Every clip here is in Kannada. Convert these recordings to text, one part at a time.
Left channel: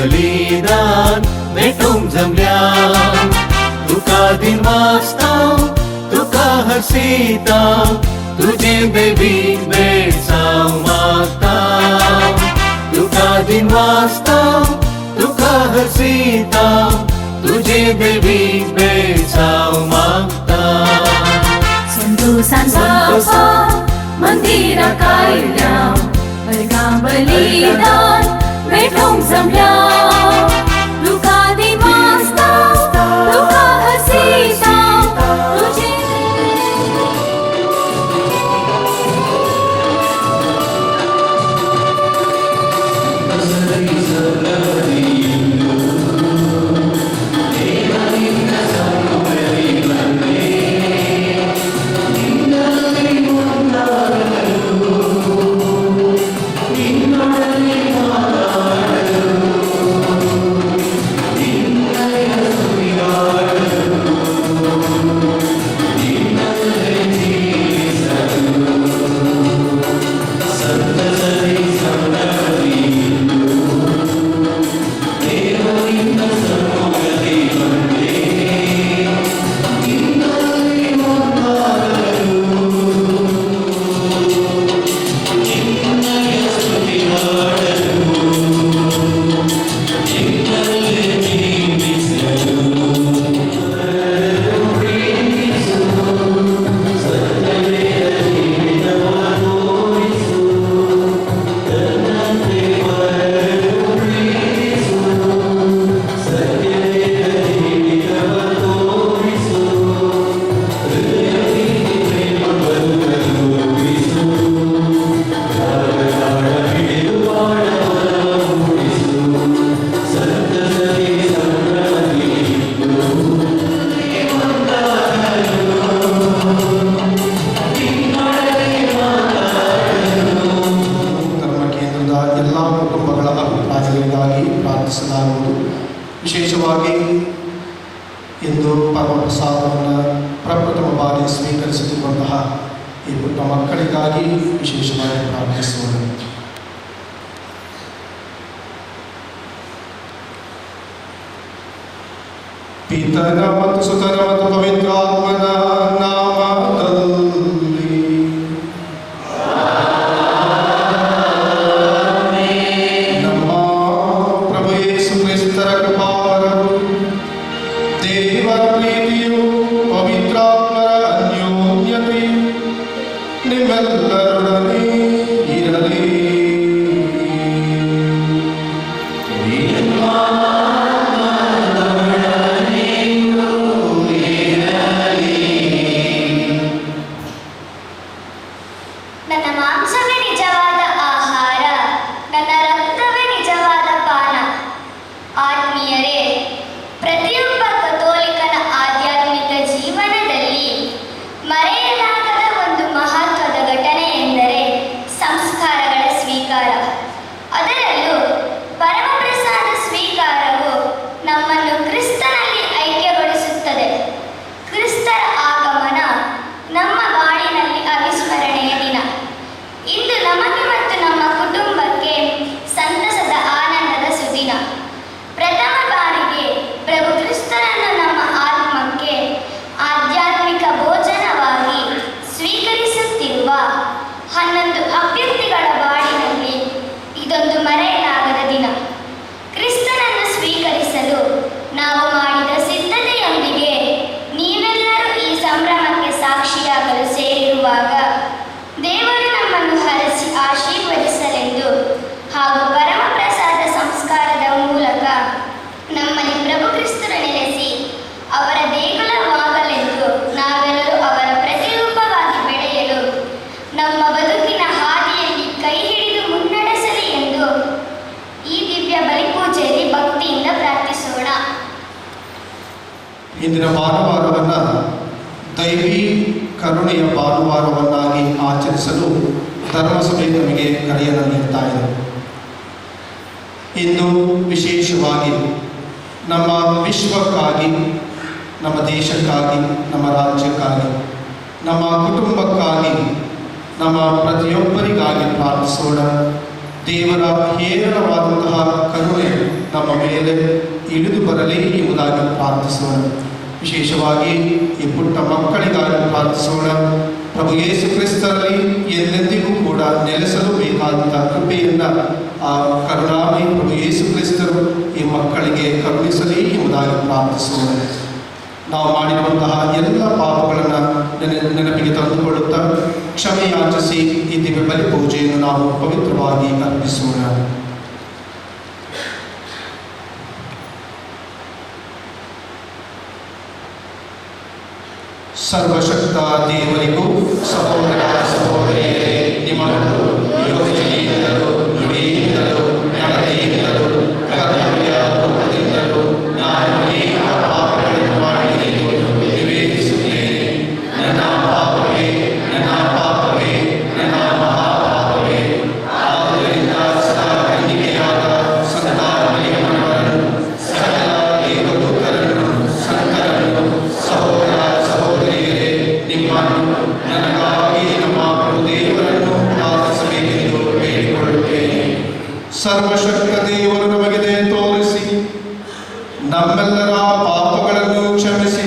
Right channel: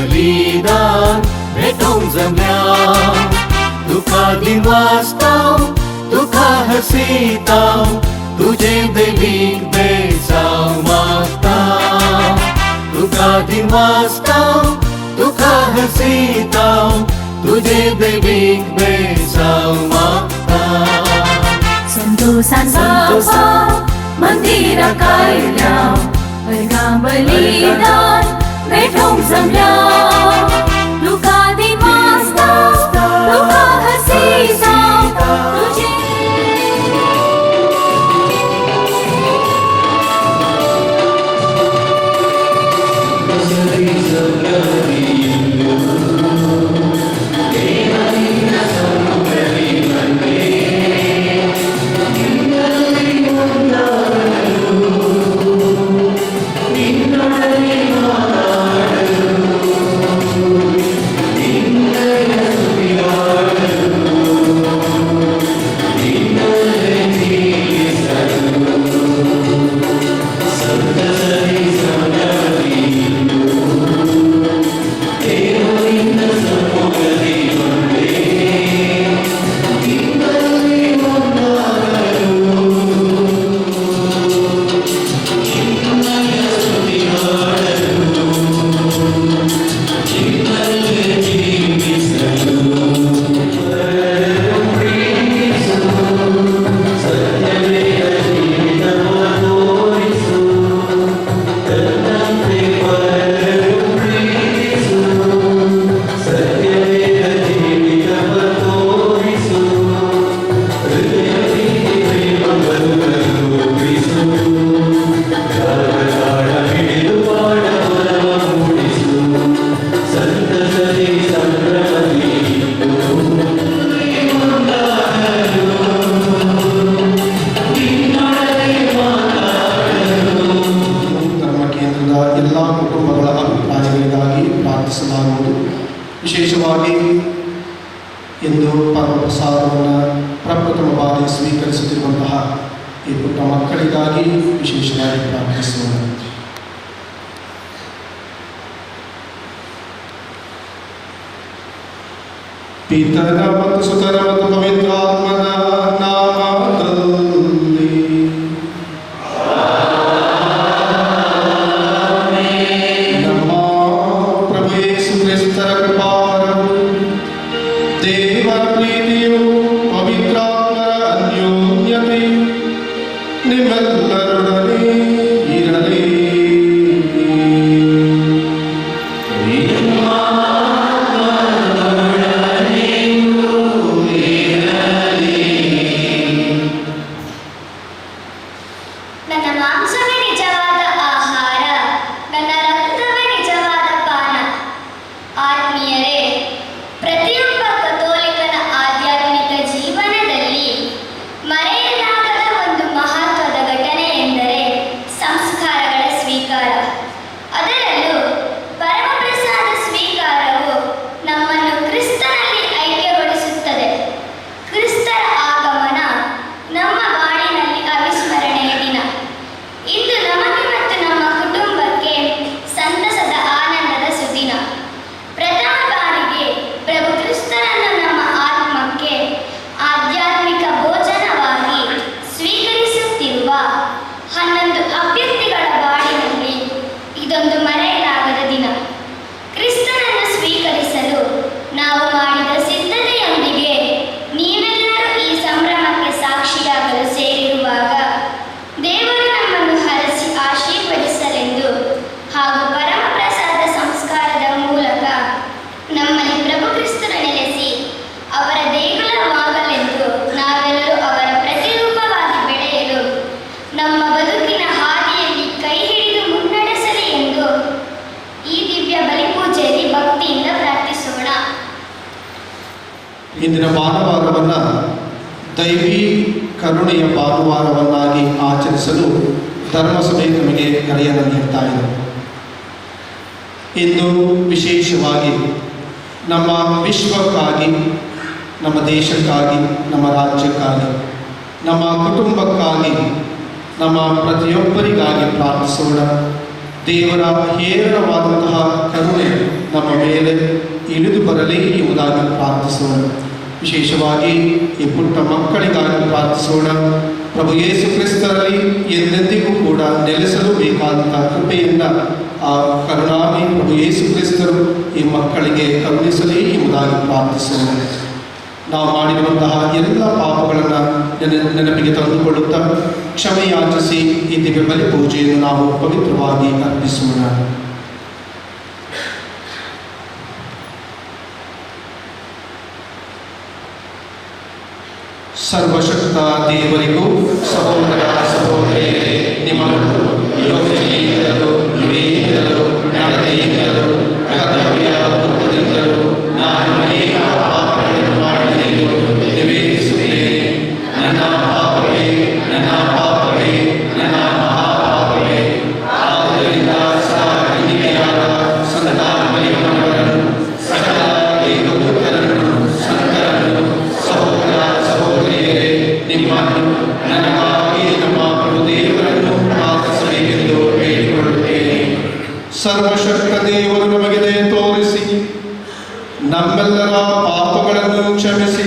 बलिदान भेटून जमल्या, तुका दिन वाचतां तुका हसीतां, तुझे बेबी बेचाव मागतां, तुका दिन वाचतां तुका हसीतां, तुझे बेबी बेचाव मागतां. संतोषान बापा मंदिराक आयल्या, अर्गा बलिदान भेटूंक जमल्या, तुका दिन वाचतां तुका हसीतां, तुझे ವಿಶೇಷವಾಗಿ ಇಂದು ಪರಮಪ್ರಸಾದವನ್ನು ಪ್ರಪ್ರಥಮ ಬಾರಿ ಸ್ವೀಕರಿಸುತ್ತಿರುವಂತಹ ಈ ಪುಟ್ಟ ಮಕ್ಕಳಿಗಾಗಿ ವಿಶೇಷವಾಗಿ ಪ್ರಾರ್ಥಿಸೋಣ. ಪಿತನ ಮತ್ತು ಸುತನ ಮತ್ತು ಪವಿತ್ರಾತ್ಮನ ನಾಮದಲ್ಲಿ ನಮ್ಮ ಪ್ರಭು ಯೇಸು ಕ್ರಿಸ್ತರ ಕೃಪಾವರವು, ದೇವರ ಪ್ರೀತಿಯು, ಪವಿತ್ರಾತ್ಮರ ಅನ್ಯೋನ್ಯತೆ ನಿಮ್ಮೆಲ್ಲರೊಡನೆ ಇರಲಿ. ನನ್ನ ಮಾಂಸವೇ ನಿಜವಾದ ಆಹಾರ, ನನ್ನ ರಕ್ತವೇ ನಿಜವಾದ ಪಾನ. ಆತ್ಮೀಯರೇ, ಪ್ರತಿಯೊಬ್ಬ ಕಥೋಲಿಕನ ಆಧ್ಯಾತ್ಮಿಕ ಜೀವನದಲ್ಲಿ ಮರೆಯಲಾಗದ ಒಂದು ಮಹತ್ವದ ಘಟನೆ ಎಂದರೆ ಸಂಸ್ಕಾರಗಳ ಸ್ವೀಕಾರ. ಅದರಲ್ಲೂ ಪರಮಪ್ರಸಾದ ಸ್ವೀಕಾರವು ನಮ್ಮನ್ನು ಕ್ರಿಸ್ತನಲ್ಲಿ ಐಕ್ಯಗೊಳಿಸುತ್ತದೆ. ಕ್ರಿಸ್ತರ ಆಗಮನ ನಮ್ಮ ಬಾಳಿನಲ್ಲಿ ಅವಿಸ್ಮರಣೀಯ ದಿನ. ಇಂದು ನಮಗೆ ಮತ್ತು ನಮ್ಮ ಕುಟುಂಬಕ್ಕೆ ಸಂತಸದ ಆನಂದದ ಸುದಿನ. ಪ್ರಥಮ ಬಾರಿಗೆ ಪ್ರಭು ಕ್ರಿಸ್ತನನ್ನು ನಮ್ಮ ಆತ್ಮಕ್ಕೆ ಆಧ್ಯಾತ್ಮಿಕ ಭೋಜನವಾಗಿ ಸ್ವೀಕರಿಸುತ್ತಿರುವ 11 ಅಭ್ಯರ್ಥಿಗಳ ಬಾಳಿನಲ್ಲಿ ಇದೊಂದು ಮರೆಯಲಾಗದ ದಿನ. ಕ್ರಿಸ್ತನನ್ನು ಸ್ವೀಕರಿಸಲು ನಾವು ಮಾಡಿದ ಸಿದ್ಧತೆಯೊಂದಿಗೆ ನೀವೆಲ್ಲರೂ ಈ ಸಂಭ್ರಮಕ್ಕೆ ಸಾಕ್ಷಿಯಾಗಲು ಸೇರಿರುವಾಗ ದೇವರು ನಮ್ಮನ್ನು ಹರಸಿ ಆಶೀರ್ವದಿಸಲೆಂದು ಹಾಗೂ ಪರಮಪ್ರಸಾದ ಸಂಸ್ಕಾರದ ಮೂಲಕ ನಮ್ಮಲ್ಲಿ ಪ್ರಭು ಕ್ರಿಸ್ತರು ನೆಲೆಸಿ ಅವರ ದೇಗುಲವಾಗಲೆಂದು ನಾವೆಲ್ಲರೂ ಅವರ ಪ್ರತಿರೂಪವಾಗಿ ಬೆಳೆಯಲು ನಮ್ಮ ಬದುಕಿನ ಹಾದಿಯಲ್ಲಿ ಕೈ ಹಿಡಿದು ಮುನ್ನಡೆಸಲಿ ಎಂದು ಈ ದಿವ್ಯ ಬಲಿಪೂಜೆಯಲ್ಲಿ ಭಕ್ತಿಯಿಂದ ಪ್ರಾರ್ಥಿಸೋಣ. ಇಂದಿನ ಭಾನುವಾರವನ್ನು ದೈವಿ ಕರುಣೆಯ ಭಾನುವಾರವನ್ನಾಗಿ ಆಚರಿಸಲು ಧರ್ಮಸಭೆ ನಮಗೆ ಕರೆಯನ್ನು ನೀಡ್ತಾ ಇದೆ. ಇಂದು ವಿಶೇಷವಾಗಿ ನಮ್ಮ ವಿಶ್ವಕ್ಕಾಗಿ, ನಮ್ಮ ದೇಶಕ್ಕಾಗಿ, ನಮ್ಮ ರಾಜ್ಯಕ್ಕಾಗಿ, ನಮ್ಮ ಕುಟುಂಬಕ್ಕಾಗಿ, ನಮ್ಮ ಪ್ರತಿಯೊಬ್ಬರಿಗಾಗಿ ಪ್ರಾರ್ಥಿಸೋಣ. ದೇವರ ಹೇರಳವಾದಂತಹ ಕರುಣೆ ನಮ್ಮ ನಮ್ಮ ಮೇಲೆ ಇಳಿದು ಬರಲಿ ಎಂಬುದಾಗಿ ಪ್ರಾರ್ಥಿಸೋಣ. ವಿಶೇಷವಾಗಿ ಈ ಪುಟ್ಟ ಮಕ್ಕಳಿಗಾಗಿ ಪ್ರಾರ್ಥಿಸೋಣ. ಪ್ರಭು ಯೇಸು ಕ್ರಿಸ್ತರಲ್ಲಿ ಎಂದೆಂದಿಗೂ ಕೂಡ ನೆಲೆಸಲು ಬೇಕಾದಂಥ ಕೃಪೆಯನ್ನು ಆ ಕರುಣಾಮಯಿ ಪ್ರಭು ಯೇಸು ಕ್ರಿಸ್ತರು ಈ ಮಕ್ಕಳಿಗೆ ಕರುಣಿಸಲಿ ಎಂಬುದಾಗಿ ಪ್ರಾರ್ಥಿಸೋಣ. ನಾವು ಮಾಡಿರುವಂತಹ ಎಲ್ಲ ಪಾಪಗಳನ್ನು ನೆನಪಿಗೆ ತಂದುಕೊಳ್ಳುತ್ತಾ ಕ್ಷಮೆ ಯಾಚಿಸಿ ಈ ದಿವ್ಯ ಬಲಿ ಪೂಜೆಯನ್ನು ನಾವು ಪವಿತ್ರವಾಗಿ ಅರ್ಪಿಸೋಣ. ಸರ್ವಶಕ್ತ ದೇವರಿಗೂ ಸಹೋದರ ಸಹೋದರಿಯರೇ, ನಿಮ್ಮನ್ನು ಯೋಚನೆಯಿಂದಲೂ ನುಡಿಯಿಂದಲೂ ನಡತೆಯಿಂದಲೂ ಕರ್ತವ್ಯ ರೂಪದಿಂದಲೂ ನಾನು ಅನೇಕ ಪಾಪಗಳನ್ನು ಮಾಡಿದೆನು ನಿವೇದಿಸುತ್ತೇನೆ. ನನ್ನ ಪಾಪವೇ, ನನ್ನ ಪಾಪವೇ, ನನ್ನ ಮಹಾಪಾಪವೇ. ಆದ್ದರಿಂದ ಸದಾ ಕನ್ನಿಕೆಯಾದ ಸಂತಾನಮರಿಯಮ್ಮನವರನ್ನು, ಸಕಲ ದೇವದೂತರನ್ನು, ಸಂತರನ್ನು, ಸಹೋದರ ಸಹೋದರಿಯರೇ, ನಿಮ್ಮನ್ನು ನನಗಾಗಿ ನಮ್ಮ ಪ್ರಭು ದೇವರನ್ನು ಪ್ರಾರ್ಥಿಸಬೇಕೆಂದು ಬೇಡಿಕೊಳ್ಳುತ್ತೇನೆ. ಸರ್ವಶಕ್ತ ದೇವರು ನಮಗೆ ದಯೆ ತೋರಿಸಿ ನಮ್ಮೆಲ್ಲರ ಪಾಪಗಳನ್ನು ಕ್ಷಮಿಸಿ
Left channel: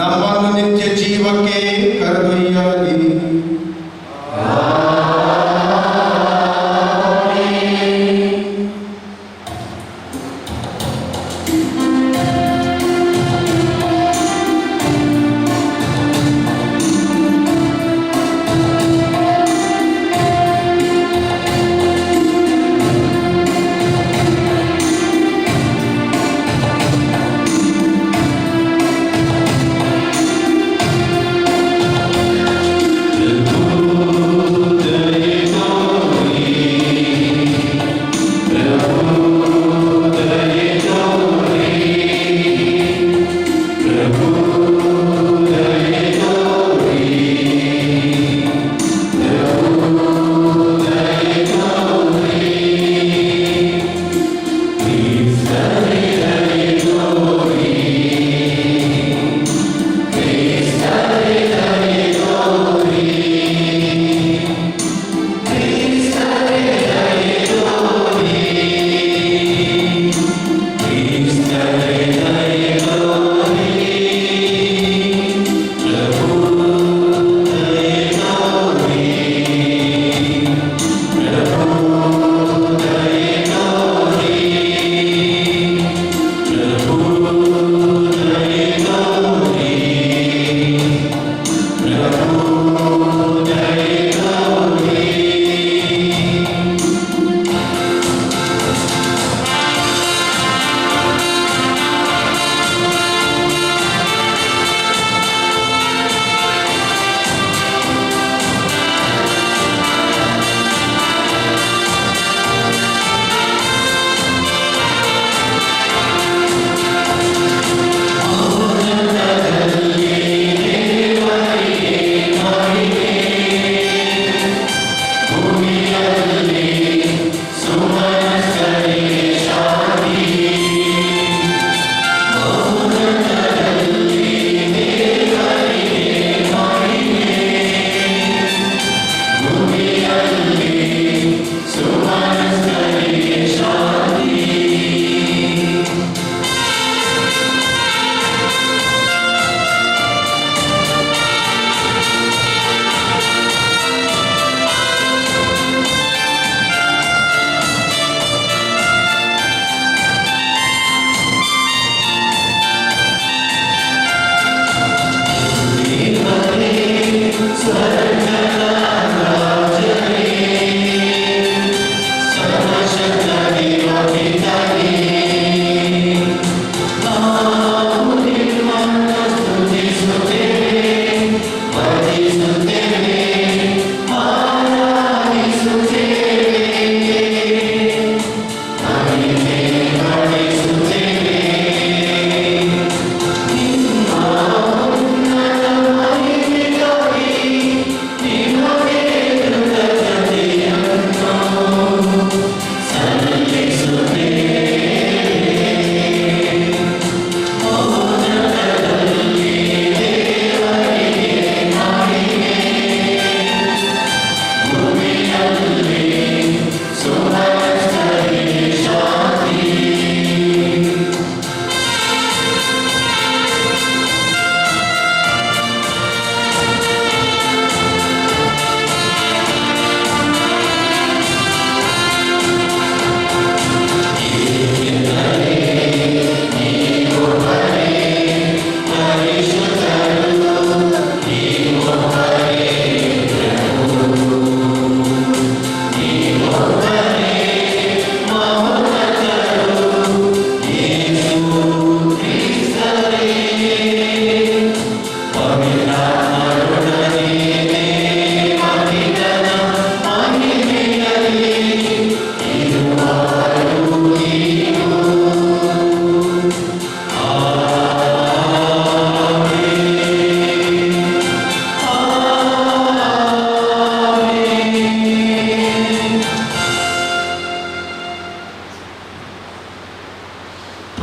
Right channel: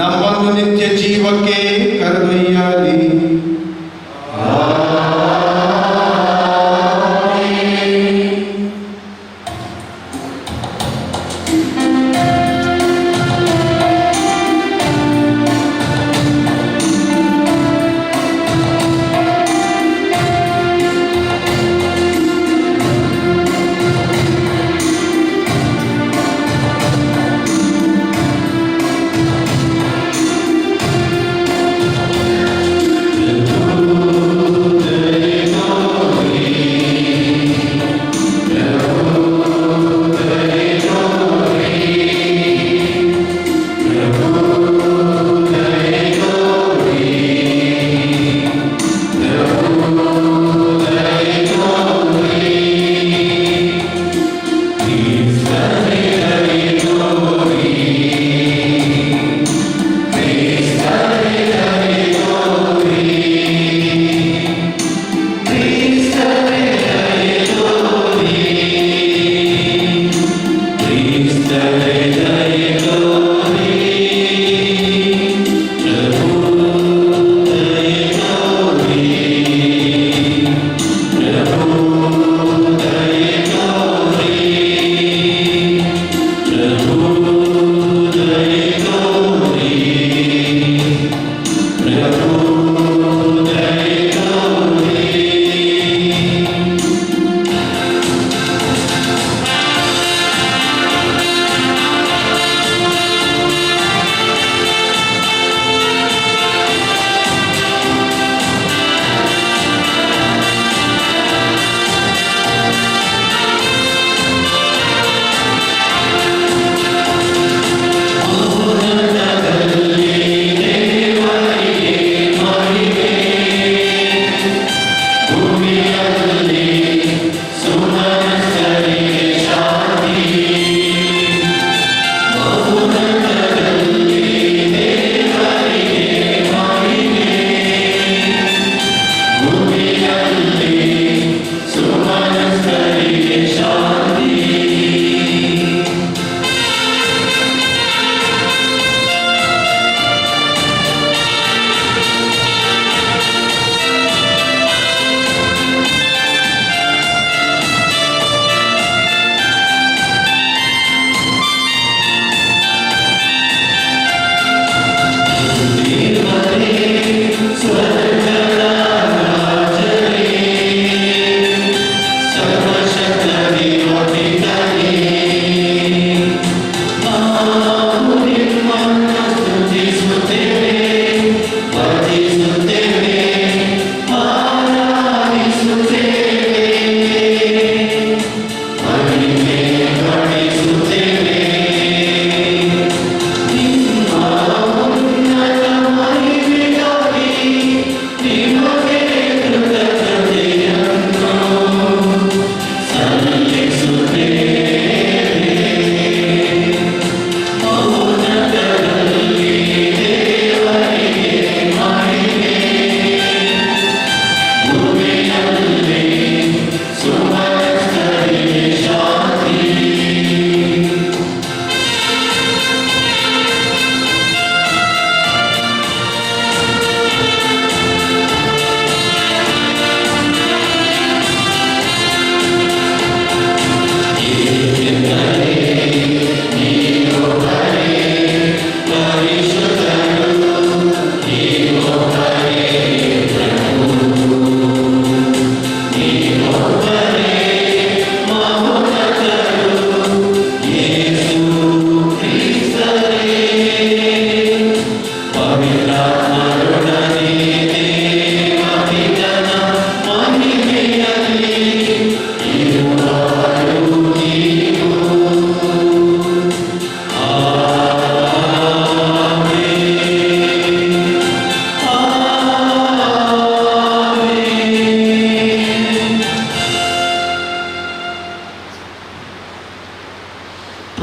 ನಮ್ಮನ್ನು ನಿತ್ಯ ಜೀವಕ್ಕೆ ಕರೆದೊಯ್ಯಲಿ.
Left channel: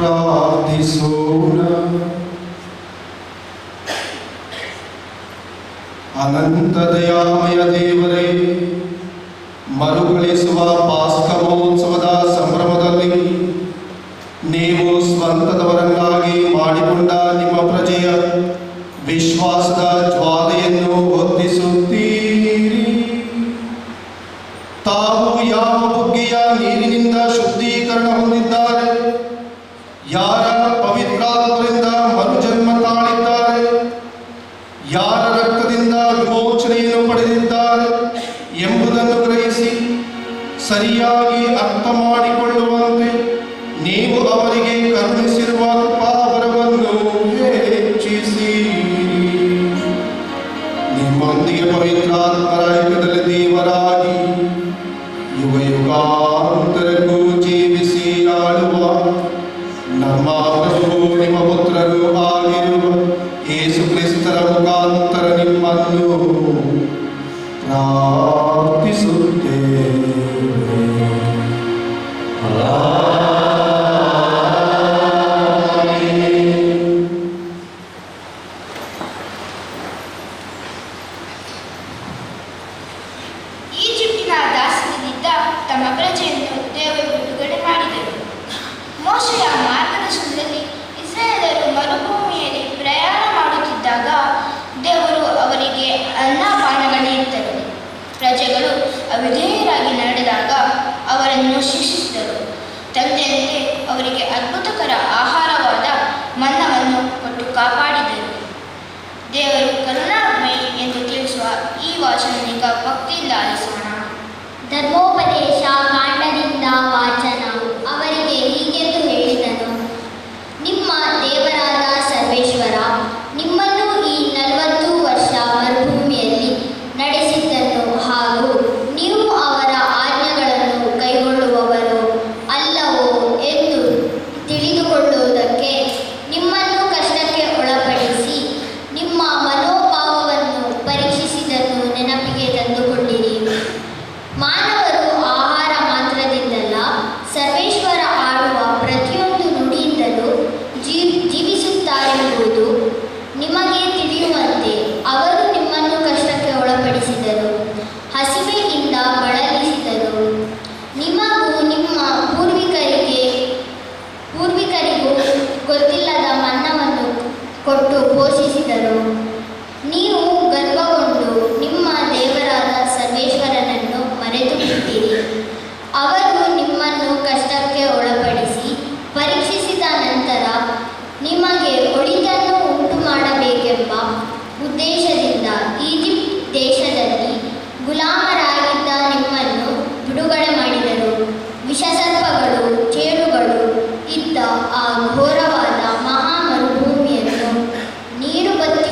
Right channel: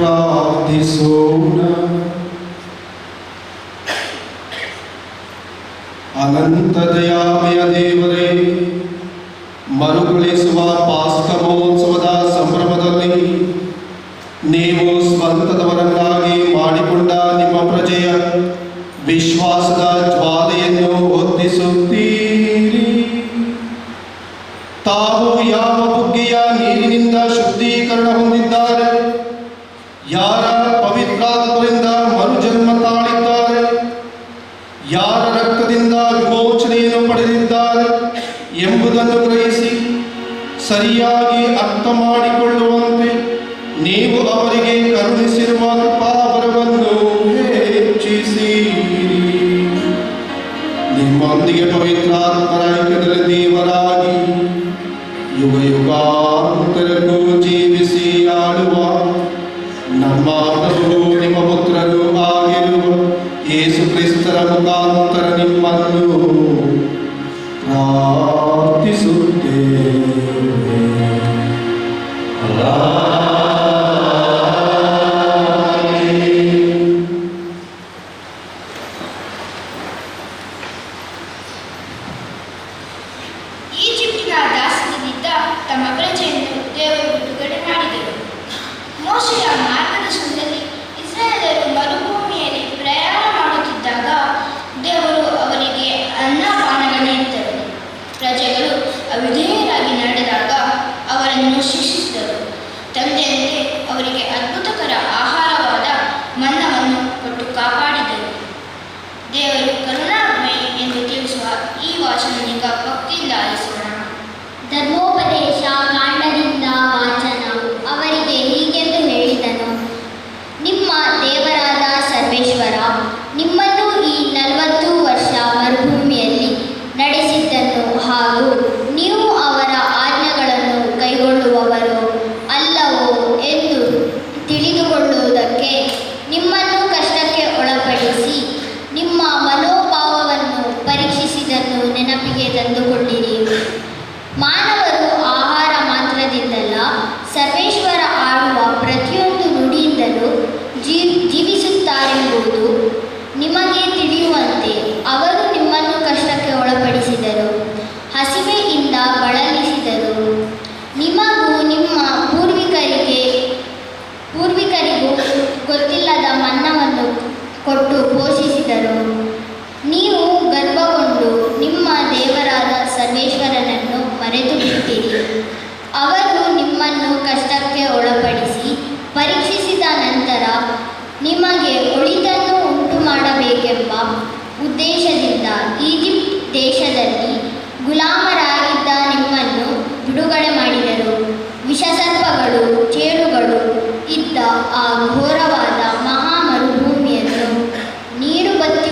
ಪ್ರಾರ್ಥಿಸೋಣ. ಅನಂತ ದಯಾಮಯ ದೇವರೇ, ಮರುಕಳಿಸುವ ಪಾಸ್ಕ ಮಹೋತ್ಸವದ ಸಂಭ್ರಮದಲ್ಲಿ ನೀವು ಸ್ವಂತದವರನ್ನಾಗಿ ಮಾಡಿಕೊಂಡ ನಿಮ್ಮ ಪ್ರಜೆಯ ವಿಶ್ವಾಸದ ಜ್ವಾಲೆಯನ್ನು ಹೊತ್ತಿಸುತ್ತೀರಿ. ತಾವು ಯಾವ ಬುಗ್ಗೆಯ ನೀರಿನಿಂದ ಶುದ್ಧೀಕರಣ ಹೊಂದಿದ್ದಾರೆ, ಯಾರ ಪವಿತ್ರಾತ್ಮರಿಂದ ಮರುಜನ್ಮ ತಾಳಿದ್ದಾರೆ, ಯಾರ ರಕ್ತದಿಂದ ವಿಮೋಚನೆಯನ್ನು ಪಡೆದಿದ್ದಾರೆ ಎಂಬುದನ್ನು ಗ್ರಹಿಸಿ ಸರಿಯಾಗಿ ಅರ್ಥ ಮಾಡಿಕೊಳ್ಳುವಂತೆ ನೀವು ಅವರಿಗೆ ಕರುಣಿಸಿರುವ ಕೃಪಾವರವನ್ನು ಹೆಚ್ಚಿಸಿ ನಿಮ್ಮೊಂದಿಗೆ ಪವಿತ್ರಾತ್ಮರ ಐಕ್ಯದಲ್ಲಿ ದೇವರಾಗಿ ಯುಗ ಯುಗಾಂತರಕ್ಕೂ ಜೀವಿಸಿ ಆಳುವ ನಮ್ಮ ಪ್ರಭು ನಿಮ್ಮ ಪುತ್ರರು ಆಗಿರುವ ಯೇಸು ಕ್ರಿಸ್ತರ ಮುಖಾಂತರ ನಿಮ್ಮನ್ನು ಪ್ರಾರ್ಥಿಸುತ್ತೇವೆ. ಈಜಿಪ್ಟಿನ ದಾಸ್ಯದಿಂದ ತಮ್ಮ ಪ್ರಜೆಯನ್ನು ದೇವರು ಬಿಡುಗಡೆ ಮಾಡಿದರು. ಮೋಶೆಯ ಮಾರ್ಗದರ್ಶನದಲ್ಲಿ ಇಸ್ರಾಯೇಲರು ಮರುಭೂಮಿಯಲ್ಲಿ ಪ್ರಯಾಣ ಮಾಡುತ್ತಿದ್ದಾಗ ದೇವರು ಅವರಿಗೆ ಅನ್ನಪಾನಗಳನ್ನಿತ್ತರು. ಪ್ರಜೆಗಳು ಅವಿಧೇಯರಾಗಿ ನಡೆದಾಗ ಅವರನ್ನು ಶಿಕ್ಷಿಸಿದರು. ತಂದೆಯಂತೆ ಅವರಿಗೆ ಅದ್ಭುತಕರ ಆಹಾರವಾದ ಮನ್ನವನ್ನು ಕೊಟ್ಟು ಕಾಪಾಡಿದರು. ದೇವರು ಕರುಣಾಮಯಿ ಎಂದು ತಿಳಿಸುವ ಈ ವಾಚನನಿಗ ಭಕ್ತಿಯಿಂದ ಆಲಿಸೋಣ. ಧರ್ಮೋಪದೇಶ ಕಾಂಡದಿಂದ ವಾಚನ. ಅವರಿಗೆ ಹೀಗೆಂದು ಹೇಳಿದನು, ನಿಮ್ಮ ದೇವರಾದ ಸರ್ವೇಶ್ವರ ನಿಮ್ಮನ್ನು ಈ 40 ವರ್ಷ ಮರುಭೂಮಿಯಲ್ಲಿ ನಡೆಸಿದ್ದನ್ನು ಹಾಗೂ ನೀವು ಅವರ ಆಜ್ಞೆಗಳನ್ನು ಕೈಗೊಳ್ಳುವವರು ಅಲ್ಲವೋ ಎಂದು ತಿಳಿದುಕೊಳ್ಳುವುದಕ್ಕೆ ನಿಮ್ಮನ್ನು ಕಷ್ಟಕ್ಕೆ ಒಳಪಡಿಸಿ ನಿಮ್ಮ ಮನೋಭಾವವನ್ನು ಪರೀಕ್ಷಿಸಿದ್ದನ್ನು ನೆನಪಿಗೆ ತಂದುಕೊಂಡಿರಿ. ಮಾನವರು ಆಹಾರ ಮಾತ್ರದಿಂದಲ್ಲ, ಸರ್ವೇಶ್ವರ ಆಡುವ ಪ್ರತಿಯೊಂದು ನುಡಿಯಿಂದಲೂ ಜೀವಿಸುತ್ತಾರೆಂಬುದು ನಿಮಗೆ ತಿಳಿಯುವಂತೆ ಅವರು ನಿಮ್ಮನ್ನು ಕಷ್ಟಕ್ಕೆ ಒಳಪಡಿಸಿದರು, ಹಸಿವೆಯಿಂದ ಬಳಲಿಸಿದರು. ನಿಮಗೂ ನಿಮ್ಮ ಪೂರ್ವಿಕರಿಗೂ ಗೊತ್ತಿಲ್ಲದ ಮನ್ನವನ್ನು ಕೊಟ್ಟು ಪೋಷಿಸಿದರು. ನೀವು ಗರ್ವಗೊಂಡು ನಿಮ್ಮ ದೇವರಾದ ಸರ್ವೇಶ್ವರನನ್ನು ಮರೆತು ಬಿಟ್ಟಿರಿ. ಅವರು ನಿಮ್ಮನ್ನು ಕಷ್ಟಕ್ಕೆ ಒಳಪಡಿಸಿ ಪರೀಕ್ಷಿಸಿದ ನಂತರ ನಿಮಗೆ ಒಳಿತನ್ನು ಉಂಟು ಮಾಡಬೇಕೆಂಬ ಉದ್ದೇಶದಿಂದ ಈಜಿಪ್ಟ್ ದೇಶದಲ್ಲಿ ಗುಲಾಮರಾಗಿದ್ದ ನಿಮ್ಮನ್ನು ಬಿಡುಗಡೆ ಮಾಡಿದರು. ವಿಷಸರ್ಪಗಳು, ಚೇಳುಗಳು ಇದ್ದ ಆ ಘೋರವಾದ ಮಹಾ ಮರುಭೂಮಿಯನ್ನು ನೀರು ಬತ್ತಿ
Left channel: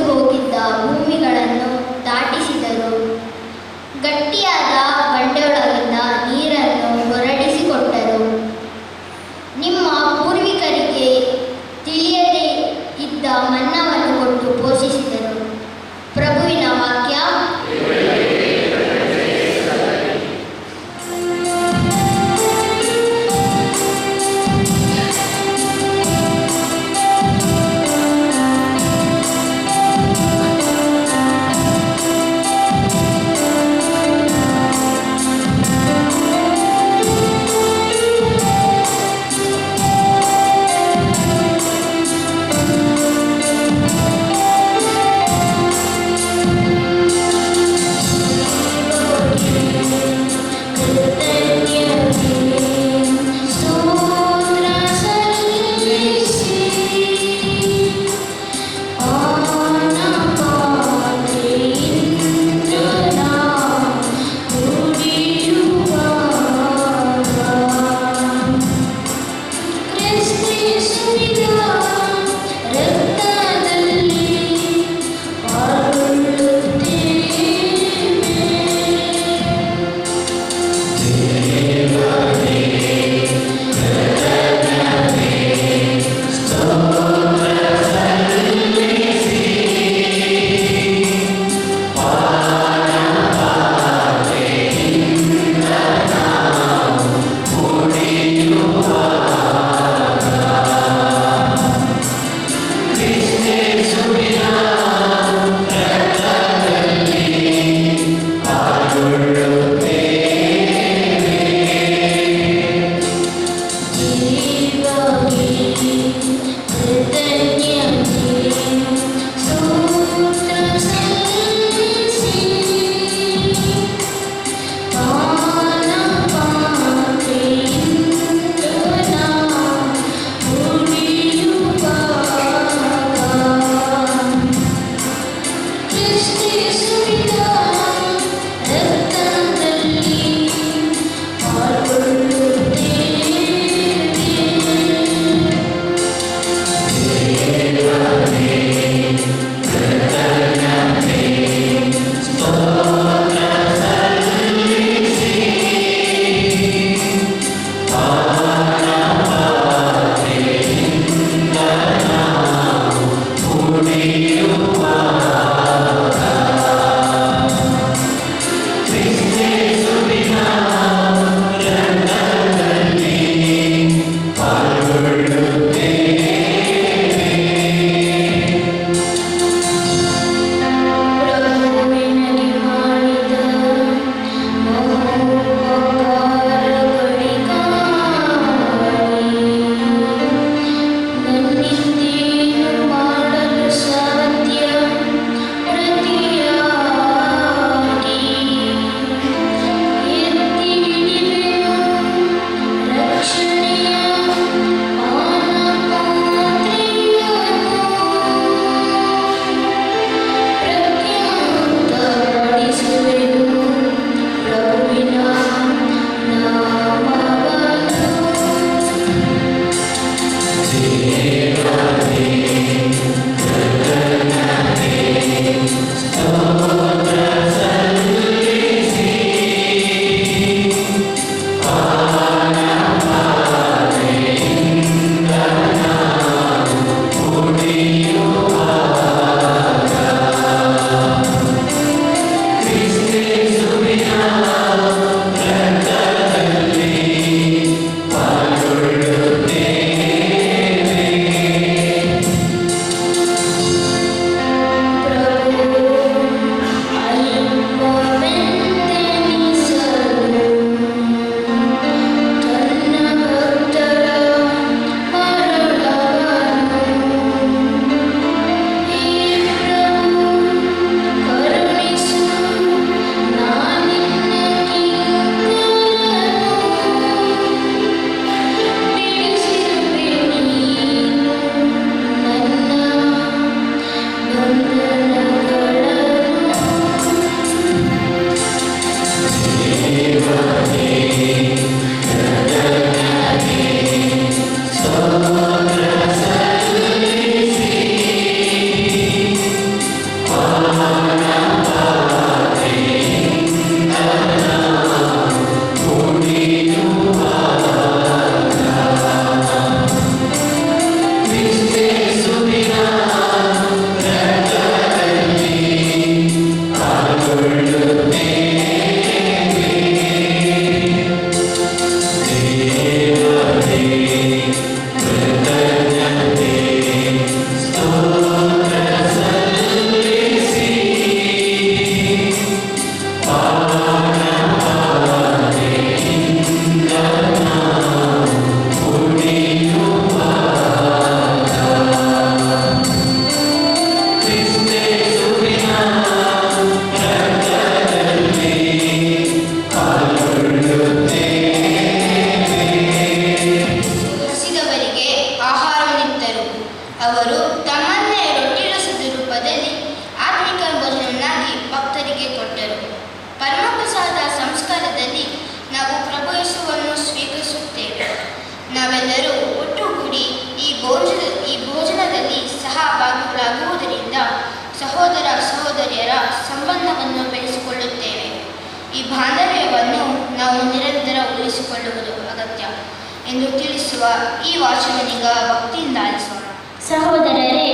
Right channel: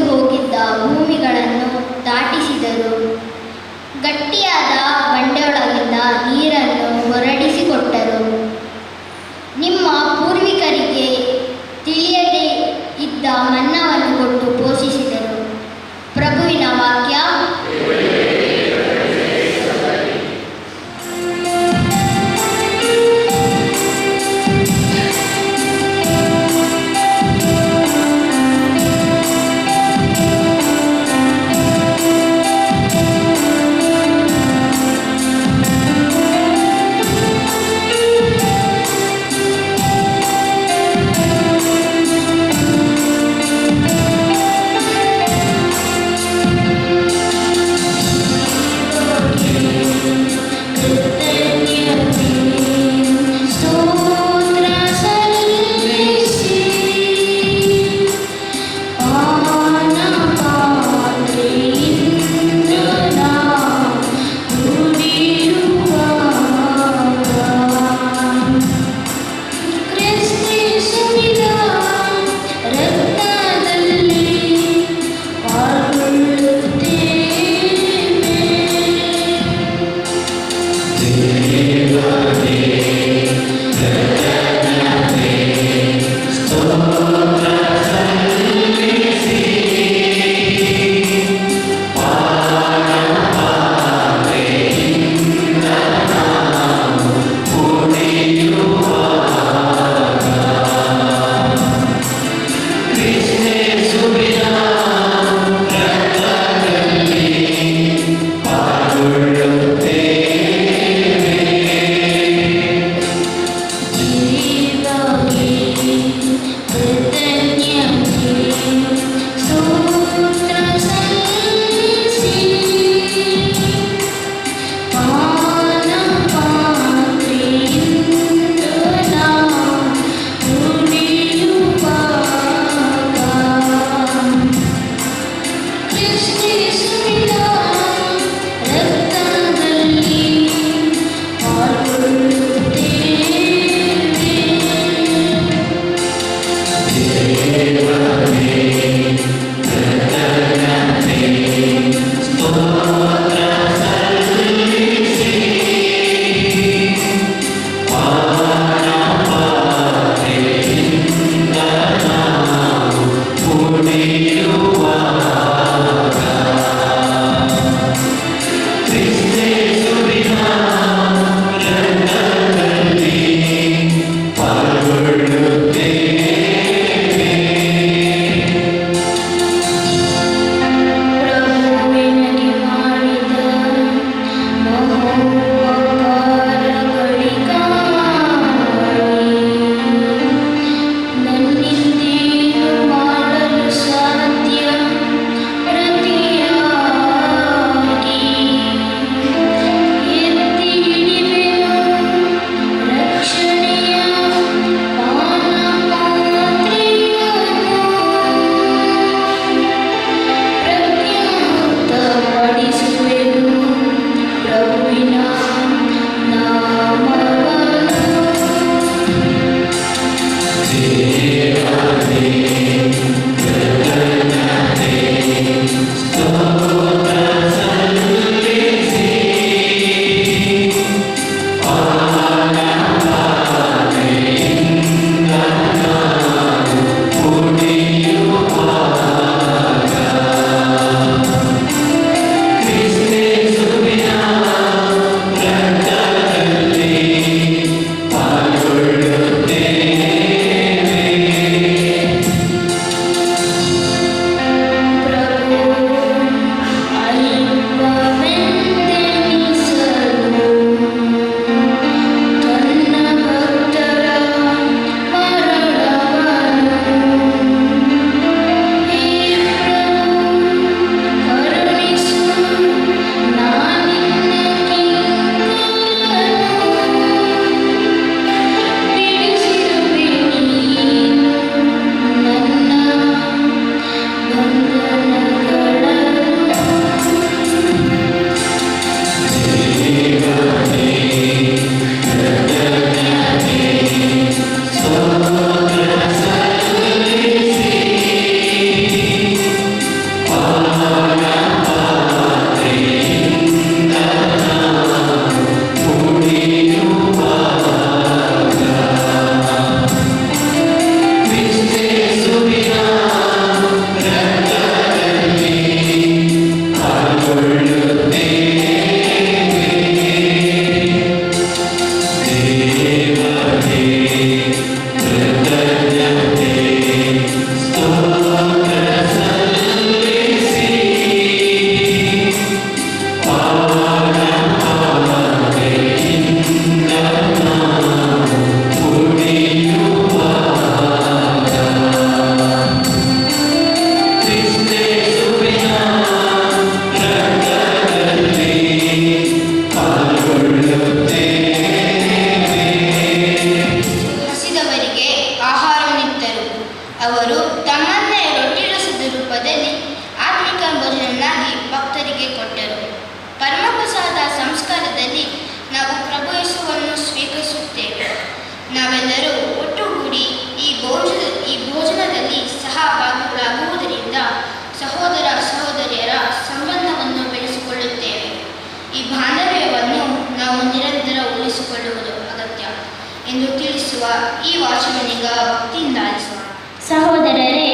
ಎಂದು ತಿಳಿಸುವ ಈ ವಾಚನನಿಗ ಭಕ್ತಿಯಿಂದ ಆಲಿಸೋಣ. ಸಹೋದರರೇ,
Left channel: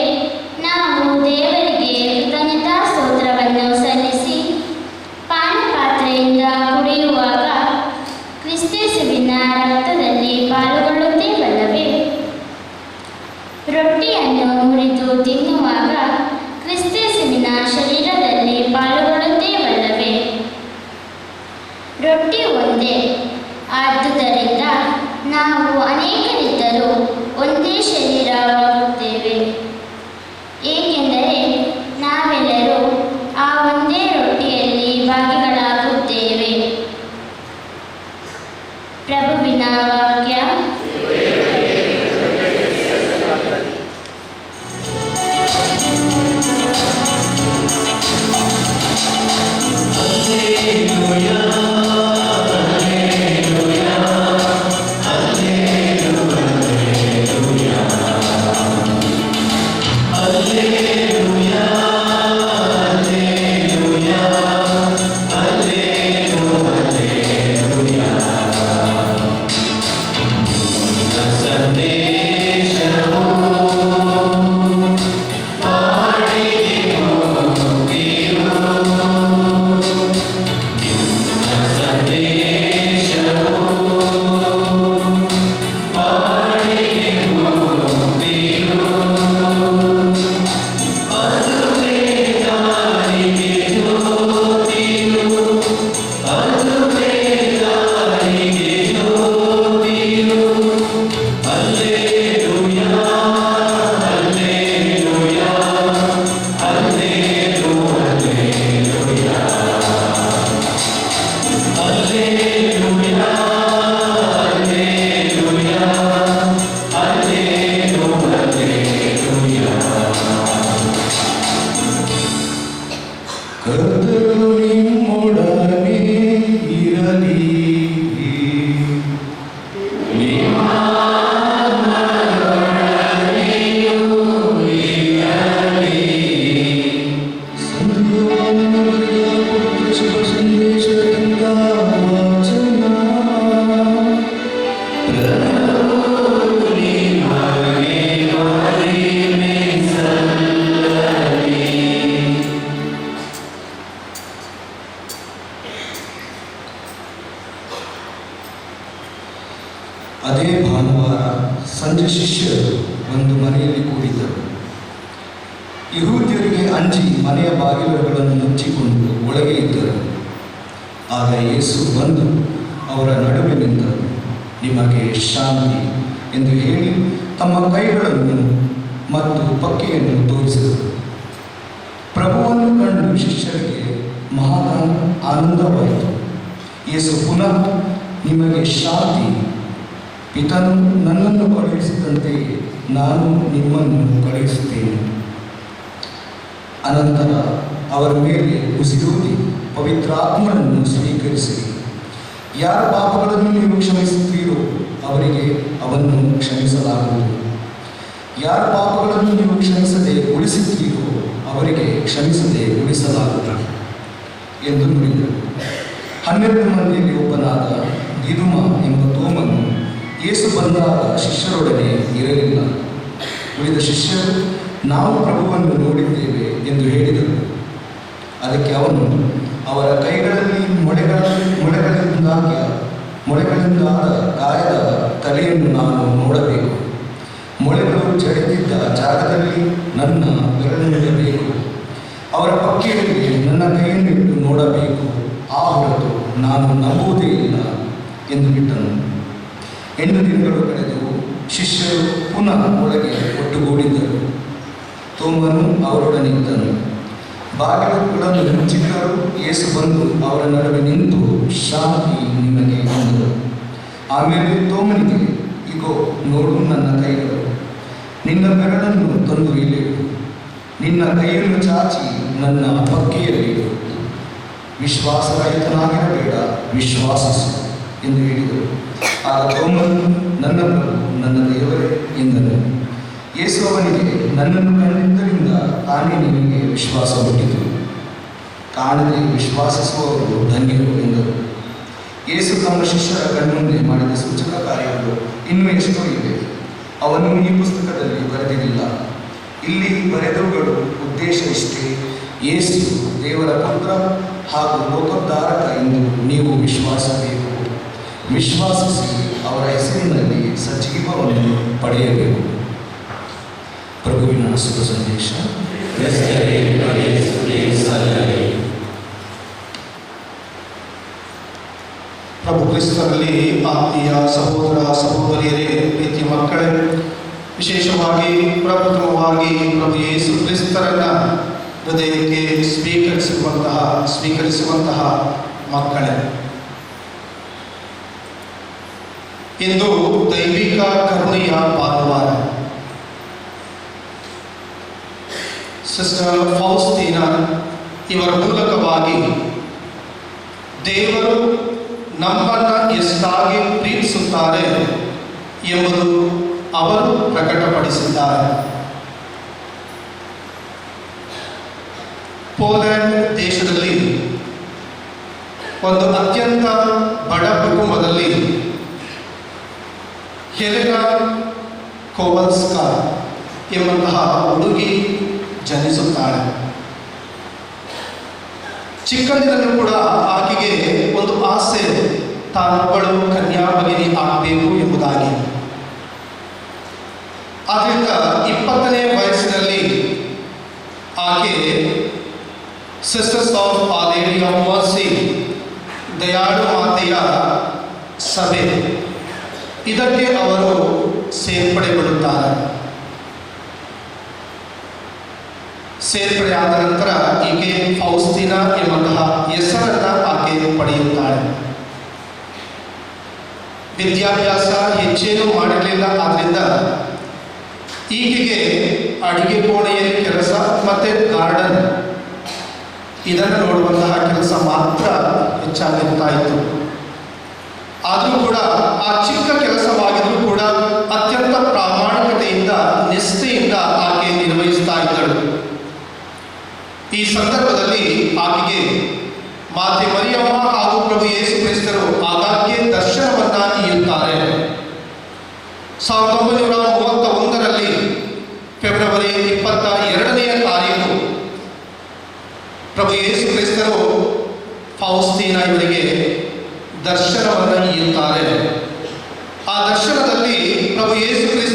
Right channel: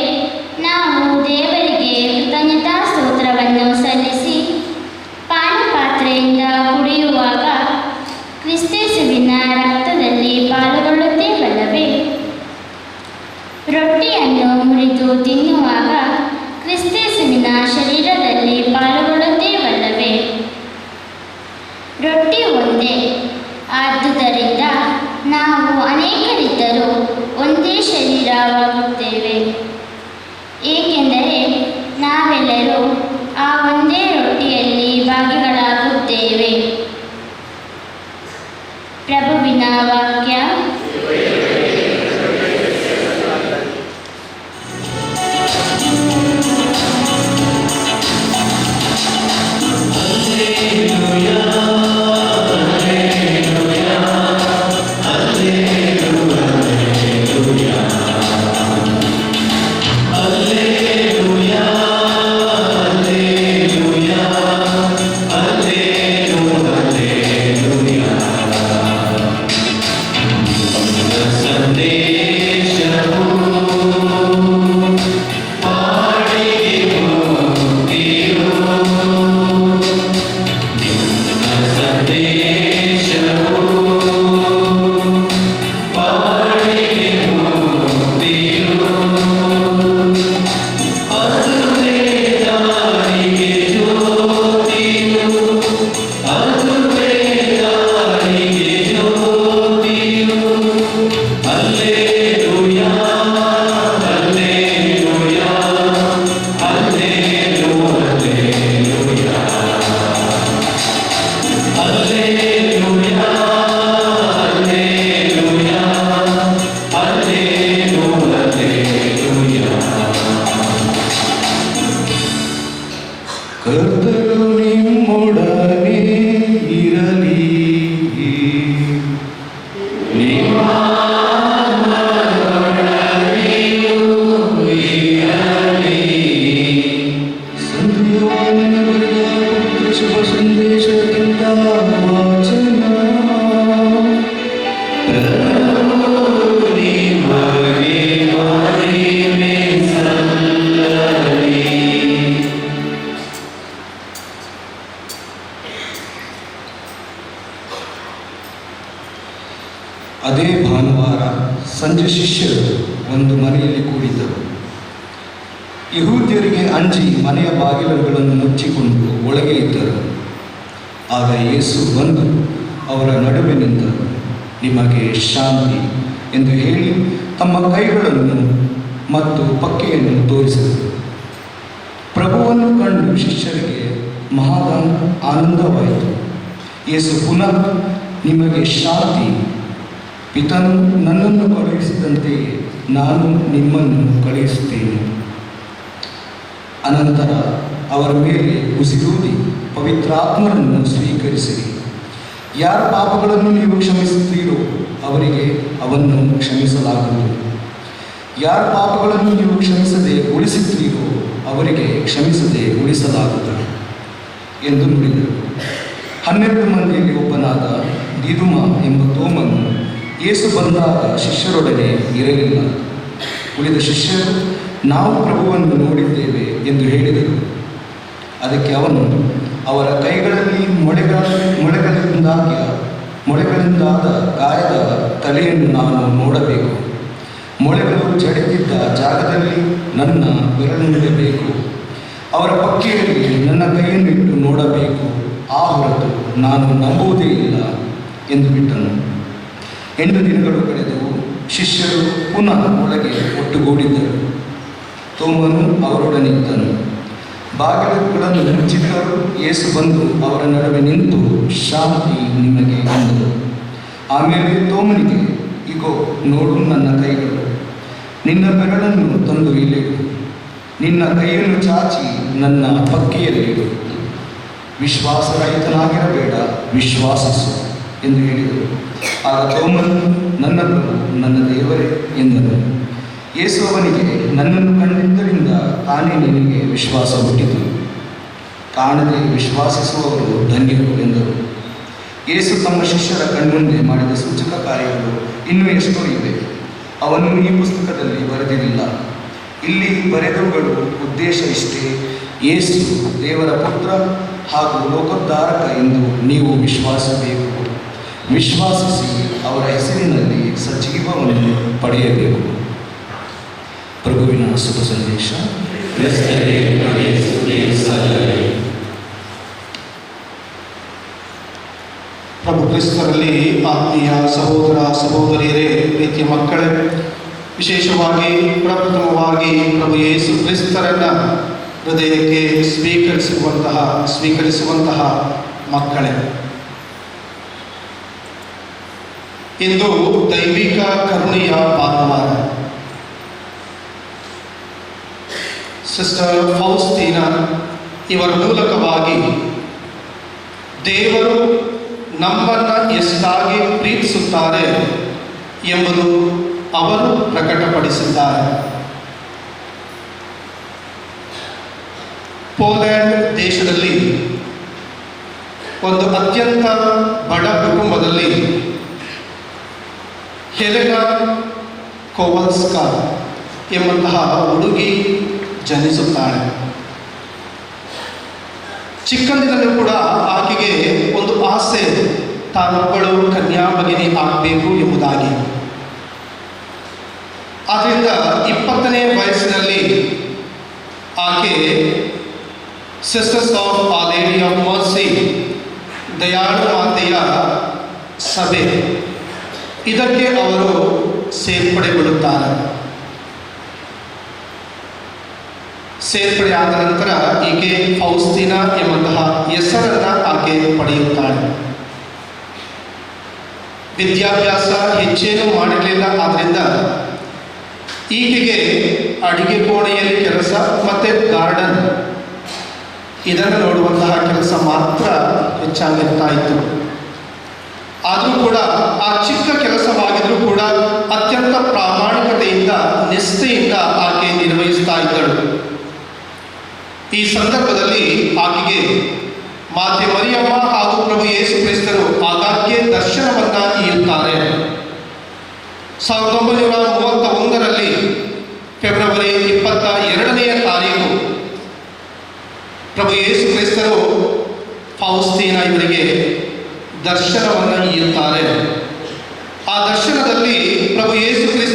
ನಾವು ದೇವರಿಗೆ ಕೃತಜ್ಞತಾ ಸ್ತೋತ್ರವನ್ನು ಸಲ್ಲಿಸಿ ಪಾನಪಾತ್ರೆಯಿಂದ ಕುಡಿಯುವಾಗ ಕ್ರಿಸ್ತೇಸುವಿನ ರಕ್ತದಲ್ಲಿ ಪಾಲ್ಗೊಳ್ಳುತ್ತೇವಲ್ಲವೇ? ರೊಟ್ಟಿಯನ್ನು ಮುರಿದು ತಿನ್ನುವಾಗ ಕ್ರಿಸ್ತೇಸುವಿನ ಶರೀರದಲ್ಲಿ ಪಾಲ್ಗೊಳ್ಳುತ್ತೇವಲ್ಲವೇ? ರೊಟ್ಟಿ ಒಂದೇ, ಆದುದರಿಂದ ನಾವು ಅನೇಕರಿದ್ದರೂ ಒಂದೇ ಶರೀರ ಸಂಜೆ ಶಿಷ್ಯರು ಒಂದು ಮನೆಯಲ್ಲಿ ಕೂಡಿದ್ದರು. ಯಹೂದ್ಯರಿಗೆ ಅಂಜಿ ಮನೆಯ ಬಾಗಿಲುಗಳನ್ನು ಮುಚ್ಚಿಕೊಂಡು ಒಳಗೆ ಇದ್ದರು. ಆಗ ಯೇಸು ಬಂದು ಅವರ ನಡುವೆ ನಿಂತರು. ನಿಮಗೆ ಶಾಂತಿ ಎಂದು ಹೇಳಿ ತಮ್ಮ ಕೈಗಳನ್ನು ಮತ್ತು ಪಕ್ಕೆಯನ್ನು ತೋರಿಸಿದರು. ಪ್ರಭುವನ್ನು ಕಂಡು ಶಿಷ್ಯರಿಗೆ ಮಹಾ ಆನಂದವಾಯಿತು. ಯೇಸು ಪುನಃ ನಿಮಗೆ ಶಾಂತಿ, ಪಿತನು ನನ್ನನ್ನು ಕಳುಹಿಸಿದಂತೆಯೇ ನಾನು ನಿಮ್ಮನ್ನು ಕಳುಹಿಸುತ್ತೇನೆ. ಅನಂತರ ಅವರ ಮೇಲೆ ಉಸಿರೂದಿ ಪವಿತ್ರಾತ್ಮರನ್ನು ಸ್ವೀಕರಿಸಿರಿ. ಯಾರ ಪಾಪಗಳನ್ನು ನೀವು ಕ್ಷಮಿಸುತ್ತೀರೋ ಅವರಿಗೆ ಅವನ್ನು ಕ್ಷಮಿಸಲಾಗುವುದು. ಯಾರ ಪಾಪಗಳನ್ನು ನೀವು ಕ್ಷಮಿಸದೆ ಉಳಿಸುತ್ತೀರೋ ಅವರಿಗೆ ಕ್ಷಮಿಸದೆ ಉಳಿಸಲಾಗುತ್ತದೆ ಎಂದು ನುಡಿದರು. 12 ಮಂದಿಯಲ್ಲಿ ಒಬ್ಬನಾದ ದಿದುಮ ಎಂಬ ತೋಮನು ಯೇಸು ಬಂದಾಗ ಶಿಷ್ಯರೊಡನೆ ಇರಲಿಲ್ಲ. ಉಳಿದ ಶಿಷ್ಯರು ನಾವು ಪ್ರಭುವನ್ನು ನೋಡಿದ್ದೇವೆ ಎಂದು ಹೇಳಿದರು. ಅದಕ್ಕೆ ಅವನು, ಅವರ ಕೈಗಳಲ್ಲಿ ಮೊಳೆಗಳಿಂದಾದ ಗಾಯದ ತಲೆಯನ್ನು ನಾನು ನೋಡಬೇಕು. ಮೊಳೆಗಳು ಜಡಿದಿದ್ದ ಜಾಗದಲ್ಲಿ ನನ್ನ ಬೆರಳಿಡಬೇಕು. ಅವರ ಪಕ್ಕೆಯಲ್ಲಿ ನನ್ನ ಕೈಯನ್ನಿಟ್ಟು ನೋಡಬೇಕು. ಆ ಹೊರತು ನಾನು ನಂಬುವುದೇ ಇಲ್ಲ ಎಂದು ಬಿಟ್ಟನು. 8 ದಿನಗಳು ಕಳೆದವು. ಶಿಷ್ಯರು ಪುನಃ ಒಳಗೆ ಒಟ್ಟುಗೂಡಿದ್ದರು. ತೋಮನು ಅವರೊಡನಿದ್ದನು. ಬಾಗಿಲುಗಳನ್ನು ಮುಚ್ಚಿದ್ದರು. ಯೇಸು ಬಂದು ಅವರ ನಡುವೆ ನಿಂತು ಶಾಂತಿ ನಿಮಗೆ ಎಂದರು. ಆಮೇಲೆ ತೋಮನಿಗೆ, ಇಗೋ ನೋಡು ನನ್ನ ಕೈಗಳು, ನಿನ್ನ ಬೆರಳನ್ನು ತಂದು ಇಲ್ಲಿಡು, ನಿನ್ನ ಕೈಯನ್ನು ಚಾಚಿ ನನ್ನ ಪಕ್ಕೆಯಲ್ಲಿಡು. ವಿಶ್ವಾಸರಹಿತನಾಗಿರಬೇಡ, ವಿಶ್ವಾಸಿಸು ಎಂದು ಹೇಳಿದರು. ಆಗ ತೋಮನು, ನನ್ನ ಪ್ರಭು, ನನ್ನ ದೇವರೇ ಎಂದನು. ಯೇಸು ಅವನಿಗೆ, ನನ್ನನ್ನು ಕಂಡಿದ್ದರಿಂದ ತಾನೇ ನಿನಗೆ ವಿಶ್ವಾಸ ಹುಟ್ಟಿತು. ಕಾಣದೆ ವಿಶ್ವಾಸಿಸುವವರು ಧನ್ಯರು ಎಂದರು. ಯೇಸು ತಮ್ಮ ಶಿಷ್ಯರ ಕಣ್ಮುಂದೆ ಮಾಡಿದ ಸೂಚಕ ಕಾರ್ಯಗಳು ಇನ್ನೂ ಎಷ್ಟೋ ಇವೆ. ಅವನ್ನು ಈ ಪುಸ್ತಕದಲ್ಲಿ ಬರೆದಿರಲಿಲ್ಲ. ಇಲ್ಲಿ ಬರೆದವುಗಳು ಉದ್ದೇಶ ಇಷ್ಟೇ: ಯೇಸು ದೇವರ ಪುತ್ರ ಹಾಗೂ ಲೋಕೋದ್ಧಾರಕ ಎಂದು ನೀವು ವಿಶ್ವಾಸಬೇಕು. ವಿಶ್ವಾಸಿಸಿ ಅವರ ಹೆಸರಿನಲ್ಲಿ ಸಜೀವವನ್ನು ಪಡೆಯಬೇಕು. ಪ್ರಭುವಿನ ಶುಭ ಸಂದೇಶ. ಪ್ರಭು ಕ್ರಿಸ್ತರಲ್ಲಿ ಆತ್ಮೀಯ ಸಹೋದರ ಸಹೋದರಿಯರೇ, ಪ್ರೀತಿಯ ಮಕ್ಕಳೇ, ವಿಶೇಷವಾಗಿ ಪ್ರಪ್ರಥಮವಾಗಿ ಪ್ರಭು ಯೇಸು ಕ್ರಿಸ್ತರನ್ನ ಹೃದಯಕ್ಕೆ ಸ್ವೀಕರಿಸುವಂತಹ ಮಕ್ಕಳೇ, ಇಂದು ದೈವಿಕ ಕರುಣೆಯ ಭಾನುವಾರ. ಸಿಸ್ಟರ್ ಫೌಸ್ತೀನಾ ಇವರ ಮೂಲಕವಾಗಿ ದೇವರು ನಮ್ಮನ್ನು ಎಷ್ಟಾಗಿ ಪ್ರೀತಿಸುತ್ತಾರೆ ಎಂಬುದು ಅವರು ಪ್ರಕಟಪಡಿಸಿದ್ದಾರೆ. ಪೋಲೆಂಡ್ ದೇಶದಲ್ಲಿ ಒಂದು ಅತ್ಯಂತ ಬಡ ಕುಟುಂಬದಲ್ಲಿ ಹೆಲೆನಾ ಕೋವಲ್ಸ್ಕಾ ಎಂಬಂತಹ ಹುಡುಗಿ ಜನಿಸುತ್ತಾಳೆ. ಚಿಕ್ಕಂದಿನಲ್ಲೂ ಕೂಡ ಆಕೆಗೆ ಒಂದು ಆಸೆ, ತಾನೊಬ್ಬಳು ಕನ್ಯಾಭಗಿನಿ ಆಗಬೇಕು ಎಂಬುದಾಗಿ. ಆದ್ದರಿಂದ 20ನೇ ವಯಸ್ಸಿನಲ್ಲಿ ಆಕೆ Sisters of Our Lady of Mercy, ದಯಾಳು ಮಾತೆಯ ಸಭೆ, ಇದಕ್ಕೆ ಅವರು ಸೇರ್ಪಡೆಗೊಳ್ಳುತ್ತಾರೆ. ಸೇರ್ಪಡೆಯಾದ ನಂತರ ಈಕೆ ಫೌಸ್ತೀನಾ ಎಂಬಂತಹ ಹೆಸರನ್ನು ಆಕೆ ಪಡೆಯುತ್ತಾಳೆ. ವಿದ್ಯಾಭ್ಯಾಸ ಹೆಚ್ಚೇನೂ ಮಾಡಿರಲಿಲ್ಲ. ಆದ್ದರಿಂದ ಈಕೆಗೆ ಅಡಿಗೆ ಕೋಣೆಯಲ್ಲಿ ಕೆಲಸ ಮತ್ತು ಗಾರ್ಡನ್ ಇದನ್ನು ನೋಡುವಂತಹ ಕೆಲಸ ಮಾತ್ರ ಹೆಚ್ಚಾಗಿರ್ತಾ ಇತ್ತು. ಆದರೂ ಕೂಡ ಆ ಚಿಕ್ಕ ಕೆಲಸವಾಗಿದ್ರೂ ಕೂಡ ಅತ್ಯಂತ ಪ್ರಾಮಾಣಿಕತೆಯಿಂದ, ನಿಷ್ಠೆಯಿಂದ ಆಕೆ ನಿರ್ವಹಿಸ್ತಾ ಇದ್ದಳು. ಈ ಸಂದರ್ಭದಲ್ಲಿ ಆಕೆಗೆ ಮಾತೆ ಮರಿಯಮ್ಮ ಹಾಗೂ ಪ್ರಭು ಯೇಸು ಕ್ರಿಸ್ತರು ಆಗಾಗ್ಗೆ ದರ್ಶನವನ್ನ ನೀಡುತ್ತಾರೆ. 1931ರಲ್ಲಿ ಫೆಬ್ರವರಿ 22ನೇ ತಾರೀಕು ಪ್ರಭು ಯೇಸು ಕ್ರಿಸ್ತರು ಫೌಸ್ತೀನಾ ಇವರಿಗೆ ದರ್ಶನವನ್ನು ನೀಡುತ್ತಾರೆ. ಆ ದರ್ಶನದಲ್ಲಿ ಪ್ರಭು ಯೇಸು ಕ್ರಿಸ್ತ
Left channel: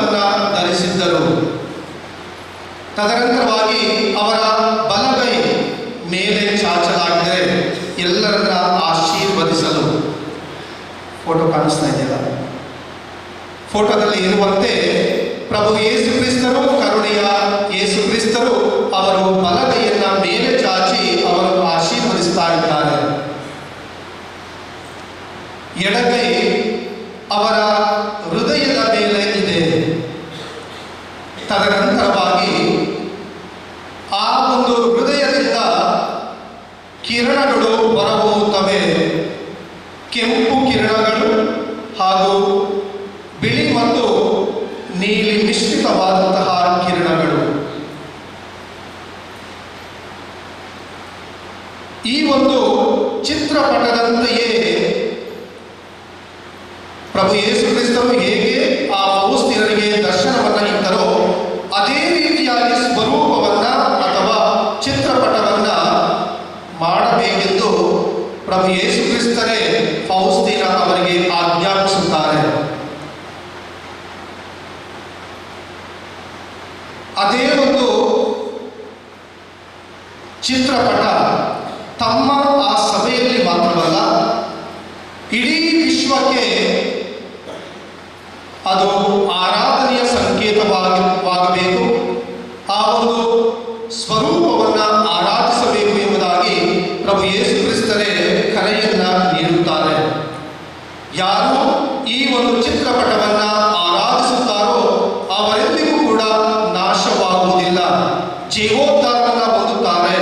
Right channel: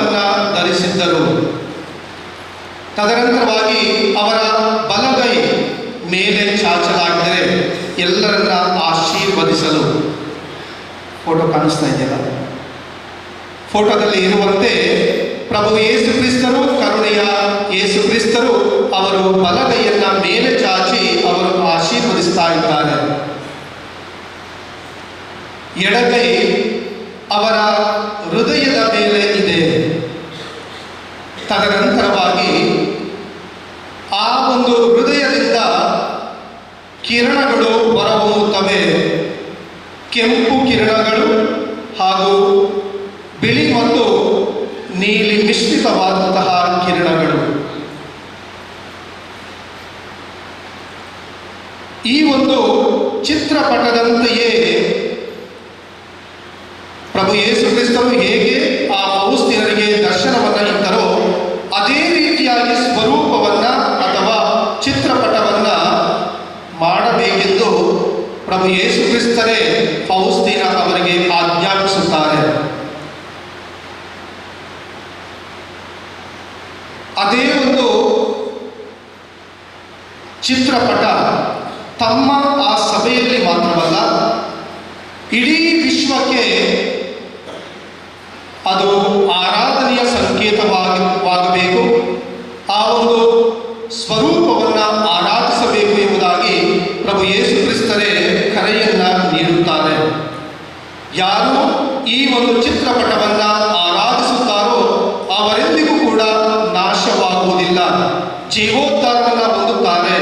ಸ್ವರೂಪವನ್ನು ಧರಿಸಿದ್ದರು. ತದನಂತರವಾಗಿ ಅವರ ಬಲಗೈ ಮೇಲೆ ಚಾಚಲಾಗಿದೆ ಎಲ್ಲರನ್ನ ಆಶೀರ್ವದಿಸಲು. ಫೋಟೋ ಕಾಣಿಸ್ತಾ ಇದೆಯಲ್ಲ, ಫೋಟೋದಲ್ಲಿ ಇರುವಂತೆ ಪ್ರಭು ಯೇಸು ಕ್ರಿಸ್ತರು, ಕರುಣೆಯ ಯೇಸು ಕ್ರಿಸ್ತರು ಅವರು ಬಲಗೈಯನ್ನ ಮೇಲೆ ಚಾಚಿ ಅವರು ಆಶೀರ್ವದಿಸ್ತಾ ಇದ್ದಾರೆ. ಎಡಗೈ ಅವರ ಹೃದಯದ ಮೇಲೆ ಇದೆ. ತದನಂತರವಾಗಿ ಆ ಒಂದು ಹೃದಯದಿಂದ ಕಿರಣಗಳು ಹೊರಹೊಮ್ಮುತ್ತವೆ. ಕೆಂಪು ಕಿರಣಗಳು ಹಾಗೂ ಬಿಳಿ ಮತ್ತು ನೀಲಿ ಮಿಶ್ರಿತವಾದಂತಹ ಕಿರಣಗಳು. ಈ ಒಂದು ಚಿತ್ರಪಟದಂತೆಯೇ ಪ್ರಭು ಯೇಸು ಕ್ರಿಸ್ತರು ಹೇಗೆ ಆ ಫೌಸ್ತೀನರಿಗೆ ದರ್ಶನವನ್ನು ಇತ್ತರೋ ಅದೇ ರೀತಿಯಾಗಿ ಸ್ವರೂಪವನ್ನ ಅಥವಾ ಚಿತ್ರಪಟವನ್ನ ಮಾಡಬೇಕೆಂದು ಪ್ರಭು ಯೇಸು ಕ್ರಿಸ್ತರೇ ಫೌಸ್ತೀನ ಅವರಿಗೆ ಆಜ್ಞಾಪಿಸುತ್ತಾರೆ. ಅದೇ ಒಂದು ಚಿತ್ರಪಟ ತಮ್ಮ ಆ ಸಭೆಯಲ್ಲಿ ಮಾತ್ರವಲ್ಲ, ಇಡೀ ವಿಶ್ವಕ್ಕೆ ಅದು ಆರಾಧನೆಯ ಸಂಕೇತವಾಗಬೇಕು. ಆ ಒಂದು ಸ್ವರೂಪವನ್ನು ಆರಾಧಿಸಬೇಕು ಎಂಬುದಾಗಿ ಪ್ರಭು ಯೇಸು ಕ್ರಿಸ್ತರೇ ಕರೆಯನ್ನ ನೀಡುತ್ತಾರೆ. ಯಾರು ಈ ಒಂದು ಚಿತ್ರಪಟವನ್ನು ಆರಾಧಿಸುತ್ತಾರೋ ಅವರೆಂದಿಗೂ ಕೂಡ ನಾಶವಾಗುವುದಿಲ್ಲ, ಜೀವೋದ್ಧಾರವನ್ನು ಹೊಂದುತ್ತಾರೆ.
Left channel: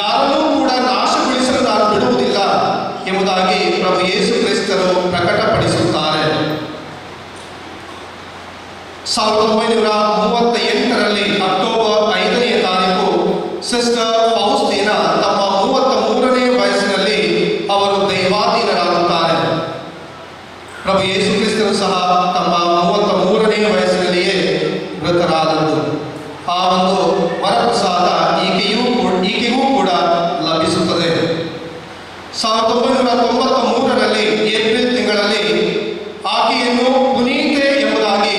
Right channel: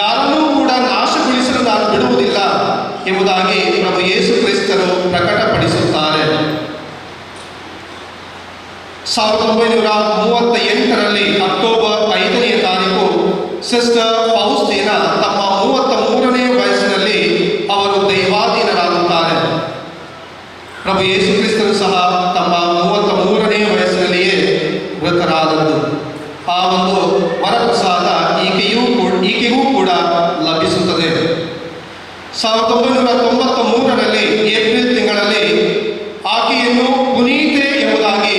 ಯಾರನ್ನೂ ಕೂಡ ನಾಶಗೊಳಿಸಲು ನಾನು ಬಿಡುವುದಿಲ್ಲ ಎಂಬುದಾಗಿ ಪ್ರಭು ಯೇಸು ಕ್ರಿಸ್ತರು ಪ್ರಕಟಪಡಿಸುತ್ತಾರೆ. 1938ರಲ್ಲಿ ಅಕ್ಟೋಬರ್ 5ನೇ ತಾರೀಕು ಸಿಸ್ಟರ್ ಫೌಸ್ತೀನ ತಮ್ಮ 33ನೇ ವಯಸ್ಸಿನಲ್ಲಿ ಅವರು ದೈವಾಧೀನರಾಗುತ್ತಾರೆ. ಪ್ರಭು ಯೇಸು ಕ್ರಿಸ್ತರು ಸಹ ತಮ್ಮ 33ನೇ ವಯಸ್ಸಿನಲ್ಲಿಯೇ ಮೃತರಾದದ್ದು. ಆ ಒಂದು ವರಪ್ರಸಾದ ಈಕೆಗೂ ಕೂಡ ಲಭಿಸುತ್ತದೆ. 1993ರಲ್ಲಿ ಏಪ್ರಿಲ್ ತಿಂಗಳಲ್ಲಿ ಆಕೆಯನ್ನು ಪುನೀತೆ ಎಂಬುದಾಗಿ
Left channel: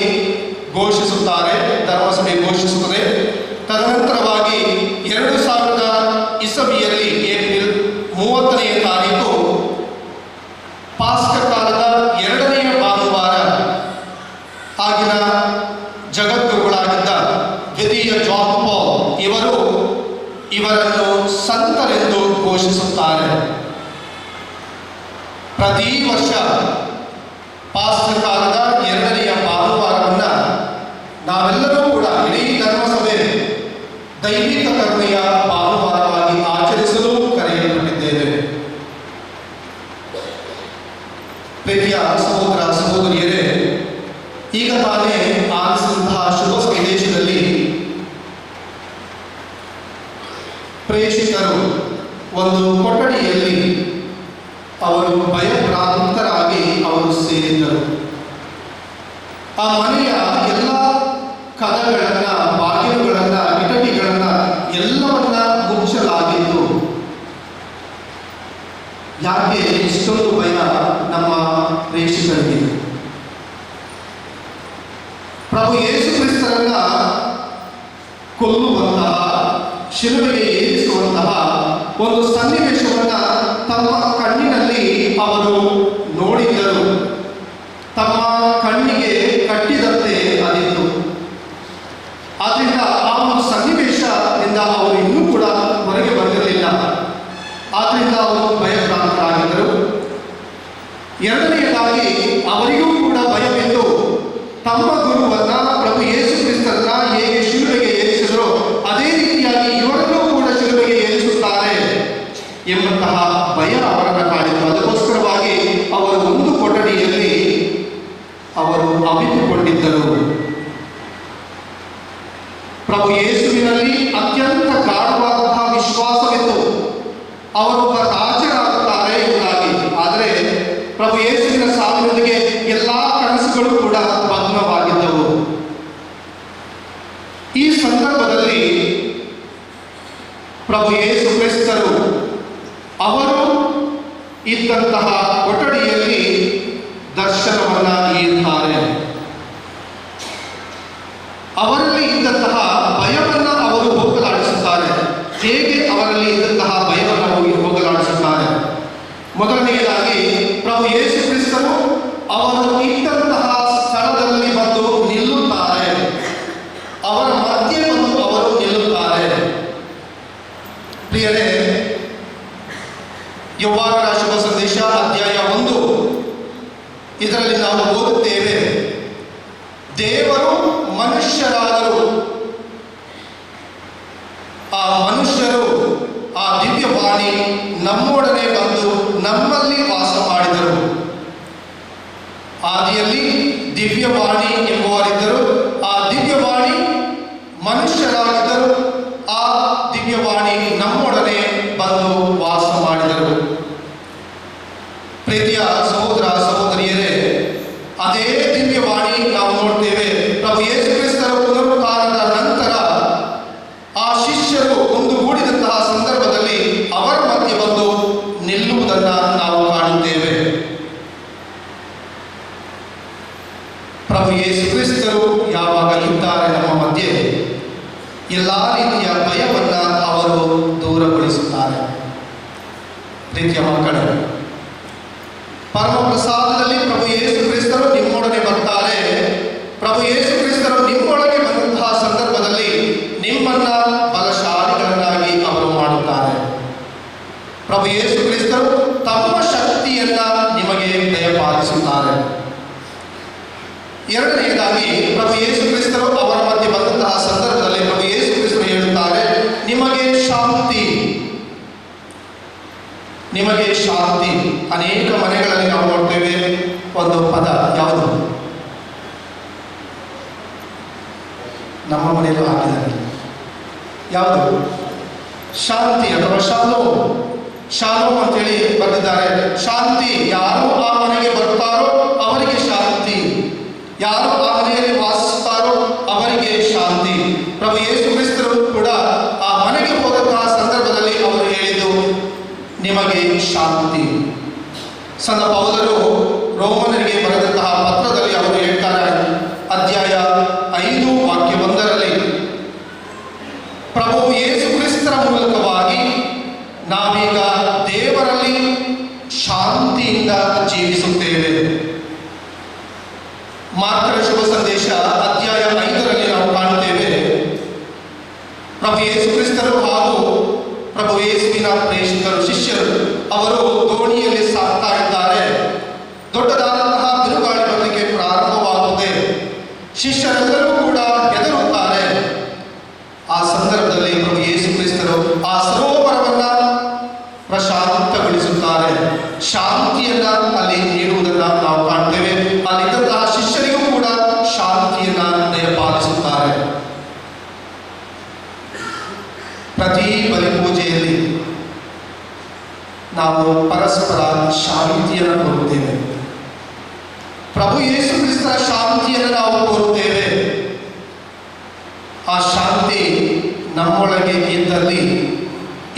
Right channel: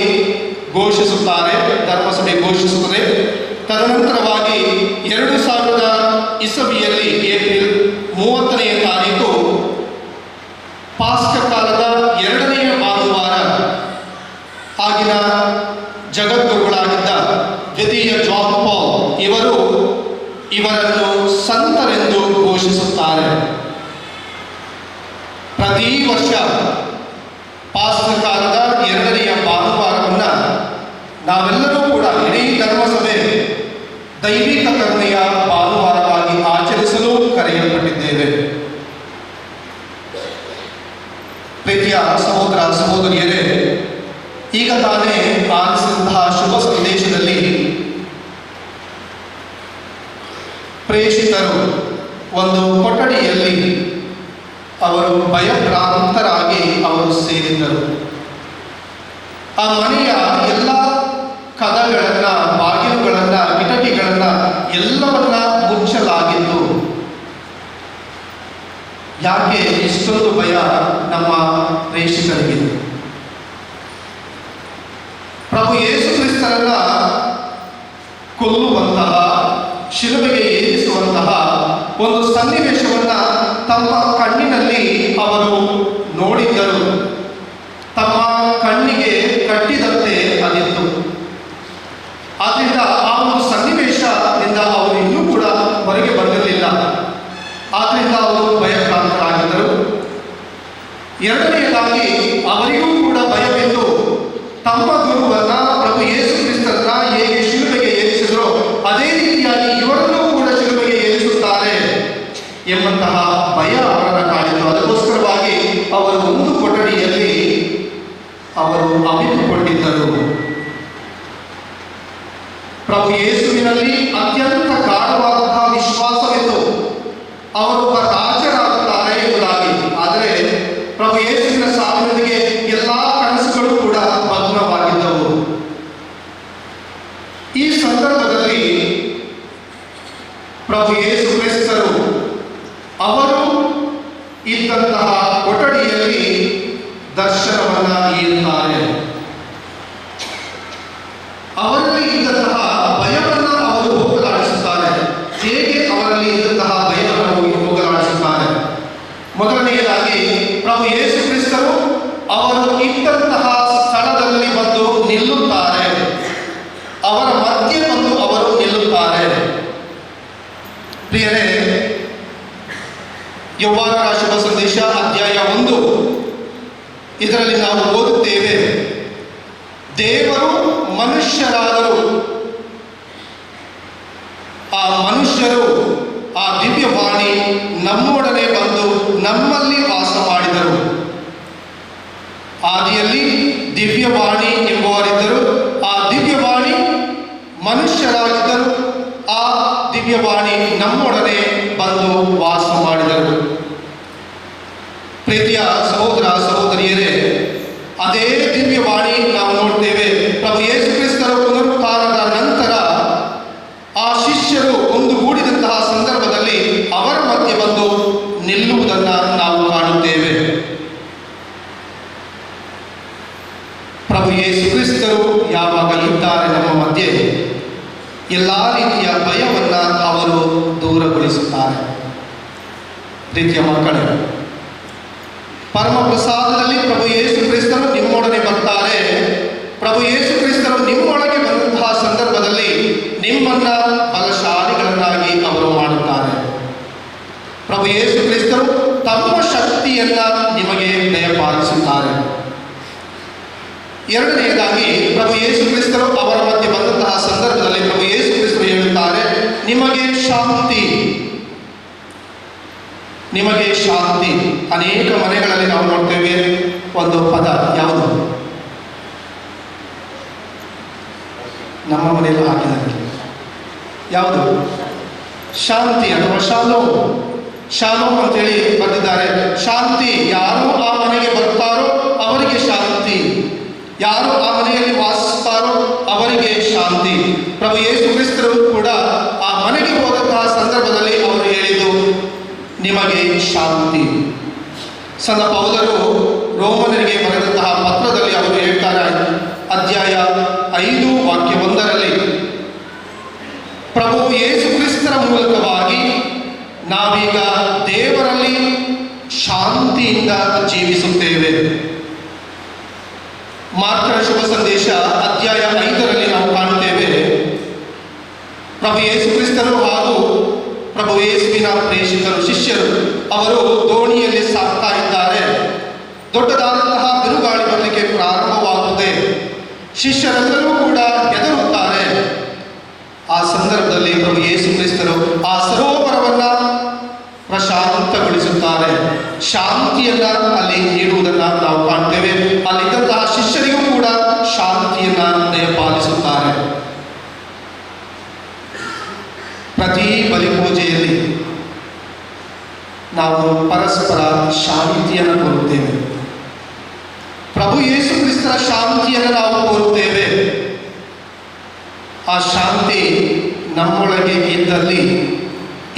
ಘೋಷಿಸುತ್ತಾರೆ, ಧರ್ಮಸಭೆ ಘೋಷಿಸುತ್ತದೆ. ತದನಂತರವಾಗಿ 2000 ಇಸವಿಯಲ್ಲಿ ಏಪ್ರಿಲ್ 30ನೇ ತಾರೀಕು ಪಾಸ್ಕ ಕಾಲದ 2ನೇ ಭಾನುವಾರ ಆಗಿನ ಜಗದ್ಗುರುಗಳಾಗಿದ್ದ ದ್ವಿತೀಯ ಜಾನ್ ಪಾಲ್ ಇವರನ್ನು ಸಂತರೆಂದು ಘೋಷಿಸುತ್ತಾರೆ. ಪ್ರತಿ ವರ್ಷ ಪಾಸ್ಕ ಕಾಲದ 2ನೇ ಭಾನುವಾರವನ್ನ ನಾವೆಲ್ಲರೂ ಕೂಡ ಇಡೀ ಧರ್ಮಸಭೆ ದೈವಿಕ ಕರುಣೆಯ ಭಾನುವಾರವಾಗಿ ಆಚರಿಸಲು ಕರೆಯಲ್ಪಟ್ಟಿದ್ದೇವೆ. ಪ್ರೀತಿಯ ಸಹೋದರ ಸಹೋದರಿಯರೇ, ಈಗ ತಾನೇ ಆಲಿಸಿದಂತಹ ಶುಭ ಸಂದೇಶದಲ್ಲಿ ಪ್ರೇಷಿತರು ಒಂದು ಕೊಠಡಿಯಲ್ಲಿ ಅವರು ಭಯಭ್ರಾಂತರಾಗಿ ಅವರು ಸೇರಿದ್ದರು. ಆ ಮನೆಯ ಎಲ್ಲ ಕದಗಳನ್ನ, ಬಾಗಿಲುಗಳನ್ನ, ಕಿಟಕಿಗಳನ್ನ ಎಲ್ಲವನ್ನ ಮುಚ್ಚಲಾಗಿತ್ತು. ಯಾಕೆ ಇಷ್ಟೊಂದು ಭಯ ನಮ್ಮ ಪ್ರೇಷಿತರಿಗೆ? ಪ್ರಭು ಯೇಸು ಕ್ರಿಸ್ತರನ್ನ ಕೊಲ್ಲುವಂತಹ, ಶಿಲುಬೆಗೆ ಏರಿಸುವಂತಹ ಒಂದು ಸನ್ನಿವೇಶವನ್ನ ತಮ್ಮ ಕಣ್ಣಿನಲ್ಲಿ ಅವರು ನೋಡಿದ್ದರು. ತಮ್ಮ ಕಣ್ಣಿಗೆ ಕಟ್ಟಿದಂತೆ ಅದಿತ್ತು. ಆದ್ರಿಂದ ಆ ಒಂದು ಸನ್ನಿವೇಶದಿಂದ ಅವರು ಇನ್ನೂ ಕೂಡ ಹೊರಗೆ ಬಂದಿರಲಿಲ್ಲ. ಆದ್ರಿಂದ ಅವರು ಭಯಭ್ರಾಂತರಾಗಿದ್ದರು. ಎರಡನೆಯದಾಗಿ ಅವರಿಗೂ ಕೂಡ ಭಯವಿದ್ದು ತಮ್ಮ ಗುರುವನ್ನ ಪ್ರಭು ಯೇಸು ಕ್ರಿಸ್ತರನ್ನ ಹೇಗೆ ಶಿಲುಬೆಗೆ ಏರಿಸಿದ್ರು ಅದೇ ರೀತಿಯಾಗಿ ಇವರನ್ನೂ ಕೂಡ ಶಿಲುಬೆಗೆ ಏರಿಸುತ್ತಾರೆ ಎಂಬಂತಹ ಭಯ ಅವರನ್ನು ಕಾಡಿತು. ಅದಕ್ಕೋಸ್ಕರವಾಗಿ ಅವರು ಒಂದು ಕೊಠಡಿಯಲ್ಲಿ ಅವರು ಅವಿತುಕೊಂಡಿದ್ದರು. ಪ್ರಭು ಯೇಸುವಿನಲ್ಲಿ ಅತ್ಯಂತ ಗಾಢವಾದಂತಹ ವಿಶ್ವಾಸವಿತ್ತು, ಅವರೊಬ್ಬ ರಾಜರಾಗುತ್ತಾರೆ ಎಂಬುದಾಗಿ. ಆದರೆ ಪ್ರಭು ಯೇಸುವಿನ ಸಾವಿನೊಂದಿಗೆ ಎಲ್ಲಾ ಕನಸುಗಳು ಕೂಡ ಭಗ್ನವಾಗಿದ್ದವು. ಈ ಸಂದರ್ಭದಲ್ಲಿ ಪ್ರಭು ಯೇಸು ಕ್ರಿಸ್ತರು ಅವರು ಇದ್ದಂತಹ ಕೊಠಡಿಯಲ್ಲಿ ದರ್ಶನವನ್ನ ನೀಡುತ್ತಾರೆ. ಮನುಷ್ಯರಾದರು. ಆ ಮನುಷ್ಯರು ಆ ದಿವ್ಯವಾಣಿ ನಮ್ಮೊಡನೆ ಬಂದು ನಮ್ಮಲ್ಲಿ ವಾಸ ಮಾಡಿದರು. ಆದಿಯಲ್ಲಿ ದಿವ್ಯವಾಣಿ ಎಂಬುವರಿದ್ದರು. ಆ ದಿವ್ಯವಾಣಿ ಮನುಷ್ಯರಾಗಿದ್ದರು. ಆ ದಿವ್ಯವಾಣಿ ನಮ್ಮೊಡನೆ ಬಂದು ವಾಸ ಮಾಡಿದರು. ಪ್ರೀತಿಯ ಸಹೋದರ ಸಹೋದರಿಯರೇ, ಅದೇ ದಿವ್ಯವಾಣಿ ನಾವು ನೋಡ್ತೇವೆ. ಪ್ರಭು ಯೇಸು ಕ್ರಿಸ್ತರ ಪುನರುತ್ಥಾನದ ನಂತರ ಆ ಶಿಷ್ಯರು ಒಂದುಗೂಡಿದಂತಹ ಸಂದರ್ಭದಲ್ಲಿ ಅವರ ಮಧ್ಯೆ ಬಂದು ನಿಲ್ಲುವುದನ್ನು ನಾವು ಕಾಣುತ್ತೇವೆ. ಪ್ರಭು ಯೇಸು ಕ್ರಿಸ್ತರು ಯಾವಾಗ ಇದ್ದಾರೆ ನಮ್ಮ ಮಧ್ಯೆ, ಎಲ್ಲ ರೀತಿಯ ಭಯವನ್ನು ಅವರು ದೂರಗೊಳಿಸುತ್ತಾರೆ. ಪ್ರೀತಿಯ ಮಕ್ಕಳೇ, ಪರಮ ಪ್ರಸಾದದಲ್ಲಿ ಪ್ರಭು ಯೇಸು ಕ್ರಿಸ್ತರು ನಿಮ್ಮೊಡನೆ ಬರ್ತಾರೆ. ಪ್ರಭು ಯೇಸು ಕ್ರಿಸ್ತರು ನಿಮ್ಮೊಳಗೆ ಬಂದಂತಹ ಸಂದರ್ಭದಲ್ಲಿ ನಿಮ್ಮನ್ನ ಬಲಶಾಲಿಗಳನ್ನಾಗಿ ಅವರು ಮಾಡುತ್ತಾರೆ. ಪ್ರಭು ಯೇಸು ಕ್ರಿಸ್ತರು ತಮ್ಮ ಶಕ್ತಿಯನ್ನ ನಿಮಗೆ ದಯಪಾಲಿಸುತ್ತಾರೆ. ಎರಡನೆಯದಾಗಿ ಪ್ರಭು ಯೇಸು ಕ್ರಿಸ್ತರು ಅವರ ಮಧ್ಯೆ ಬಂದಂತಹ ಸಂದರ್ಭದಲ್ಲಿ ಪ್ರಭು ಯೇಸು ಕ್ರಿಸ್ತರು ಹೇಳುತ್ತಾರೆ, ನಿಮಗೆ ಶಾಂತಿ, ನಿಮಗೆ ಶಾಂತಿ. ಅನೇಕ ಮನೆಗಳಲ್ಲಿ ನಾವು ನೋಡ್ತೇವೆ ಒಂದು ಪದ, ಯಾವುದು ನಮ್ಮ ಮನೆಯಲ್ಲೂ ಹಾಕಿದ್ದಾರೆ, ಯಾವುದು ಶಾಂತಿ ಅಥವಾ ಶಾಲೋಮ್. ಶಾಲೋಮ್ ಅಂತೇಳಿ ಬರೆದಿದ್ದಾರೆ. ಶಾಂತಿ, ಯಾರು ಆ ಮನೆಗೆ ಬರ್ತಾರೋ ಅವರಿಗೆ ಶಾಂತಿ, ಯಾರು ಆ ಮನೆಯಲ್ಲಿ ವಾಸಿಸ್ತಾರೋ ಅವರಿಗೆ ಶಾಂತಿ. ಪ್ರಭು ಯೇಸು ಕ್ರಿಸ್ತರು ಕೂಡ ಆ ಮನೆಗೆ ಹೋದಂತಹ ಸಂದರ್ಭದಲ್ಲಿ ಅವರು ಹೇಳಿದ್ದು ನಿಮಗೆ ಶಾಂತಿ. ಸಂತ ಪೌಲರು ರೋಮನರಿಗೆ ಬರೆದಂತಹ ಪತ್ರದಲ್ಲಿ ಅವರು ಹೇಳ್ತಾರೆ, ಅಧ್ಯಾಯ 5 ವಾಕ್ಯ 1ರಲ್ಲಿ, ಪ್ರಭು ಯೇಸು ಕ್ರಿಸ್ತರ ಮೂಲಕವಾಗಿ ನಾವೀಗ ದೇವರಲ್ಲಿ ಶಾಂತಿಯಿಂದ ಜೀವಿಸುತ್ತೇವೆ. ಮಾರ್ಕನ ಶುಭ ಸಂದೇಶ ಅಧ್ಯಾಯ 5ರಲ್ಲಿ ನಾವು ಕಾಣುತ್ತೇವೆ, ಪ್ರಭು ಯೇಸು ಕ್ರಿಸ್ತರು ಹಾಗೂ ಪ್ರಭು ಯೇಸುವಿನ ಪ್ರೇಷಿತರು ಶಿಷ್ಯರು ಅವರು ದೋಣಿಯಲ್ಲಿ ಸಾಗ್ತಾ ಇದ್ದಾರೆ. ದೊಡ್ಡದಾದಂತಹ ಬಿರುಗಾಳಿ ಬರಲಿಕ್ಕೆ ಪ್ರಾರಂಭವಾಗುತ್ತದೆ. ಶಿಷ್ಯರೆಲ್ಲರೂ ಕೂಡ ಹೆದರುತ್ತಾರೆ. ಆ ಸಂದರ್ಭದಲ್ಲಿ ಪ್ರಭು ಯೇಸು ಕ್ರಿಸ್ತರು ಆ ಸರೋವರವನ್ನ ಪ್ರಶಾಂತಗೊಳಿಸುತ್ತಾರೆ. ಶಾಂತಿಯನ್ನ ಅಲ್ಲಿ ನೀಡುವುದನ್ನು ನಾವು ಕಾಣ್ತೇವೆ. ಅಲ್ಲಿದ್ದಂತಹ ಶಿಷ್ಯರಿಗೂ ಕೂಡ ಶಾಂತಿಯನ್ನ ದಯಪಾಲಿಸುತ್ತಾರೆ. ಪ್ರತಿ ಬಲಿಪೂಜೆಯಲ್ಲಿ ನಾವು ಪರಸ್ಪರ ಶಾಂತಿಯನ್ನು ಕೋರುತ್ತೇವೆ. ಪ್ರಭು ಯೇಸು ಕ್ರಿಸ್ತರ ಶಾಂತಿಯನ್ನು ನಾವು ಕೋರುತ್ತೇವೆ. ಆ ಶಾಂತಿ ನಮ್ಮೊಳಗೆ ಇದ್ದಲ್ಲಿ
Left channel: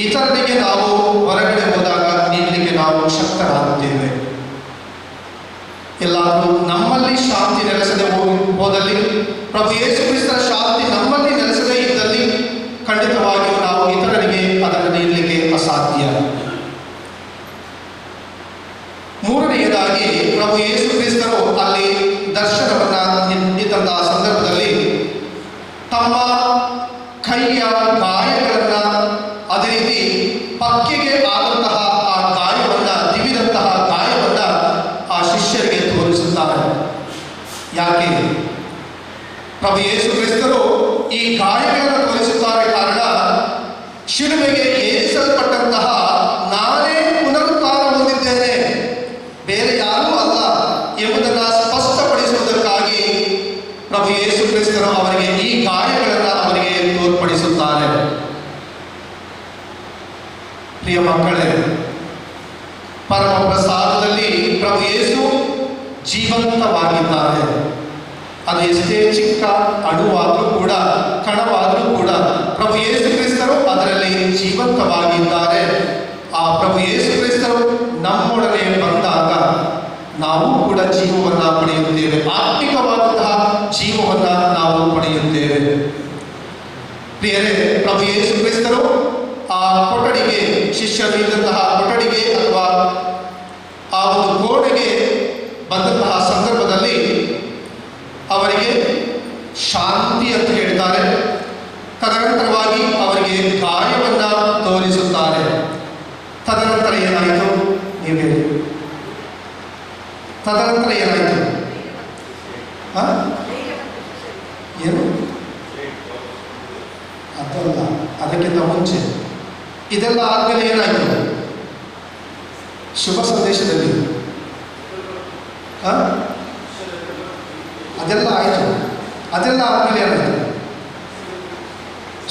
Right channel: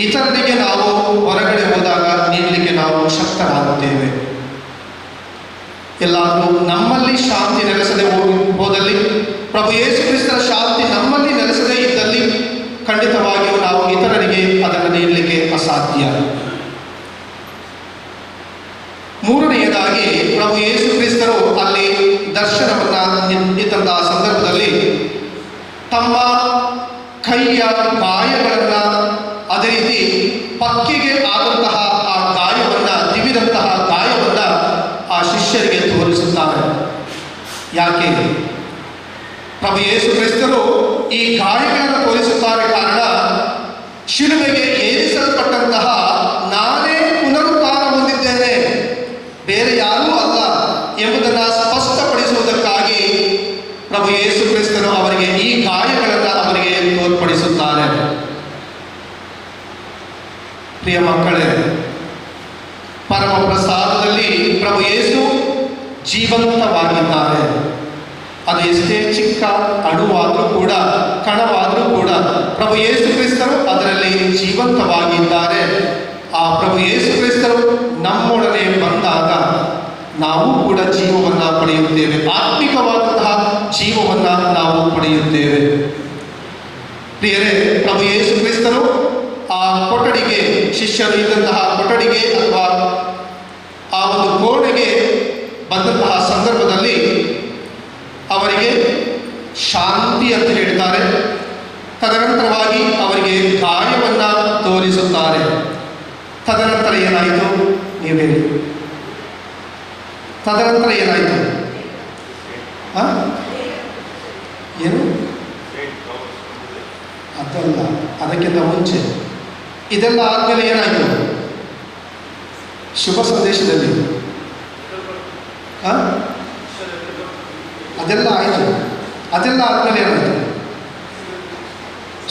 ಇತರರಿಗೆ ನಾವು ಹೊರಗಡೆ ಹೋದಾಗ ನೀಡಲಿಕ್ಕೆ ನಾವು ಶಕ್ತರಾಗುತ್ತೇವೆ. ಎಲ್ಲಾದರೂ ನಮ್ಮಲ್ಲಿ ಶಾಂತಿ ನೆಲೆಸದೆ ಹೋದಲ್ಲಿ, ಪ್ರಭು ಯೇಸು ಕ್ರಿಸ್ತರ ಶಾಂತಿ ನಮ್ಮಲ್ಲಿ ನೆಲೆಸದೇ ಇದ್ದಲ್ಲಿ ಖಂಡಿತವಾಗಿಯೂ ನಾವು ಇತರರಿಗೆ ಅದನ್ನು ನೀಡಲಿಕ್ಕೆ ಅಸಾಧ್ಯ. ಮೂರನೆಯದಾಗಿ ಪ್ರಭು ಯೇಸು ಕ್ರಿಸ್ತರು ಅಲ್ಲಿ ದರ್ಶನವನ್ನ ನೀಡಿದಂತಹ ಸಂದರ್ಭದಲ್ಲಿ ತಮ್ಮ ಕೈಯ ಗಾಯಗಳನ್ನ, ಅದೇ ರೀತಿ ಪಕ್ಕಿಗೆ ಆದಂತಹ ಆ ಗಾಯವನ್ನ, ತಿವಿದಂತಹ ಗಾಯವನ್ನ ಆ ಶಿಷ್ಯರಿಗೆ ತೋರಿಸುತ್ತಾರೆ. ಯಾಕೆ ಪ್ರಭು ಯೇಸು ಕ್ರಿಸ್ತರು ಈ ಗಾಯಗಳನ್ನು ತೋರಿಸುತ್ತಾರೆ? ಕಾರಣ, ಶಿಲುಬೆಗೆ ಏರಿಸಲ್ಪಟ್ಟಂತಹ ನಾನೇ ಪುನರುತ್ಥಾನ ಹೊಂದಿದ್ದೇನೆ, ಬೇರೆ ಯಾರೂ ಅಲ್ಲ ಎಂಬುದನ್ನು ಸ್ಪಷ್ಟಪಡಿಸುವುದಕ್ಕಾಗಿ ಪ್ರಭು ಯೇಸು ಕ್ರಿಸ್ತರು ಅವರಿಗೆ ಈ ಗಾಯಗಳನ್ನು ಅವರಿಗೆ ತೋರ್ಪಡಿಸುತ್ತಾರೆ. ಪ್ರಿಯ ಮಕ್ಕಳೇ, ಪರಮ ಪ್ರಸಾದದಲ್ಲಿ ಪ್ರಭು ಯೇಸು ಜೀವಂತವಾಗಿದ್ದಾರೆ. ಅದು ಎಷ್ಟೇ ಚಿಕ್ಕ ಅಣುವಾದರೂ ಕೂಡ, ಕಣವಾದರೂ ಕೂಡ ಪ್ರಭು ಯೇಸು ಕ್ರಿಸ್ತರು ಅದರಲ್ಲಿ ಜೀವಂತವಾಗಿದ್ದಾರೆ. ಆ ಪ್ರಭು ಯೇಸು ಕ್ರಿಸ್ತರು ನಮ್ಮೊಡನೆ ಬಂದಾಗ ನಾವು ಕೂಡ ಜೀವವನ್ನು ಪಡೆಯುತ್ತೇವೆ. ಆತ್ಮಿಕವಾದಂತಹ ಜೀವವನ್ನು ನಾವು ಪಡೆಯುತ್ತೇವೆ. ಪ್ರಿಯರೇ, ಪ್ರಭು ಯೇಸು ಕ್ರಿಸ್ತರು ಆ ಕೊಠಡಿಗೆ, ಶಿಷ್ಯರು ಇದ್ದಂತಹ ಕೊಠಡಿಗೆ ಅಥವಾ ಆ ಒಂದು ಕೋಣೆಗೆ ಬಂದಂತಹ ಸಂದರ್ಭದಲ್ಲಿ ಅವರಿಗೆ ಶಾಂತಿ ಅಂತ ಹೇಳ್ತಾರೆ. ತದನಂತರವಾಗಿ ಅವರಿಗೆ ಗಾಯವನ್ನು ತೋರಿಸುತ್ತಾರೆ. ತದನಂತರ ಏನಾಯಿತು ನೀವೇ? ತದನಂತರ ಏನಾಯಿತು? ಏನು ಅದಲ್ಲ, ಅದಕ್ಕಿಂತ ಮುಂಚೆ ಇದೆಲ್ಲ ಆದಮೇಲೆ ಏನಾಯಿತು? ಶುಭ ಸಂದೇಶದಲ್ಲಿ ಅದೆಲ್ಲ ಆಯಿತು. ಅದೆಲ್ಲ ಆದಮೇಲೆ ಏನಾಯಿತು?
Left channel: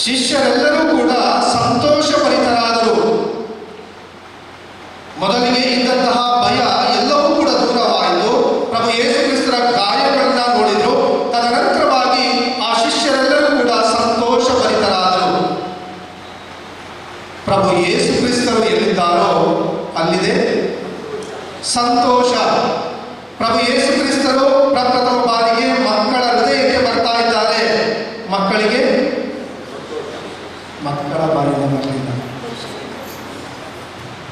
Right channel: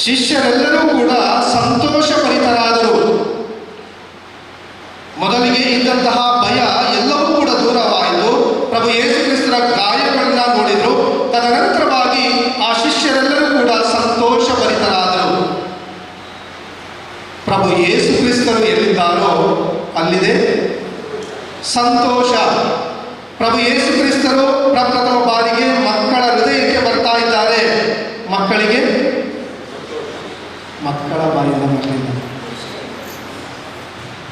ಶಿಷ್ಯರೆಲ್ಲರೂ ಕೂಡ ಸಂತೋಷಭರಿತರಾದರು. ಮೊದಲಿಗೆ ಇದ್ದಂತಹ ಭಯ ಎಲ್ಲವೂ ಕೂಡ ದೂರವಾಯಿತು. ಪ್ರಭು ಯೇಸು ಕ್ರಿಸ್ತರ ಗಾಯಗಳನ್ನ ನೋಡಿದ್ರು. ತದನಂತರವಾಗಿ ಆ ಶಿಷ್ಯರೆಲ್ಲರೂ ಕೂಡ ಸಂತೋಷಭರಿತರಾದರು. ಪ್ರಭು ಯೇಸು ಕ್ರಿಸ್ತರು ಎಲ್ಲಿದ್ದಾರೋ ಅಲ್ಲಿದೆ ಸಂತೋಷ. ಪ್ರಭು ಯೇಸು ಕ್ರಿಸ್ತರು ಪ್ರಪ್ರಥಮ ಬಾರಿಗೆ ಮಕ್ಕಳ ಹೃದಯಕ್ಕೆ ಬರ್ತಾ ಇದ್ದಾರೆ. ಮಕ್ಕಳಿಗೆ ಮಕ್ಕಳ ಬಾಯಿಂದ ಬರಲಿಲ್ಲ.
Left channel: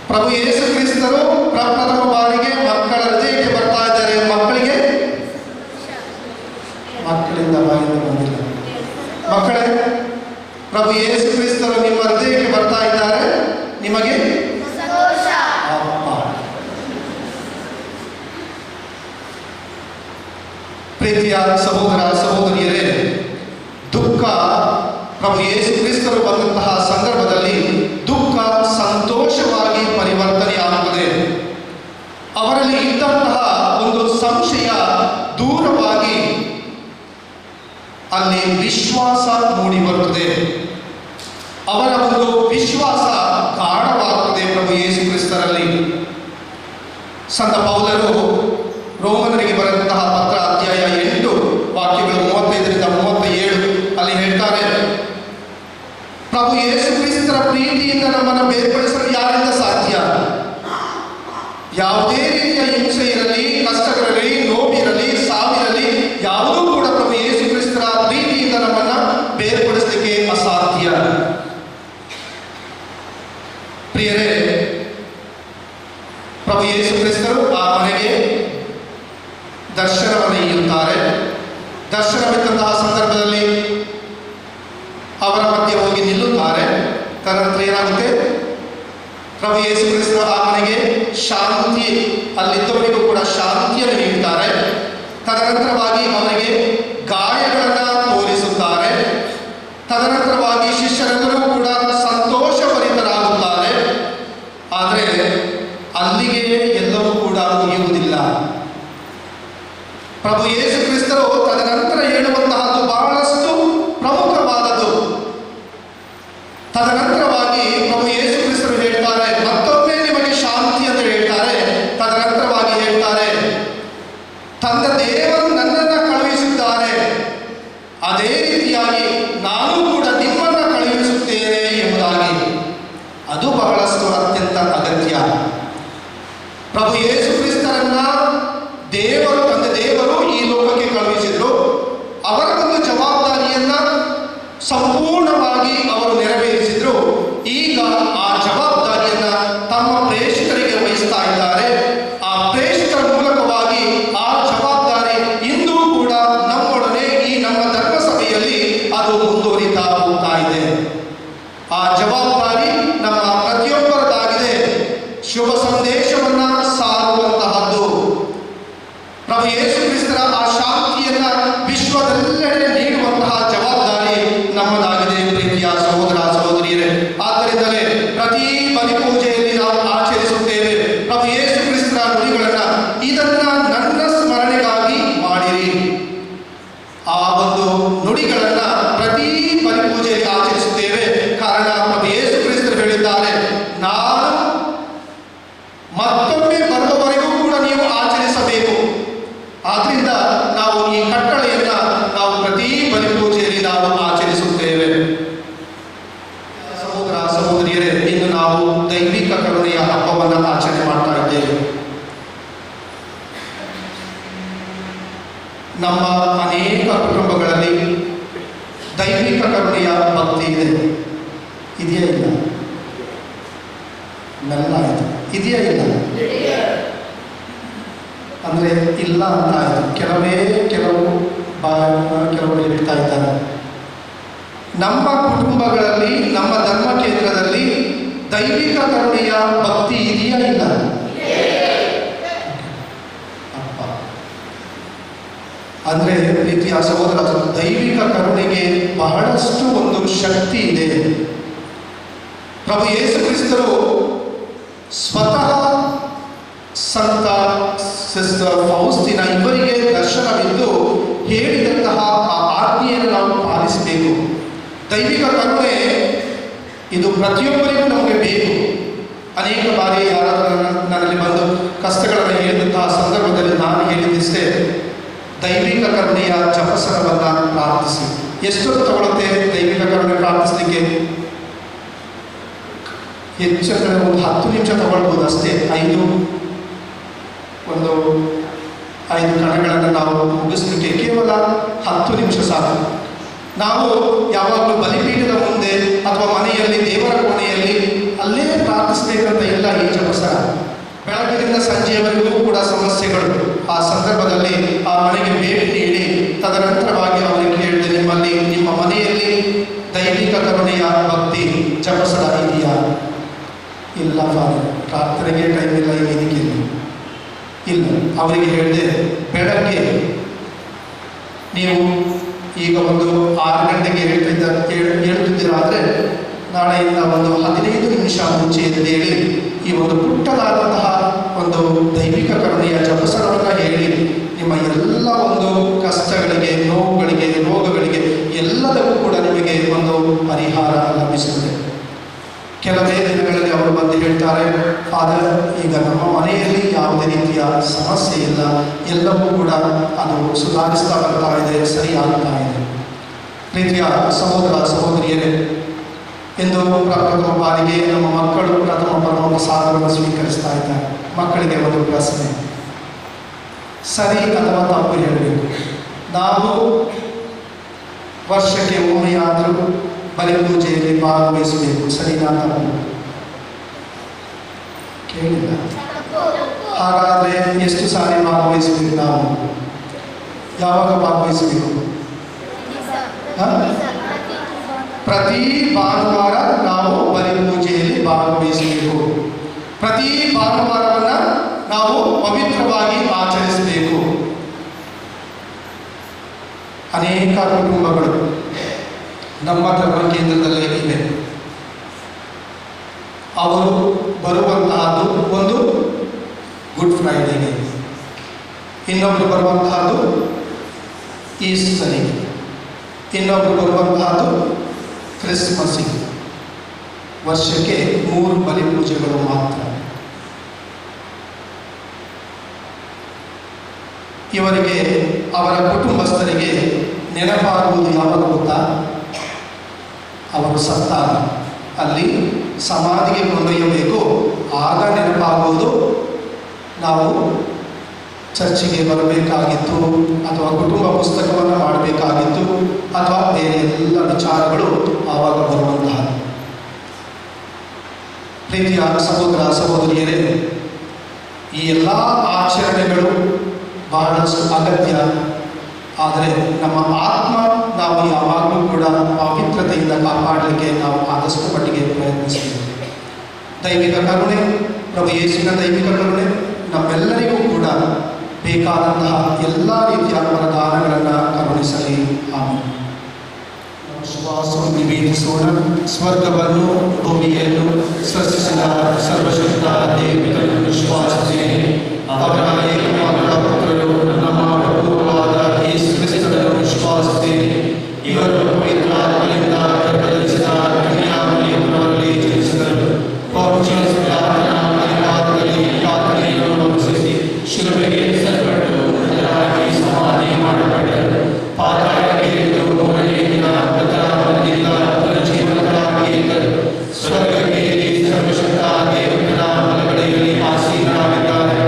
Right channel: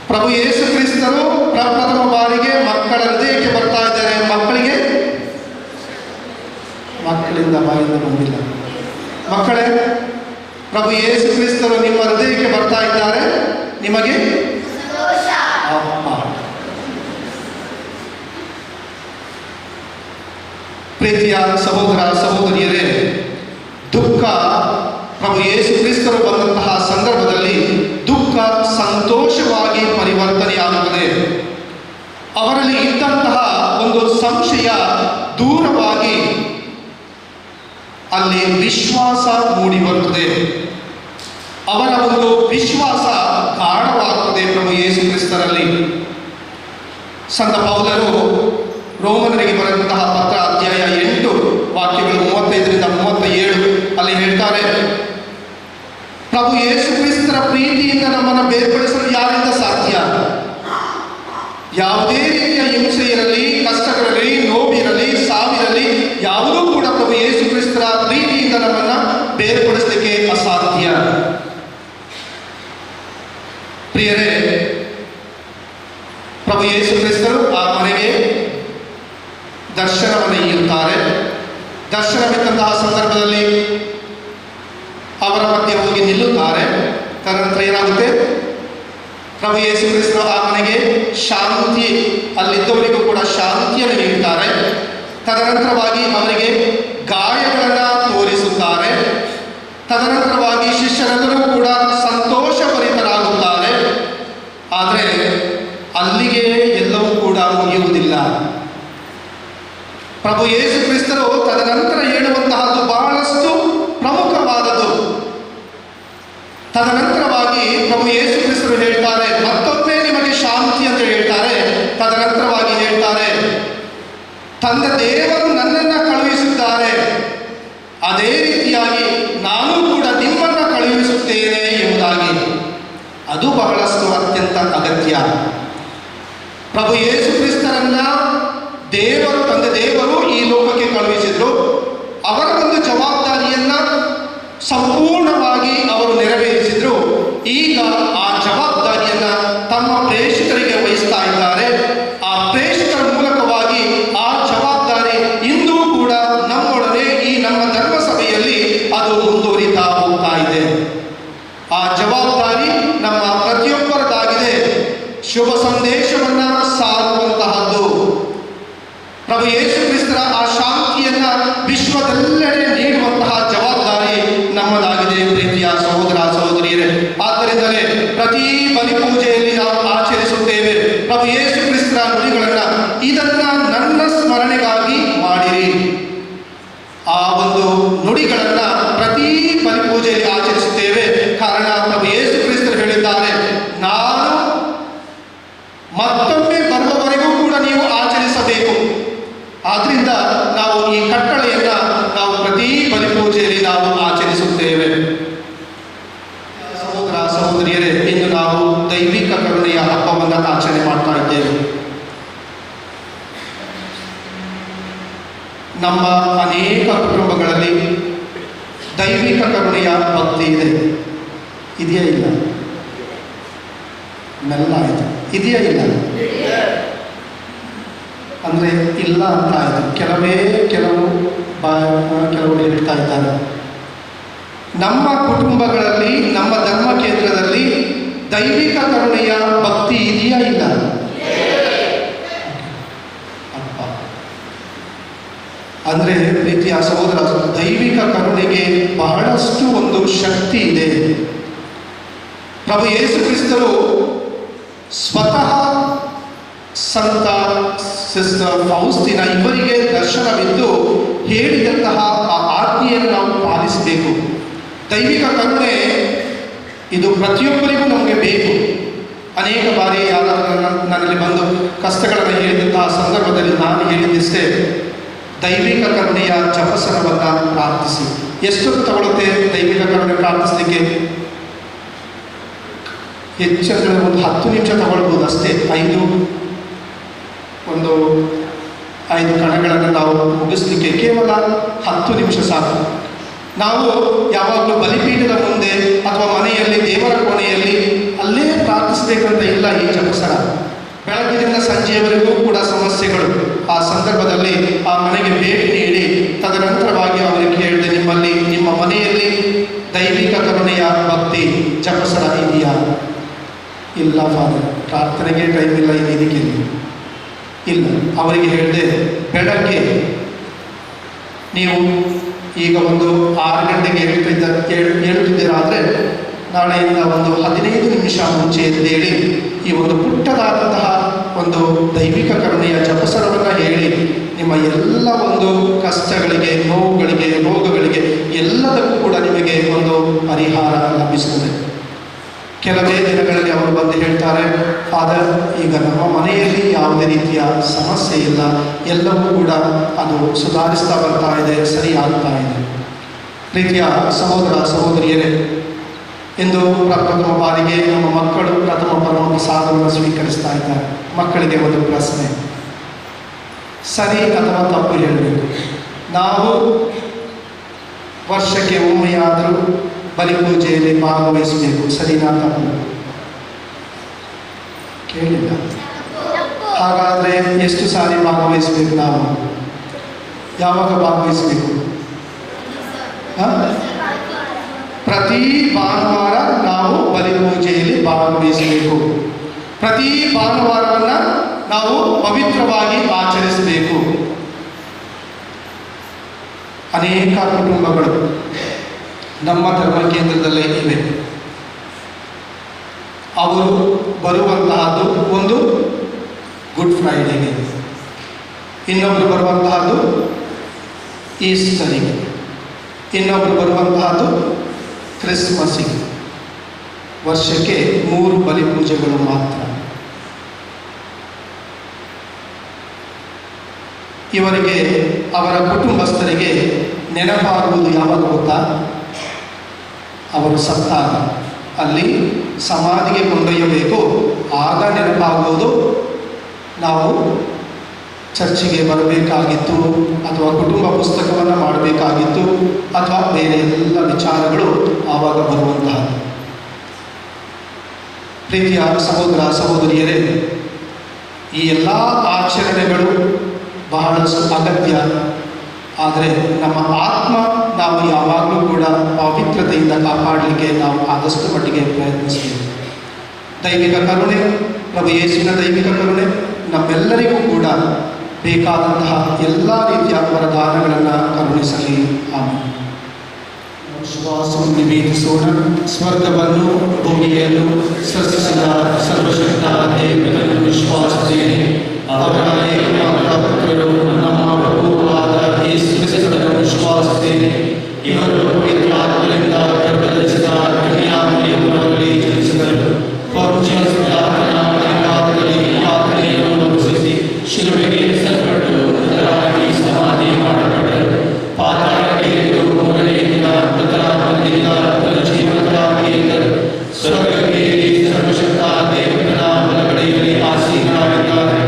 ಪ್ರಭು ಯೇಸು ಕ್ರಿಸ್ತರು ಪ್ರಪ್ರಥಮ ಬಾರಿಗೆ ಮಕ್ಕಳ ಹೃದಯಕ್ಕೆ ಬರ್ತಾ ಇದ್ದಾರೆ. ಮಕ್ಕಳಿಗೆ ಮಕ್ಕಳಿಂದ ಬಾಯಿಂದ ಬಂದಿಲ್ಲ. ಮಕ್ಕಳೇ, ಪ್ರಭು ಯೇಸು ಕ್ರಿಸ್ತರು ನಿಮ್ಮ ಹೃದಯಕ್ಕೆ ಬರ್ತಾ ಇದ್ದಾರೆ. ನಿಮಗೆ ಪ್ರೀತಿಯ ಸಹೋದರ ಸಹೋದರಿಯರೇ, ದುಃಖ ಪ್ರಭು ಯೇಸು ಕ್ರಿಸ್ತರು ಬಂದಂತಹ ಸಂದರ್ಭದಲ್ಲಿ ದುಃಖ ಸಂತೋಷವಾಗಿ ಪರಿವರ್ತನೆಯಾಗುತ್ತದೆ. ಅವರಲ್ಲಿ ಇದ್ದಂತಹ ಒಂದು ಸಂಶಯ ದೂರವಾಗಿ ಅಲ್ಲಿ ವಿಶ್ವಾಸ ಮೂಡಿ ಬರುತ್ತದೆ. ಅವರ ಒಂದು ವಿಶ್ವಾಸ ಗಾಢವಾಗುತ್ತದೆ ಪ್ರಭು ಯೇಸು ಕ್ರಿಸ್ತರಲ್ಲಿ. ಸಂತ ಪೌಲರು ರೋಮನರಿಗೆ ಬರೆದಂತಹ ಪತ್ರ ಅಧ್ಯಾಯ 8 ವಾಕ್ಯಗಳು 35ರಿಂದ 37 ಅಲ್ಲಿ ಹೇಳ್ತಾರೆ, ಪ್ರಭು ಯೇಸು ಕ್ರಿಸ್ತರ ಪ್ರೀತಿಯಿಂದ ನಮ್ಮನ್ನು ಬೇರ್ಪಡಿಸಲು ಯಾರಿಂದ ಸಾಧ್ಯ? ಯಾವುದೇ ರೀತಿಯ ಹಿಂಸೆ ಇರಲಿ, ಕಷ್ಟಗಳಿರಲಿ, ನೋವಿರಲಿ, ಸಾವಿರಲಿ, ಯಾವುದೂ ಕೂಡ ಪ್ರಭು ಯೇಸು ಕ್ರಿಸ್ತರ ಪ್ರೀತಿಯಿಂದ ನಮ್ಮನ್ನು ಬೇರ್ಪಡಿಸಲಿಕ್ಕೆ ಅಸಾಧ್ಯ. ಪ್ರಿಯರೇ, ಪ್ರಭು ಯೇಸು ಕ್ರಿಸ್ತರು ಆ ಮನೆಗೆ ದರ್ಶನವನ್ನು ನೀಡುತ್ತಾರೆ. ದರ್ಶನವಿದ್ದಂತಹ ಸಂದರ್ಭದಲ್ಲಿ ಅವರ ಮಧ್ಯೆ ಹೋಗಿ ನಿಲ್ಲುತ್ತಾರೆ. ತದನಂತರ ಏನಾಗುತ್ತೆ? ಪ್ರಭು ಯೇಸು ಕ್ರಿಸ್ತರು ಆ ಮನೆಗೆ ಶಾಂತಿ, ಅಲ್ಲಿದ್ದವರಿಗೂ ಕೂಡ ಶಾಂತಿಯನ್ನು ನೀಡುತ್ತಾರೆ. ತದನಂತರವಾಗಿ ಅವರಿಗೆ ಗಾಯಗಳನ್ನು ತೋರಿಸುತ್ತಾರೆ. ತದನಂತರವಾಗಿ ಶಿಷ್ಯರೆಲ್ಲರೂ ಕೂಡ ಸಂತೋಷಭರಿತರಾಗುತ್ತಾರೆ. ಆದರೆ ಅಲ್ಲಿಗೆ ಎಲ್ಲವೂ ಕೂಡ ಮುಗಿಯುವುದಿಲ್ಲ. ಪ್ರಭು ಯೇಸು ಕ್ರಿಸ್ತರು ತದನಂತರ ಹೇಳುವಂತಹದ್ದು ಬಹಳಷ್ಟು ಪ್ರಮುಖವಾದದ್ದು. ತದನಂತರವಾಗಿ ಪ್ರಭು ಯೇಸು ಕ್ರಿಸ್ತರು ಹೇಳ್ತಾರೆ, ಮತ್ತೊಮ್ಮೆ ನಿಮಗೆ ಶಾಂತಿ ಅಂತ ಹೇಳ್ತಾರೆ. ತದನಂತರವಾಗಿ ಹೇಳ್ತಾರೆ, ತಂದೆ ದೇವರು ನನ್ನನ್ನು ಕಳುಹಿಸಿದ್ದಾರೆ, ಅದೇ ರೀತಿಯಾಗಿ ನಾನು ಕೂಡ ನಿಮ್ಮನ್ನು ಕಳುಹಿಸುತ್ತೇನೆ ಎಂಬುದಾಗಿ. ಅದು ಬಹಳಷ್ಟು ಅತ್ಯಂತ ಅಗತ್ಯ. ಪ್ರಭು ಯೇಸು ಕ್ರಿಸ್ತರನ್ನ ದೇವರು, ತಂದೆ ದೇವರು ಈ ಲೋಕಕ್ಕೆ ಕಳುಹಿಸಿದ್ರು. ಅವರ ಒಂದು ಜವಾಬ್ದಾರಿಯನ್ನ ಸಂಪೂರ್ಣವಾಗಿ ಅವರು ನೆರವೇರಿಸಿದ್ರು. ಈಗ ಆ ಜವಾಬ್ದಾರಿಯನ್ನ ತಮ್ಮ ಪ್ರೇಷಕರಿಗೆ ವಹಿಸ್ತಾ ಇದ್ದಾರೆ. ಆ ಪ್ರೇಷಕರ ಮೂಲಕವಾಗಿ ಆ ಜವಾಬ್ದಾರಿ ಇಂದೂ ಕೂಡ ನಮ್ಮೊಡನೆ ಈ ನಮ್ಮ ಧರ್ಮಸಭೆಯಲ್ಲಿ ಅದು ಮುಂದುವರಿತಾ ಹೋಗ್ತಾ ಇದೆ. ಆ ಜವಾಬ್ದಾರಿ ನಮ್ಮ ಪ್ರತಿಯೊಬ್ಬರದಾಗಿದೆ. ಶುಭ ಸಂದೇಶವನ್ನ ಸಾರುವಂತಹದ್ದು. ಪ್ರಭು ಯೇಸು ಕ್ರಿಸ್ತರ ಆ ಶಾಂತಿಯನ್ನ ವಿಶ್ವದೆಲ್ಲೆಡೆ ನೀಡುವಂತಹ ಜವಾಬ್ದಾರಿ ನಮ್ಮದಾಗಿದೆ. ಪ್ರೀತಿಯ ಸಹೋದರ ಸಹೋದರಿಯರೇ, ಆದ್ದರಿಂದಲೇ ಪ್ರತಿ ಬಲಿಪೂಜೆಯಲ್ಲಿ ನಾವು ಆಚರಿಸುತ್ತೇವೆ ಪ್ರಭು ಯೇಸು ಕ್ರಿಸ್ತರ ನುಡಿಗಳನ್ನ, ಇದನ್ನ ನನ್ನ ಸ್ಮರಣೆಗಾಗಿ ಮಾಡಿರಿ. ಆ ಒಂದು ನುಡಿಗಳನ್ನ ಪ್ರತಿ ಬಲಿಪೂಜೆಯಲ್ಲಿ ಆಚರಿಸುತ್ತೇವೆ. ಕಾರಣ ಪ್ರಭು ಯೇಸು ಕ್ರಿಸ್ತರು ಹೇಳಿದ್ದಾರೆ, ನಾನು ಮತ್ತೊಮ್ಮೆ ಬರುವವರೆಗೂ ಕೂಡ ನೀವು ಆಚರಿಸಬೇಕು. ಆದ್ರಿಂದ ನಾವು ಈ ಕಟ್ಟಳೆಯನ್ನ ನಾವು ಪ್ರತಿ ಬಲಿಪೂಜೆಯಲ್ಲಿ ನಾವು ಆಚರಿಸುತ್ತೇವೆ. ಸಹೋದರ ಸಹೋದರಿಯರೇ, ಇಂದು ನಾವು ದೈವಿಕ ಕರುಣೆಯ ಹಬ್ಬವನ್ನು ಆಚರಣೆ ಮಾಡ್ತಾ ಇದ್ದೇವೆ. ನಮ್ಮ ಅನೇಕ ಕುಟುಂಬಗಳಲ್ಲಿ ದೈವಿಕ ಕರುಣೆಯ ಭಕ್ತಿ ಇದೆ. ಇದೆಯಾ ಇಲ್ಲ? ಮೆಲ್ಲ ಆಯಿತು. ಇದೆಯಾ ಇಲ್ಲ? ಅಂದರೆ ಇಲ್ಲ ಅಂತ ಆಯಿತು. ಕೆಲವರು ಹೇಳ್ತಾ ಇದ್ದಾರೆ. ನಮ್ಮ ಕುಟುಂಬಗಳಲ್ಲಿ, ನಮ್ಮ ಧರ್ಮ ಕೇಂದ್ರದಲ್ಲಿ ದೈವಿಕ ಕರುಣೆಯ ಭಕ್ತಿ ಇದೆಯಾ ಇಲ್ಲ? ಅಪ್ಪ, ಅಂದರೆ ಪ್ರೀತಿಯ ಸಹೋದರ, ದೈವಿಕ ಕರುಣೆಗೆ ಬಹಳಷ್ಟು ಒಂದು ಶಕ್ತಿ ಇದೆ. ಪ್ರಭು ಯೇಸು ಕ್ರಿಸ್ತರು ಸ್ವತಃ ಸಂತ ಸಿಸ್ಟರ್ ಫೌಸ್ಟಿನ ಇವರಿಗೆ ದರ್ಶನವಿದ್ದು ಹೇಳಿದಂತಹ ಆ ಆಜ್ಞೆಯನ್ನು ನಾವು ಪಾಲಿಸಬೇಕು. ದೈವಿಕ ಕರುಣೆ ಇದು ಪ್ರತಿಯೊಬ್ಬರಿಗೂ ನಮಗೆ ಬೇಕು. ಅನೇಕ ಬಾರಿ ಯಾರಾದರೂ ನನ್ನಲ್ಲಿ ಬಂದು ಕಷ್ಟಗಳನ್ನು ಹೇಳಿದಂತಹ ಸಂದರ್ಭದಲ್ಲಿ ನಾನು ಹೇಳಿದ್ದಷ್ಟೇ, ದೈವಿಕ ಕರುಣೆಯ ಜಪಸರವನ್ನು ಪ್ರಾರ್ಥಿಸಿ. ಎಷ್ಟೊತ್ತು ತಗೊಳುತ್ತೆ ದೈವಿಕ ಕರುಣೆ ಪ್ರಾರ್ಥಿಸಲಿಕ್ಕೆ? ಹೆಚ್ಚಂದರೆ ಒಂದು 10 ನಿಮಿಷ ತಗೊಳ್ಬೋದು ಅಷ್ಟೇ. 5 ಕಣಗಳನ್ನು ನಾವು ಮುಗಿಸ್ಲಿಕ್ಕೆ ಕೇವಲ 10 ನಿಮಿಷ ಸಾಕು. ನಾವು ಯಾವಾಗಲೂ ಬಲಿಪೀಠದ ಮುಂದೆ ಅಥವಾ ಮನೆಯಲ್ಲಿ ದೇವರ ಕೋಣೆಯಲ್ಲಿ ಅಲ್ಲೇ ಪ್ರಾರ್ಥಿಸಬೇಕಂತ ಇಲ್ಲ. ಈ ಜಪಸರ ಬೆಳಗ್ಗಿನಿಂದ ಸಂಜೆಯವರೆಗೂ ಕೂಡ ಸಮಸ್ಯೆಗಳು. ಆ ಸಂದರ್ಭದಲ್ಲಿ ಆ ಮನೆಗೆ ಭೇಟಿ ನೀಡಿ ತದನಂತರವಾಗಿ ಅವರಿಗೆ ಕೇಳಿದೆ, ನಿಮ್ಮ ಮನೆಯಲ್ಲಿ ದೈವಿಕ ಕರುಣೆಯ ಭಕ್ತಿ ಜಪಸರ ಇದೆಯಾ? ಇಲ್ಲ ಫಾದರ್, ಪ್ರಾರ್ಥನೆಗೆ ಟೈಮ್ ಇಲ್ಲ, ಇದಕ್ಕೆ ಇಲ್ಲ. ಅವರಿಗೆ ಹೇಳಿದೆ, ಬೆಳಗ್ಗೆ ನೀವು ಈಗ ಒಂದು 6 ಗಂಟೆಗೆ ಹೇಳ್ತಿದ್ದೀರಾದರೆ ನಾಳೆಯಿಂದ ಒಂದು 15 ನಿಮಿಷ ಮುಂಚೆ ಎದ್ದೇಳಿ ಈ ಒಂದು ಪುಟ್ಟದಾದಂತಹ ಒಂದು ದೈವಿಕ ಕರುಣೆಯ ಜಪಸರವನ್ನು ಹೇಳಿ ನಿಮ್ಮ ಎಲ್ಲ ಒಂದು ಕಷ್ಟಗಳಿಗೆ, ನೋವುಗಳಿಗೆ, ರೋಗಗಳಿಗೆ ಎಲ್ಲದಕ್ಕೂ ಕೂಡ ನಿಮಗೆ ಒಂದು ಪರಿಹಾರ ಲಭಿಸುತ್ತದೆ. ಕೆಲವೇ ದಿನಗಳಲ್ಲಿ ಅವರು ಬಂದು ಹೇಳ್ತಾರೆ, ಫಾದರ್, ಈಗ ನಮ್ಮ ಮನೆಯಲ್ಲಿ ಯಾವುದೇ ರೀತಿಯ ಸಮಸ್ಯೆ ಇಲ್ಲ, ಎಲ್ಲವೂ ಕೂಡ ಅದು ಸುಧಾರಿಸ್ತಾ ಬರ್ತಾ ಇದೆ, ಸರಿ ಆಗ್ತಾ ಇದೆ. ಪ್ರೀತಿಯ ಸಹೋದರ ಸಹೋದರಿಯರೇ, ಎಂದು ಪ್ರಥಮ ಬಾರಿಗೆ ನಮ್ಮ ಮಕ್ಕಳು ಪ್ರಥಮ ಪರಮಪ್ರಸಾದವನ್ನು ಸ್ವೀಕರಿಸ್ತಾ ಇದ್ದಾರೆ. ಮಕ್ಕಳಿಗೆ ಒಂದು ಪ್ರಶ್ನೆ, ಸರಿ ಅಥವಾ ತಪ್ಪು ಹೇಳಬೇಕು. ನಾವು ವರ್ಷಕ್ಕೆ ಒಮ್ಮೆಯಾದರೂ ಬಲಿಪೂಜೆಯಲ್ಲಿ ಭಾಗವಹಿಸಬೇಕು, ಸರಿನಾ ತಪ್ಪು? ಕೇಳಿಲ್ಲ. ಹಾಗಾದರೆ ಎಷ್ಟು ಸಾರಿ ಭಾಗವಹಿಸಬೇಕು? ನಾವು ಯಾವಾಗ ಭಾಗವಹಿಸಬೇಕು? ಪ್ರತಿ ಭಾನುವಾರ ನಾವು ಬಲಿಪೂಜೆಯಲ್ಲಿ ಭಾಗವಹಿಸಬೇಕು. ಪ್ರತಿ ಭಾನುವಾರವನ್ನು ನಾವು ಪವಿತ್ರವಾಗಿ ಆಚರಿಸಬೇಕು. ಅನೇಕ ಕುಟುಂಬಗಳು ನಮ್ಮ ಧರ್ಮ ಕೇಂದ್ರದಲ್ಲೇ ಇವೆ. ಅವರು ಬರುವಂತಹದ್ದು ಒಂದು ಗುಡ್ ಫ್ರೈಡೆಗೆ, ಇನ್ನೊಬ್ಬರು ಬರುವಂತಹದ್ದು ಈಸ್ಟರಿಗೆ, ಇನ್ನೊಬ್ಬರು ಬರುವಂತಹದ್ದು ಕ್ರಿಸ್ಮಸ್ಸಿಗೆ. ವರ್ಷಕ್ಕೆ 3 ಬಲಿಪೂಜೆಗಳು ಮಾತ್ರ. ಇವರಿಗೆ ಅವರ ಕುಟುಂಬಸ್ಥರಿಗೆ ನೆನಪಾಗುವುದು ಯಾವಾಗ ಗೊತ್ತಾ? ಅವರು ಸತ್ತಾಗ, ಅಲ್ಲಿ ಸಮಾಧಿಗೆ ಕೊಂಡೊಯ್ಯಬೇಕು, ಆಗ ನೆನಪಾಗುವುದು. ನಾವು ಚರ್ಚಿಗೆ ಬರಬೇಕಾಗಿತ್ತು, ಅಥವಾ ಕುಟುಂಬ ಪುಸ್ತಕವನ್ನು ಮಾಡಬೇಕಾಗಿತ್ತು, ಅಥವಾ ಬೇರೆ ಎಲ್ಲ ವಿಚಾರಗಳು ಆವಾಗ ಬರುವಂತಹದ್ದು. ಪ್ರೀತಿಯ ಸಹೋದರ ಸಹೋದರಿಯರೇ, ಈ ಎಲ್ಲ ಆಚರಣೆಗಳು ಬಹಳಷ್ಟು ಅಗತ್ಯ. ಆದರೆ ನಮ್ಮ ಆತ್ಮ ನಾವು ಯಾವಾಗಲೂ ಕೂಡ ಪವಿತ್ರತೆಯಿಂದ ಕಾಪಾಡಲಿಕ್ಕೆ ನಾವು ಆದಷ್ಟು ಮಟ್ಟಿಗೆ ಪ್ರಯತ್ನಿಸಬೇಕು. ದೈವಿಕ ಕರುಣೆ, ಪ್ರಭು ಯೇಸುವಿನ ದೈವಿಕ ಕರುಣೆ ನಮ್ಮೆಲ್ಲರಿಗೂ ಕೂಡ ಬೇಕಾದಂತಹ ಎಲ್ಲ ರೀತಿಯ ವರದಾನಗಳನ್ನು ಕರುಣಿಸಲಿ. ಆಮೇಲೆ ವಿಶ್ವಾಸವನ್ನು ನಿವೇದಿಸೋಣ. ಸ್ವರ್ಗವನ್ನು ಭೂಮಿಯನ್ನು ಸೃಷ್ಟಿಸಿದ ಸರ್ವಶಕ್ತ ದೇವರನ್ನು ವಿಶ್ವಾಸಿಸುತ್ತೇನೆ. ಅವರ ಏಕಮಾತ್ರ ಪುತ್ರರು ನಮ್ಮ ಪ್ರಭುವಾದ ಯೇಸು ಕ್ರಿಸ್ತನನ್ನು ವಿಶ್ವಾಸಿಸುತ್ತೇನೆ. ಇವರು ಪವಿತ್ರ ಆತ್ಮದಿಂದ ಗರ್ಭಧರಿಸಿದ ಕನ್ಯಾಮರಿಯಮ್ಮನಲ್ಲಿ ಜನಿಸಿದರು. ಪೌರ್ಜಿಯಸ್ ಪಿಲಾತನ ಮನೆಪಾತ್ರದಲ್ಲಿ ಪಾತ್ರೆಯನ್ನು ಅನುಭವಿಸಿ ಶಿಲುಬೆಗೆ ಸಲ್ಪಟ್ಟು ಮೃತರಾಗಿ ಸಮಾಧಿ ಮಾಡಲ್ಪಟ್ಟರು. ಪಾತಾಳಕ್ಕೆ ಇಳಿದು 3ನೇ ದಿನ ಮೃತರ ಮಧ್ಯದಿಂದ ಪುನರುಜ್ಜೀವನರಾಗಿ ಎದ್ದರು. ಸ್ವರ್ಗಕ್ಕೆ ಏರಿ ಸರ್ವಶಕ್ತ ದೇವರ ಬಲಗಡೆಯಲ್ಲಿ ಆಸೀನರಾಗಿದ್ದಾರೆ.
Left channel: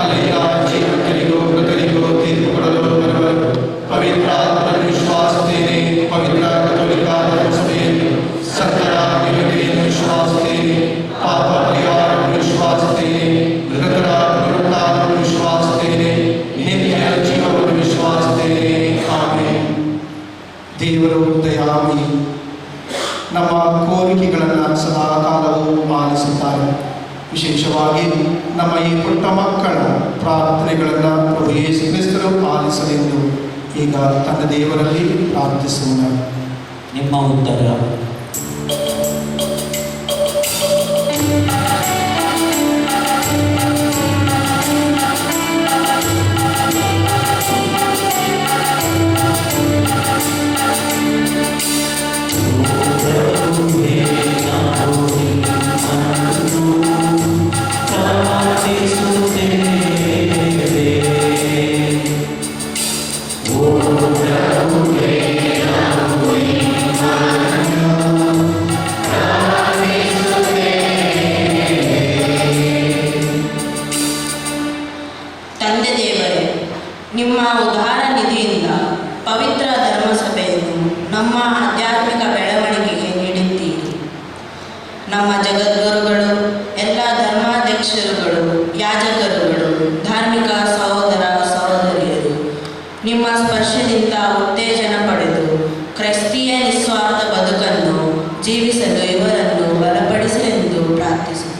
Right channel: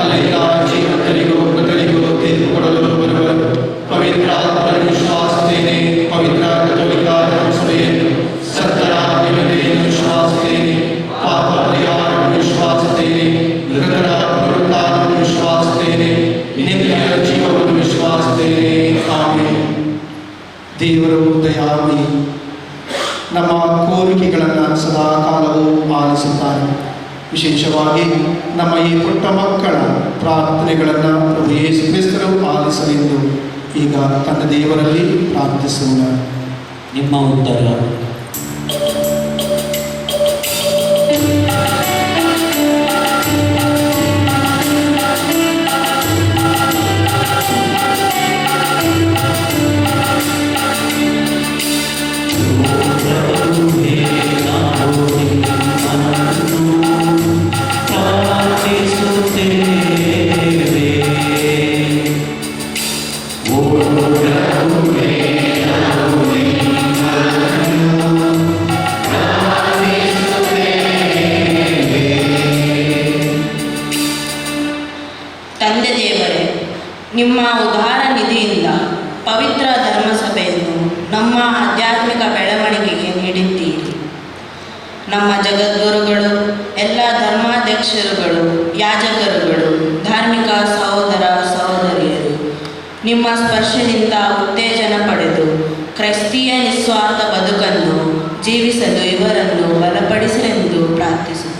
ಅಲ್ಲಿಂದ ಜೀವಂತರಿಗೂ ಮೃತರಿಗೂ ತೀರ್ಪು ಕೊಡಲು ಬರುವರು. ಪವಿತ್ರ ಆತ್ಮವನ್ನು ವಿಶ್ವಾಸಿಸುತ್ತೇನೆ. ಪವಿತ್ರ ಕಥೋಲಿಕ ಧರ್ಮಸಭೆಯನ್ನು, ಸತ್ತರ ವಿನತೆಯನ್ನು ವಿಶ್ವಾಸಿಸುತ್ತೇನೆ. ಪಾಪ ಪರಿಹಾರವನ್ನು ವಿಶ್ವಾಸಿಸುತ್ತೇನೆ. ಮೃತರ ಪುನರುತ್ಥಾನವನ್ನು ವಿಶ್ವಾಸಿಸುತ್ತೇನೆ. ನಿತ್ಯ ಜೀವವನ್ನು ವಿಶ್ವಾಸಿಸುತ್ತೇನೆ. ಆಮೆನ್. ದೇವರು ದಯಾಮಯಿ, ನಮ್ಮ ಕೋರಿಕೆಗಳನ್ನು ಸದಾ ಕಾಲವೂ ಪಾಲಿಸುತ್ತಾರೆ. ವಿಶೇಷವಾಗಿ ನಮ್ಮ ಈ ಪುಟ್ಟ ಮಕ್ಕಳ ಪ್ರಾರ್ಥನೆಗಳನ್ನು ಪ್ರಭು ಯೇಸು ಕ್ರಿಸ್ತರು ಪಾಲಿಸಲೆಂದು ಈಗ ತನ್ನ ದೇವರಲ್ಲಿ ಪ್ರಾರ್ಥಿಸೋಣ. ನಿಮ್ಮ ಉತ್ತರ. ತಂದೆ ದೇವರೇ, ನಿಮ್ಮ ಉದಾರ ನಿಧಿಯಿಂದ ಪವಿತ್ರ ಧರ್ಮಸಭೆಯನ್ನು ನಮ್ಮ ಆಧ್ಯಾತ್ಮಿಕ ಬೆಳವಣಿಗೆಗೆ ನೀಡಿದ್ದೀರಿ. ನಮ್ಮ ಜಗದ್ಗುರುಗಳು, ಎಲ್ಲ ಧರ್ಮಾಧ್ಯಕ್ಷರುಗಳು, ಯಾಜಕರುಗಳು, ಧಾರ್ಮಿಕ ಸಹೋದರ ಸಹೋದರಿಯರು ನಿಮ್ಮ ಸ್ಪರ್ಶದಿಂದ ಉತ್ತೇಜನ ಪಡೆದು ಕ್ರೈಸ್ತೀಯ ನಿಸ್ವಾರ್ಥ ಬದುಕನ್ನು ಜೀವಿಸಲು ಇವರನ್ನು ಬಲಪಡಿಸಲೆಂದು ಪ್ರಾರ್ಥಿಸುತ್ತೇವೆ.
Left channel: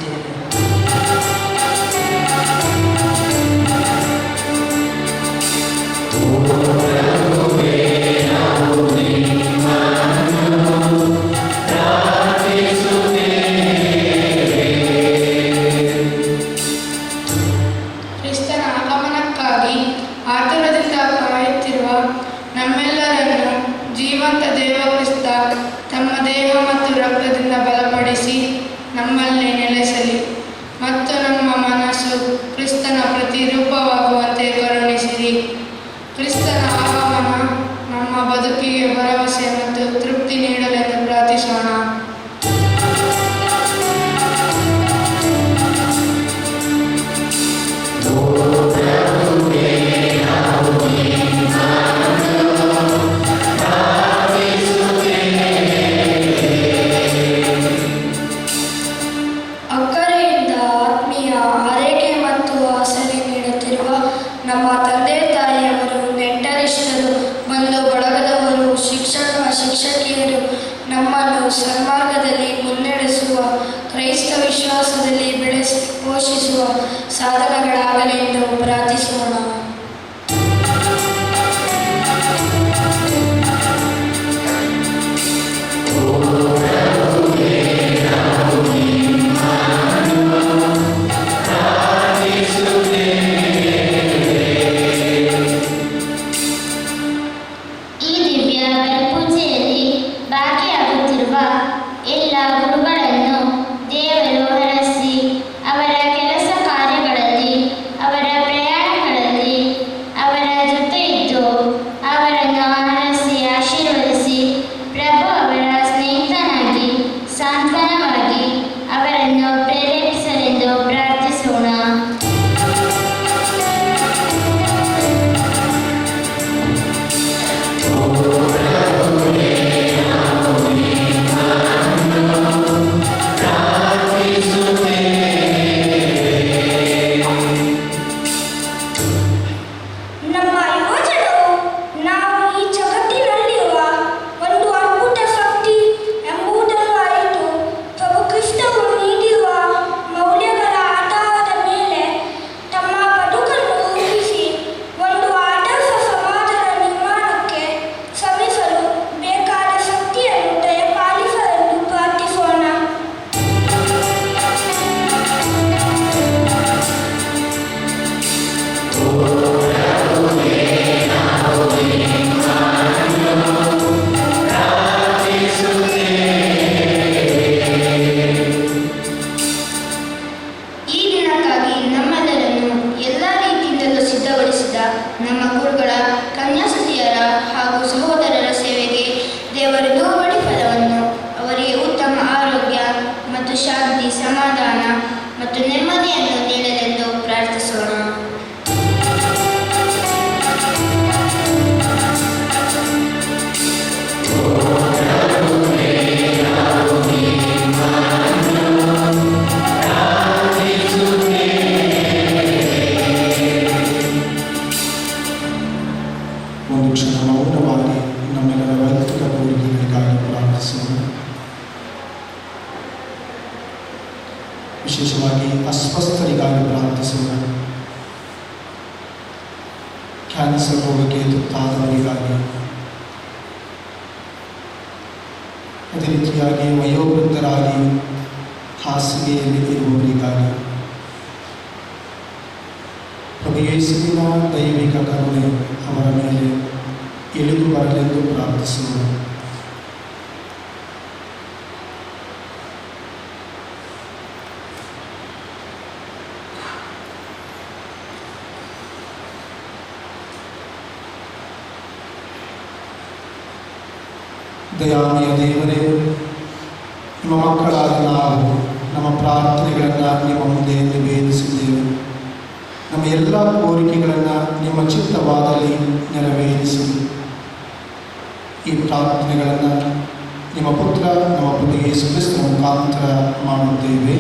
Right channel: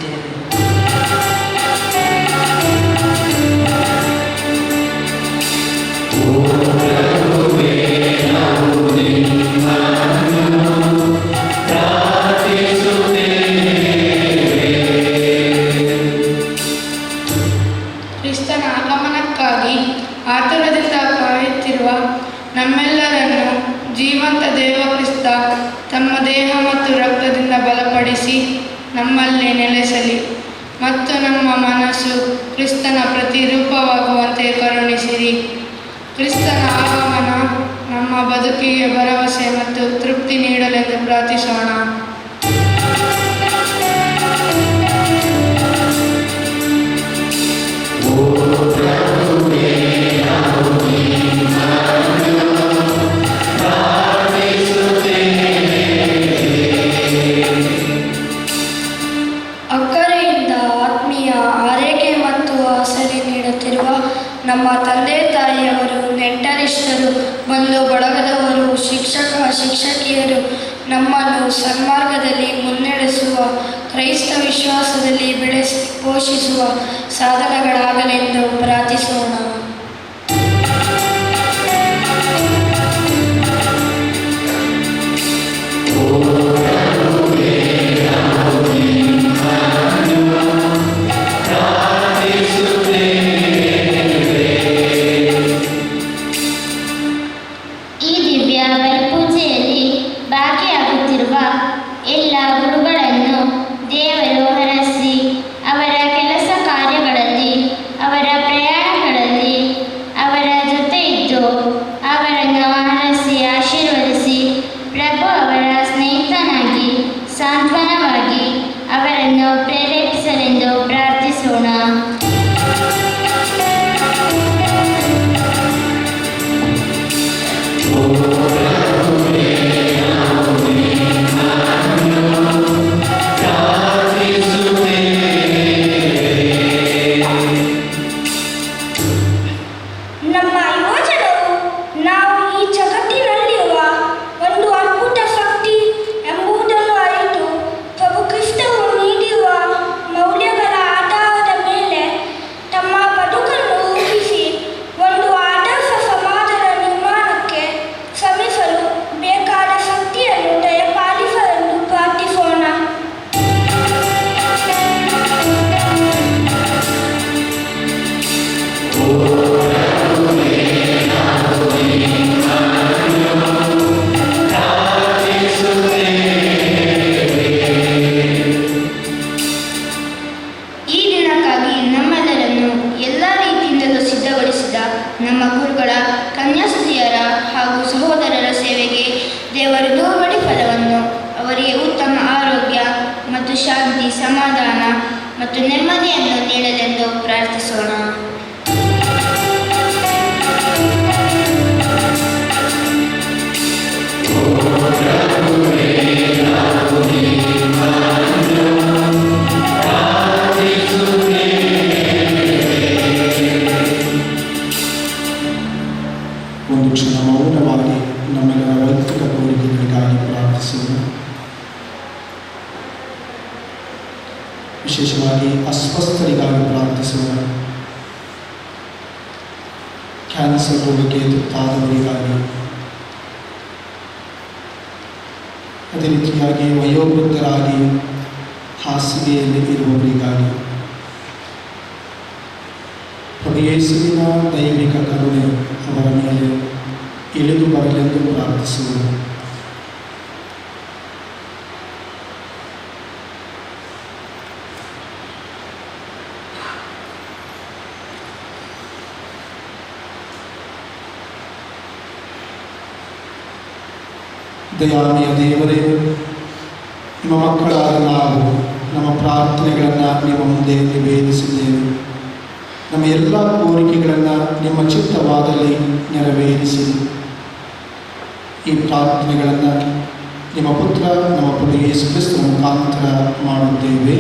ಕ್ರಿಸ್ತನ ಆಗಮನಕ್ಕಾಗಿ ಆತುರದಿಂದ ಕಾಯುತ್ತಿರುವ ನಮ್ಮೆಲ್ಲರನ್ನು ಜೀವಂತ ದೇವ ಕ್ರಿಸ್ತ ತಮ್ಮ ದೇಹ ಮತ್ತು ರಕ್ತದಿಂದ ಬಲಪಡಿಸಿ ನಮ್ಮಲ್ಲಿ ನೆಲೆಸಲಿ ಮತ್ತು ನಮ್ಮ ಮನಸ್ಸು ಕ್ರಿಸ್ತನ ಪ್ರತಿರೂಪವಾಗುವಂತೆ ಕರುಣಿಸಿರಿ. ಕ್ರಿಸ್ತನ ಆಗಮನ ನಮ್ಮ ಬದುಕಿಗೆ ಭರವಸೆ ಮತ್ತು ತೃಪ್ತಿ ನೀಡಲೆಂದು ಪ್ರಾರ್ಥಿಸೋಣ. ಅಕ್ಕರೆಯಿಂದ ಆತ್ಮೀಯ ಆರೈಕೆ ಮತ್ತು ಆಸರೆ ನೀಡುತ್ತಿರುವ ನಮ್ಮ ತಂದೆ ತಾಯಿಯವರು, ನೆಂಟರಿಷ್ಟರು, ಬಂಧು ಬಳಗದವರು, ಶಿಕ್ಷಕಿಯರು ನಮ್ಮನ್ನು ಸನ್ಮಾರ್ಗದಲ್ಲಿ ಮುನ್ನಡೆಸುವ, ಕ್ರೈಸ್ತ ವಿಶ್ವಾಸದಲ್ಲಿ ಪೋಷಿಸುವ ಸಾಧನಗಳಾಗಲೆಂದು ಪ್ರಾರ್ಥಿಸೋಣ. ಈ ದಿವ್ಯ ಬಲಿಪೂಜೆಯಲ್ಲಿ ಭಾಗಿಯಾಗುತ್ತಿರುವ ಎಲ್ಲ ಗುರುಗಳನ್ನು ದೇವರು ಹರಸಿ ಅವರ ಕೆಲಸ ಕಾರ್ಯಗಳಲ್ಲಿ, ಅವರ ಪ್ರಯಾಣಗಳಲ್ಲಿ ಅವರ ಜೊತೆ ಇದ್ದು ಅವರನ್ನು ಹರಸಿ ಆಶೀರ್ವದಿಸಿ, ಪ್ರಭು ಅವರ ಸ್ನೇಹಿತನಾಗಿ ಸಾಂತ್ವನವಾಗಿ ಅವರನ್ನು ಪ್ರೇರೇಪಿಸಲೆಂದು ಪ್ರಾರ್ಥಿಸೋಣ. ನಮ್ಮ ಯೋಜನೆಯು ನಾವು ಈ ಜಗತ್ತಿನಲ್ಲಿರುವ ಒಂದು ಅದ್ಭುತ ಶಕ್ತಿ ಎಂಬುದನ್ನು ಅರಿತು, ಪ್ರಭು ಕ್ರಿಸ್ತವು ನೀಡಿರುವ ಮೌಲ್ಯಗಳ ಆಧಾರದ ಮೇಲೆ ತಮ್ಮ ಬದುಕನ್ನು ರೂಪಿಸಿ ಒಂದು ಆದರ್ಶ ಸಮಾಜದ ನಿರ್ಮಾಣಕ್ಕೆ ಶ್ರಮಿಸಲು ಬೇಕಾದ ಶಕ್ತಿಯನ್ನು ದಯಪಾಲಿಸಲೆಂದು ಪ್ರಾರ್ಥಿಸೋಣ. ಈ ದಿನಕ್ಕಾಗಿ ನಮ್ಮೆಲ್ಲರನ್ನು ಎಲ್ಲ ರೀತಿಯಿಂದಲೂ ಸಿದ್ಧಗೊಳಿಸಿದ ನಮ್ಮ ಗುರುಗಳ, ಕನ್ಯಾಸ್ತ್ರೀಯರ ಹಾಗೂ ಸಹೋದರರ ಸೇವೆಗೆ ದೇವರ ದೂರಡಿ ಫಲವನ್ನು, ಅವರಿಗೆ ಉತ್ತಮ ಆರೋಗ್ಯ ಮತ್ತು ಶಾಂತಿ, ಸಮಾಧಾನ ಮತ್ತು ನೆಮ್ಮದಿಯನ್ನು ನೀಡಲೆಂದು ಪ್ರಾರ್ಥಿಸೋಣ. ಒಂದು ಕ್ಷಣ ಮೌನವಾಗಿ ನಮ್ಮೆಲ್ಲರ ವೈಯಕ್ತಿಕ ಕೋರಿಕೆಗಳಿಗಾಗಿ ಪ್ರಾರ್ಥಿಸೋಣ. ವಿಶೇಷವಾಗಿ ಅಸ್ವಸ್ಥರಿಗಾಗಿ ಪ್ರಾರ್ಥಿಸೋಣ. ಕ್ಯಾನ್ಸರ್ ರೋಗಕ್ಕೆ ತುತ್ತಾದವರಿಗಾಗಿ ಅದೇ ರೀತಿಯಾಗಿ ವಯೋವೃದ್ಧರಾಗಿ ಹಾಸಿಗೆಯಲ್ಲಿ ಇರುವವರಿಗಾಗಿ ಪ್ರಭು ಯೇಸುವಿನ ದೈವಿಕ ಕರುಣೆ ಅವರ ಮೇಲೆ ಇಳಿದು ಬರಲೆಂದು ಪ್ರಾರ್ಥಿಸುವರು. ದಯಾಮಯ ದೇವರೇ, ನಿಮ್ಮ ಮಕ್ಕಳಾದ ನಾವು ನಮ್ಮ ಪ್ರಾರ್ಥನೆಗಳನ್ನು ನಿಮ್ಮ ಮುಂದೆ ನಿವೇದಿಸಿದ್ದೇವೆ. ನಮ್ಮ ಎಲ್ಲ ಕೋರಿಕೆಗಳನ್ನು ನಿಮ್ಮ ಚಿತ್ತವಾದಲ್ಲಿ ನೆರವೇರಿಸಿ ಈ ಪ್ರಾರ್ಥನೆಗಳನ್ನು ನಿಮ್ಮ ಪುತ್ರ ನಮ್ಮ ಪ್ರಭು ಯೇಸು ಕ್ರಿಸ್ತನ ಮುಖಾಂತರ ಮಾಡುತ್ತೇವೆ.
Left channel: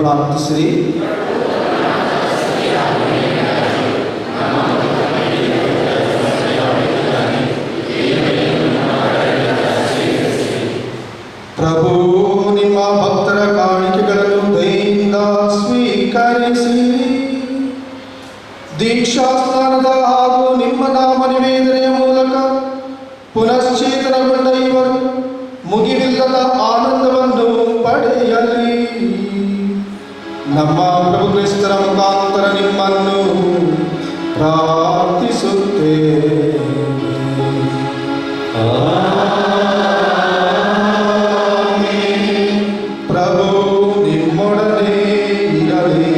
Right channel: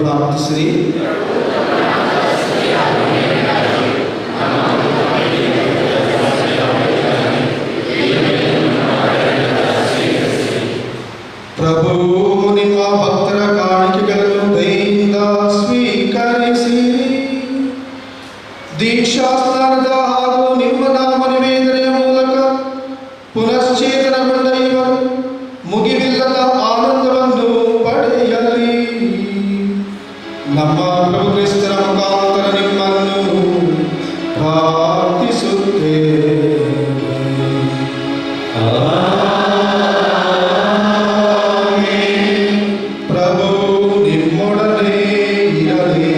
ಪ್ರಾರ್ಥಿಸಿರಿ. ಪ್ರಭು ನಿಮ್ಮ ಭಕ್ತರ ಕಾಣಿಕೆಗಳನ್ನು ದಯೆಯಿಂದ ಸ್ವೀಕರಿಸಿ ದೀಕ್ಷಾಸ್ನಾನದ ಹಾಗೂ ನಿಮ್ಮ ನಾಮ ನಿವೇದನೆಯ ಮೂಲಕ ಪುನಶ್ಚೇತನಗೊಂಡ ಇವರು ಮುಗಿವಿಲ್ಲದ ಆನಂದವನ್ನು ಪಡೆಯಲಿ. ನಮ್ಮ ಪ್ರಭು ಕ್ರಿಸ್ತರ ಮುಖಾಂತರ ನಿಮ್ಮನ್ನು ಪ್ರಾರ್ಥಿಸುತ್ತೇವೆ. ಪ್ರಭು ನಿಮ್ಮೊಡನೆ ಇರಲಿ.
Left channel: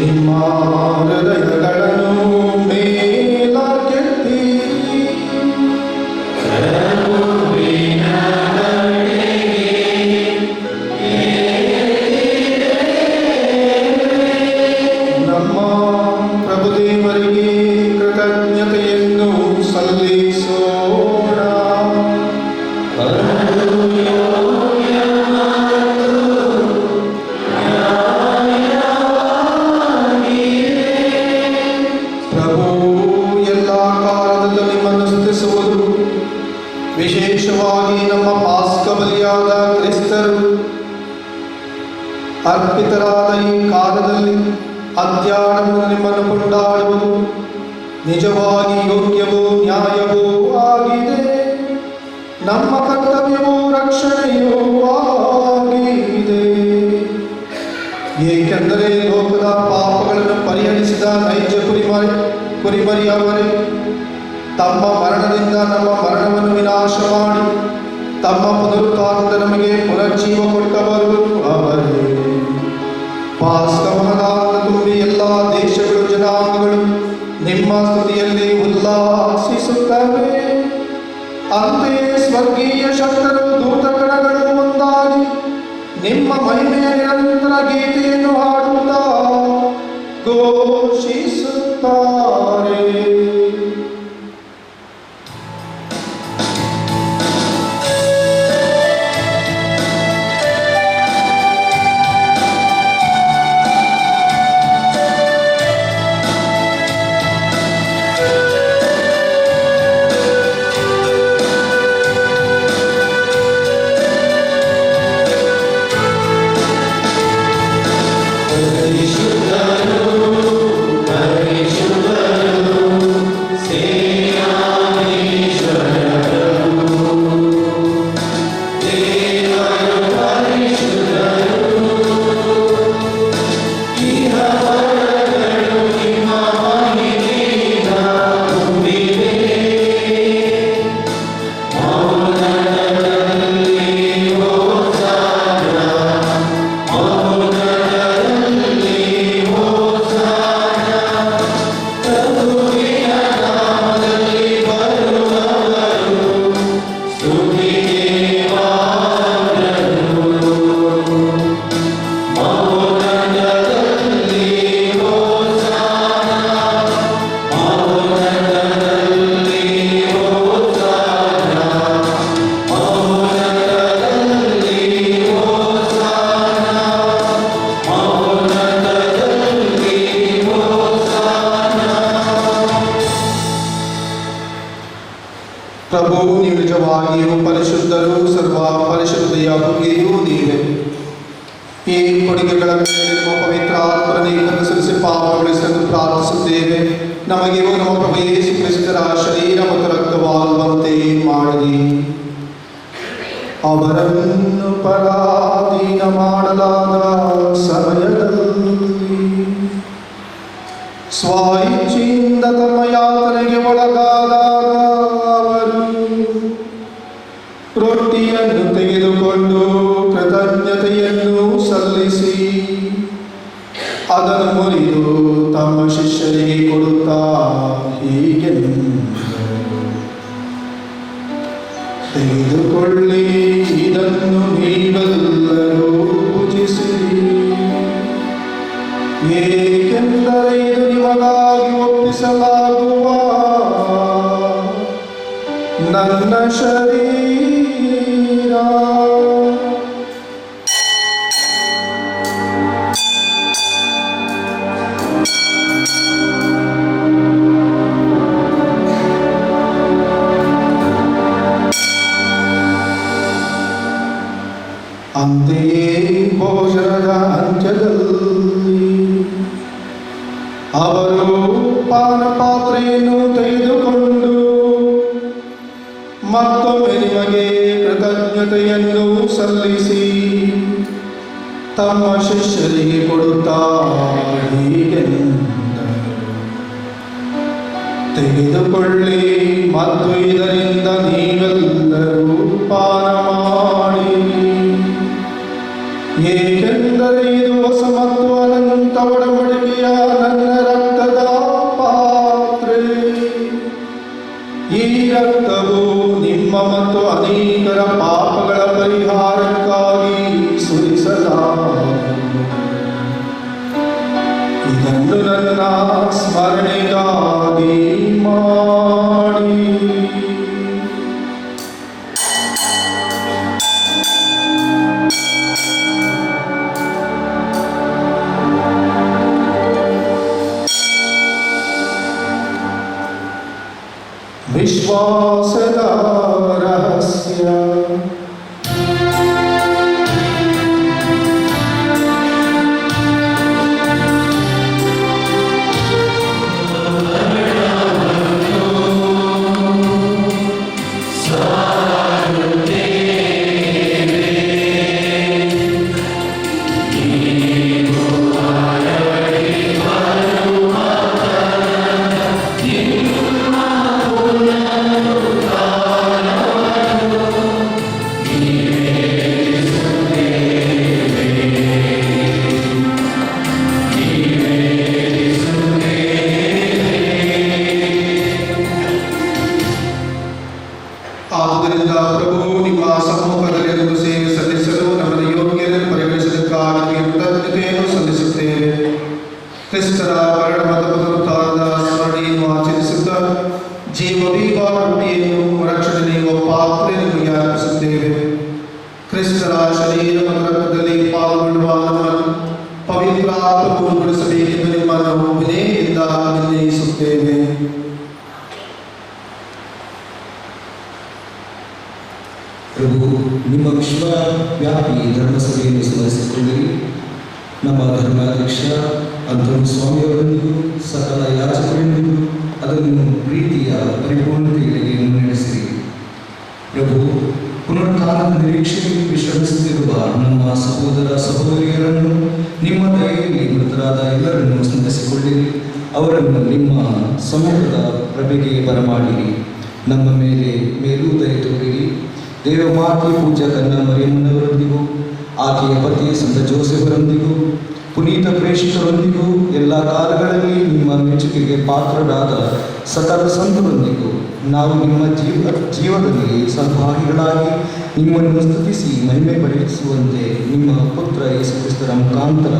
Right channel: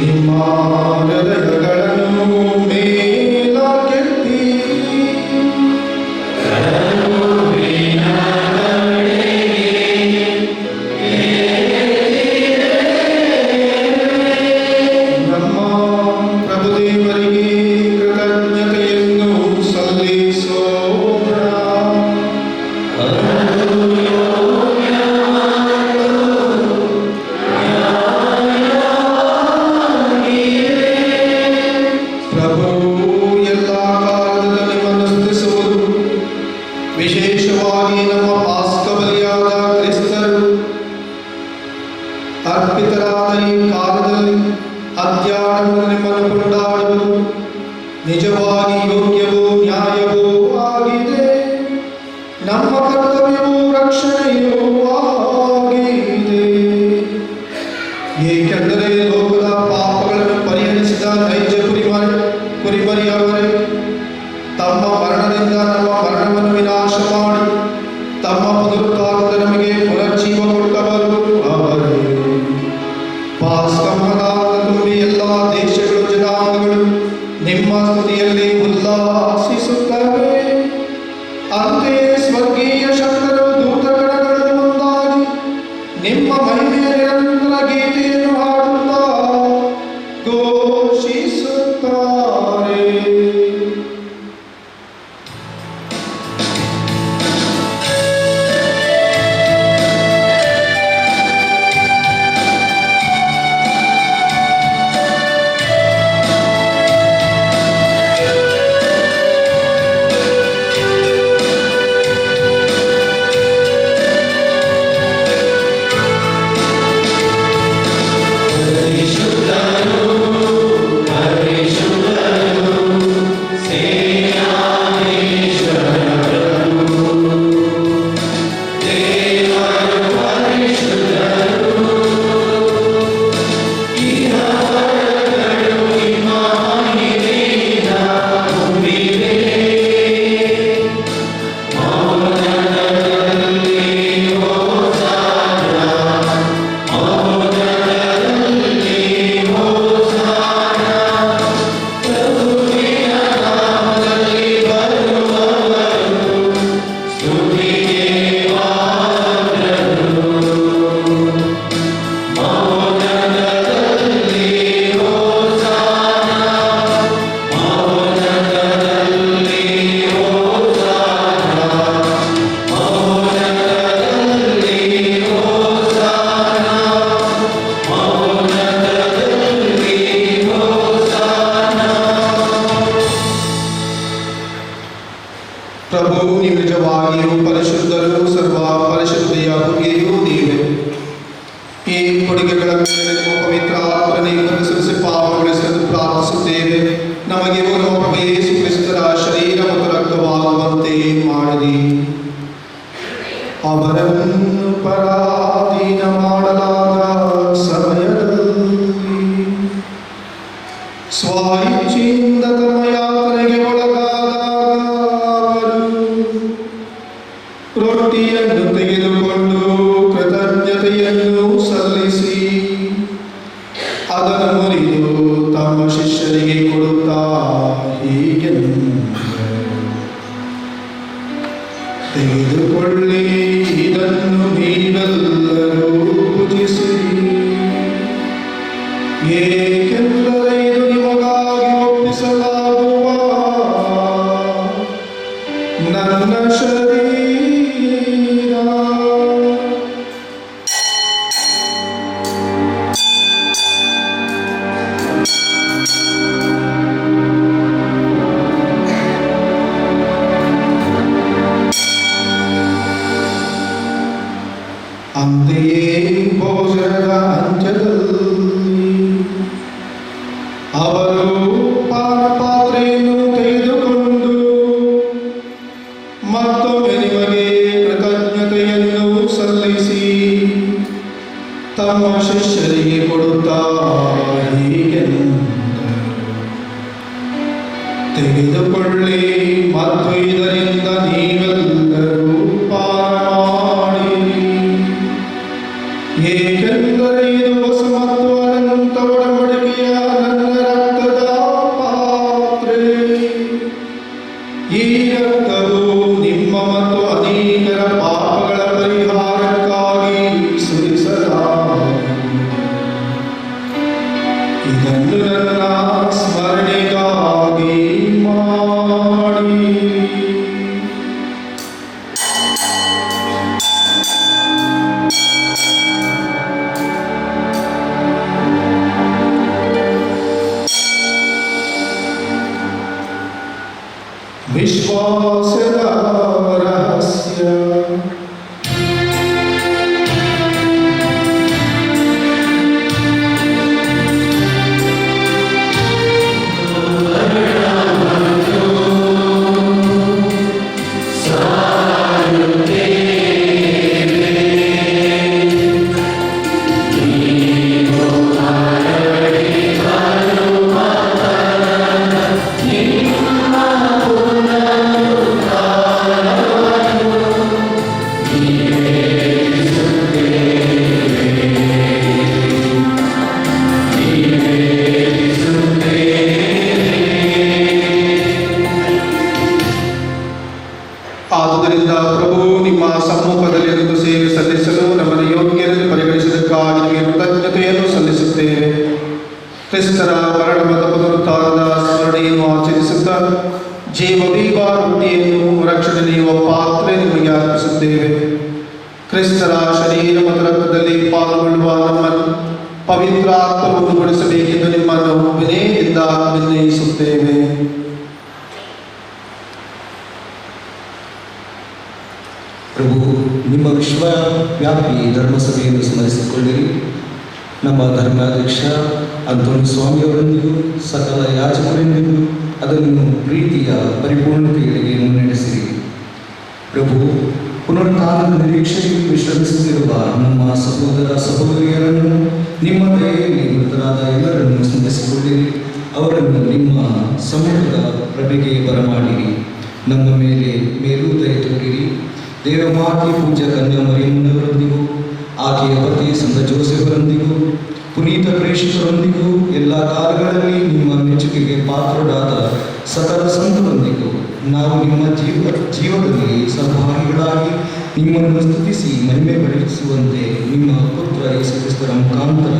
ನಿಮ್ಮ ಹೃದಯಗಳನ್ನು ಮೇಲಕ್ಕೆತ್ತಿ ನಮ್ಮ ಪ್ರಭುದೇವರಿಗೆ ಕೃತಜ್ಞತೆಯನ್ನು ಸಲ್ಲಿಸೋಣ. ಪ್ರಭು ಎಲ್ಲ ಕಾಲದಲ್ಲೂ ನಿಮ್ಮನ್ನು ಸ್ತುತಿಸುವುದು, ವಿಶೇಷವಾಗಿ ನಮ್ಮ ಪಾಸ್ಕ ಬಲಿಯಾದ ಕ್ರಿಸ್ತರು ಅರ್ಪಿತರಾದ ಈ ಕಾಲದಲ್ಲಿ ಅತ್ಯಾಡಲು ನಿಮ್ಮನ್ನು ಕೊಂಡಾಡುವುದು ನಿಜವಾಗಿ ಯೋಗ್ಯವೂ ನ್ಯಾಯವೂ ಆಗಿದೆ. ನಮ್ಮ ಕರ್ತವ್ಯವೂ ರಕ್ಷಣೆಯೂ ಆಗಿದೆ. ಏಕೆಂದರೆ ಲೋಕದ ಪಾಪಗಳನ್ನು ಪರಿಹರಿಸಿದ ನೈಜ ಕುರಿಮರಿಯವರೇ, ತಮ್ಮ ಮರಣದಿಂದ ನಮ್ಮ ಮರಣವನ್ನು ವಿನಾಶ ಮಾಡಿ ತಮ್ಮ ಪುನರುತ್ಥಾನದ ನಮಗೆ ಪುನರ್ಜೀವ ಕೊಟ್ಟವರು ಅವರೇ. ಪಾಸ್ಕಮದಾನ ತುಂಬಿ ಎಲ್ಲ ದೇಶಗಳು ಜನಾಂಗಗಳು ನಿಮ್ಮ ಸ್ತುತಿಯಲ್ಲಿ ಉಲ್ಲಾಸಿಸುತ್ತವೆ. ಅಂತೆಯೇ ಸ್ವರ್ಗೀಯ ಶಕ್ತರು ದೂತಗಣಗಳು ಒಂದಾಗಿ ನಿಮ್ಮ ಮಹಿಮೆಯ ನಿರಂತರ ಗೀತೆಯನ್ನು ಹಾಡುತ್ತಾ ಘೋಷಿಸುತ್ತಾರೆ. ಪ್ರಭು ನೀವು ನಿಜವಾಗಿಯೂ ಪರಿಶುದ್ಧರು, ಸರ್ವ ಪರಿಶುದ್ಧೆಯ ಬಗೆಯೂ ನೀವೇ. ಈ ಕೊಡುಗೆಗಳ ಮೇಲೆ ನಿಮ್ಮ ಪವಿತ್ರ ಆತ್ಮನೇ ಕಲಿಸಿ ಪಾಪಗೊಳಿಸಲು ಪ್ರಾರ್ಥಿಸುತ್ತೇವೆ. ನಮಗೆ ನಮ್ಮ ಪ್ರಭು ಯೇಸು ಕ್ರಿಸ್ತರ ಶರೀರ ಮತ್ತು ರಕ್ತವಾಗುವಂತೆ ಮಾಡಿರಿ. ಅವರನ್ನು ಪರಾಧೀನ ಮಾಡಲಾದ ಸಮಯದಲ್ಲಿ ಸ್ವಇಚ್ಛೆಯಿಂದ ತಮ್ಮ ಯಾತನೆಗೆ ಒಳಗಾದಾಗ ಅವರು ರೊಟ್ಟಿಯನ್ನು ತೆಗೆದುಕೊಂಡು ಕೃತಜ್ಞತೆಯನ್ನು ಸಲ್ಲಿಸಿ ಅದನ್ನು ಮುರಿದು ತಮ್ಮ ಶಿಷ್ಯರಿಗೆ ಕೊಡುತ್ತಾ ಹೀಗೆಂದರು, ತೆಗೆದುಕೊಳ್ಳಿ, ಇದನ್ನು ನೀವೆಲ್ಲರೂ ಭುಜಿಸಿರಿ. ಏಕೆಂದರೆ ಇದು ನಿಮಗಾಗಿ ಒಪ್ಪಿಸಲಾಗುವ ನನ್ನ ಶರೀರ. ಅಂತೆಯೇ ಭೋಜನದ ಅಂತ್ಯದಲ್ಲಿ ಅವರು ಪಾನಪಾತ್ರೆಯನ್ನು ತೆಗೆದುಕೊಂಡು ಮತ್ತೊಮ್ಮೆ ನಿಮಗೆ ಕೃತಜ್ಞತೆಯನ್ನು ಸಲ್ಲಿಸಿ ತಮ್ಮ ಶಿಷ್ಯರಿಗೆ ಕೊಡುತ್ತಾ ಹೀಗೆಂದರು, ತೆಗೆದುಕೊಳ್ಳಿ ಮತ್ತು ಇದರಿಂದ ನೀವೆಲ್ಲರೂ ಪಾನ ಮಾಡಿರಿ, ಏಕೆಂದರೆ ಇದು ಹೊಸ ಮತ್ತು ಅನಂತ ಒಡಂಬಡಿಕೆಯ ನನ್ನ ರಕ್ತದ ಪಾತ್ರೆ. ಈ ರಕ್ತವು ನಿಮ್ಮ ಮತ್ತು ಅನೇಕರ ಪಾಪಗಳ ಪರಿಹಾರಕ್ಕಾಗಿ ಸುರಿಸಲಾಗುವುದು. ಇದನ್ನು ನನ್ನ ಸ್ಮರಣೆಗಾಗಿ ಮಾಡಿ. ವಿಶ್ವಾಸದ ರಹಸ್ಯ. ಆದುದರಿಂದ ಪ್ರಭು ನಿಮ್ಮ ಸಮ್ಮುಖದಲ್ಲಿ ಒಂದು ಸೇವೆ ಸಲ್ಲಿಸಲು ನಮ್ಮನ್ನು ಯೋಗ್ಯರನ್ನು ಪರಿಗಣಿಸಿದ್ದಕ್ಕಾಗಿ ನಿಮಗೆ ಕೃತಜ್ಞತೆಯನ್ನು ಸಲ್ಲಿಸುತ್ತೇವೆ. ಕ್ರಿಸ್ತರ ಮರಣವಾದ ಪುನರುತ್ಥಾನದ ಸ್ಮರಣೆಯನ್ನು ಆಚರಿಸುತ್ತಾ ಜೀವವೀವ ರೊಟ್ಟಿಯನ್ನು ರಕ್ಷಣೆ ನೀಡುವ ಪಾತ್ರೆ ನಿಮಗೆ ಅರ್ಪಿಸುತ್ತೇವೆ. ಕ್ರಿಸ್ತರ ಶರೀರ ಮತ್ತು ರಕ್ತದಲ್ಲಿ ಪಾಲ್ಗೊಳ್ಳುವ ನಮ್ಮನ್ನು ಪವಿತ್ರ ಆತ್ಮವು ಉಳಿಸಬೇಕೆಂದು ನಿಮ್ಮನ್ನು ವಿನಯದಿಂದ ನಿರ್ಣಯಿಸುತ್ತೇವೆ. ಪ್ರಭು, ನಿಮ್ಮ ವಿಶ್ವವ್ಯಾಪಿ ಧರ್ಮಸಭೆಯನ್ನು ಸ್ಮರಿಸಿಕೊಳ್ಳಿರಿ. ನಮ್ಮ ಧರ್ಮಾಧ್ಯಕ್ಷ ಅಂತೋನಿ ಸ್ವಾಮಿಯವರೊಂದಿಗೂ ಸಕಲ ಯಾಜಕರೊಂದಿಗೂ ಅದನ್ನು ಪ್ರೀತಿಯ ಪರಿಪೂರ್ಣತೆಗಳಿಗೆ ಮುನ್ನಡೆಸಿರಿ. ಪ್ರಭು, ಪುನರುತ್ಥಾನದ ನಿರೀಕ್ಷೆಗೆ ವಿಶ್ರಮಿಸುತ್ತಿರುವ ನಮ್ಮ ಸಹೋದರ ಸಹೋದರಿಯರನ್ನು ನಿಮ್ಮ ದಯೆಯಲ್ಲಿ ಮೃತರಾದ ಎಲ್ಲರನ್ನು ಸ್ಮರಿಸಿಕೊಳ್ಳಿರಿ. ಅವರನ್ನು ನಿಮ್ಮ ಸಮ್ಮುಖದ ಪ್ರಭೆಗೆ ಬರಮಾಡಿರಿ. ನಮ್ಮ ಮೇಲೆ ಮೇಲೂ ದಯ ತೋರಿರಿ. ದೇವಮಾತೆ ಪೂಜ್ಯ ಕನ್ಯಾ ಮರಿಯಮ್ಮನವರೊಂದಿಗೂ ಆಕೆಯ ಪತಿ ಸಂತ ಜೋಸೆಫರೊಂದಿಗೂ ಪುನೀತ ಪ್ರೇಷಿತರೊಂದಿಗೂ ಎಲ್ಲ ಕಾಲಗಳಲ್ಲಿ ನಿಮ್ಮ ಮೆಚ್ಚುಗೆಗೆ ಪಾತ್ರರಾದ ಸಕಲ ಸಂತರೊಂದಿಗೂ ನಾವು ನಿಮ್ಮ ಜೀವದಲ್ಲಿ ಸದ್ಭಾಗಿಗಳಾಗಿ ನಿಮ್ಮನ್ನು ಸ್ತುತಿಸಿ ಮಹಿಮೆ ಪಡಿಸುವಂತೆ ನಿಮ್ಮ ಪುತ್ರ ಯೇಸು ಕ್ರಿಸ್ತರ ಮುಖಾಂತರ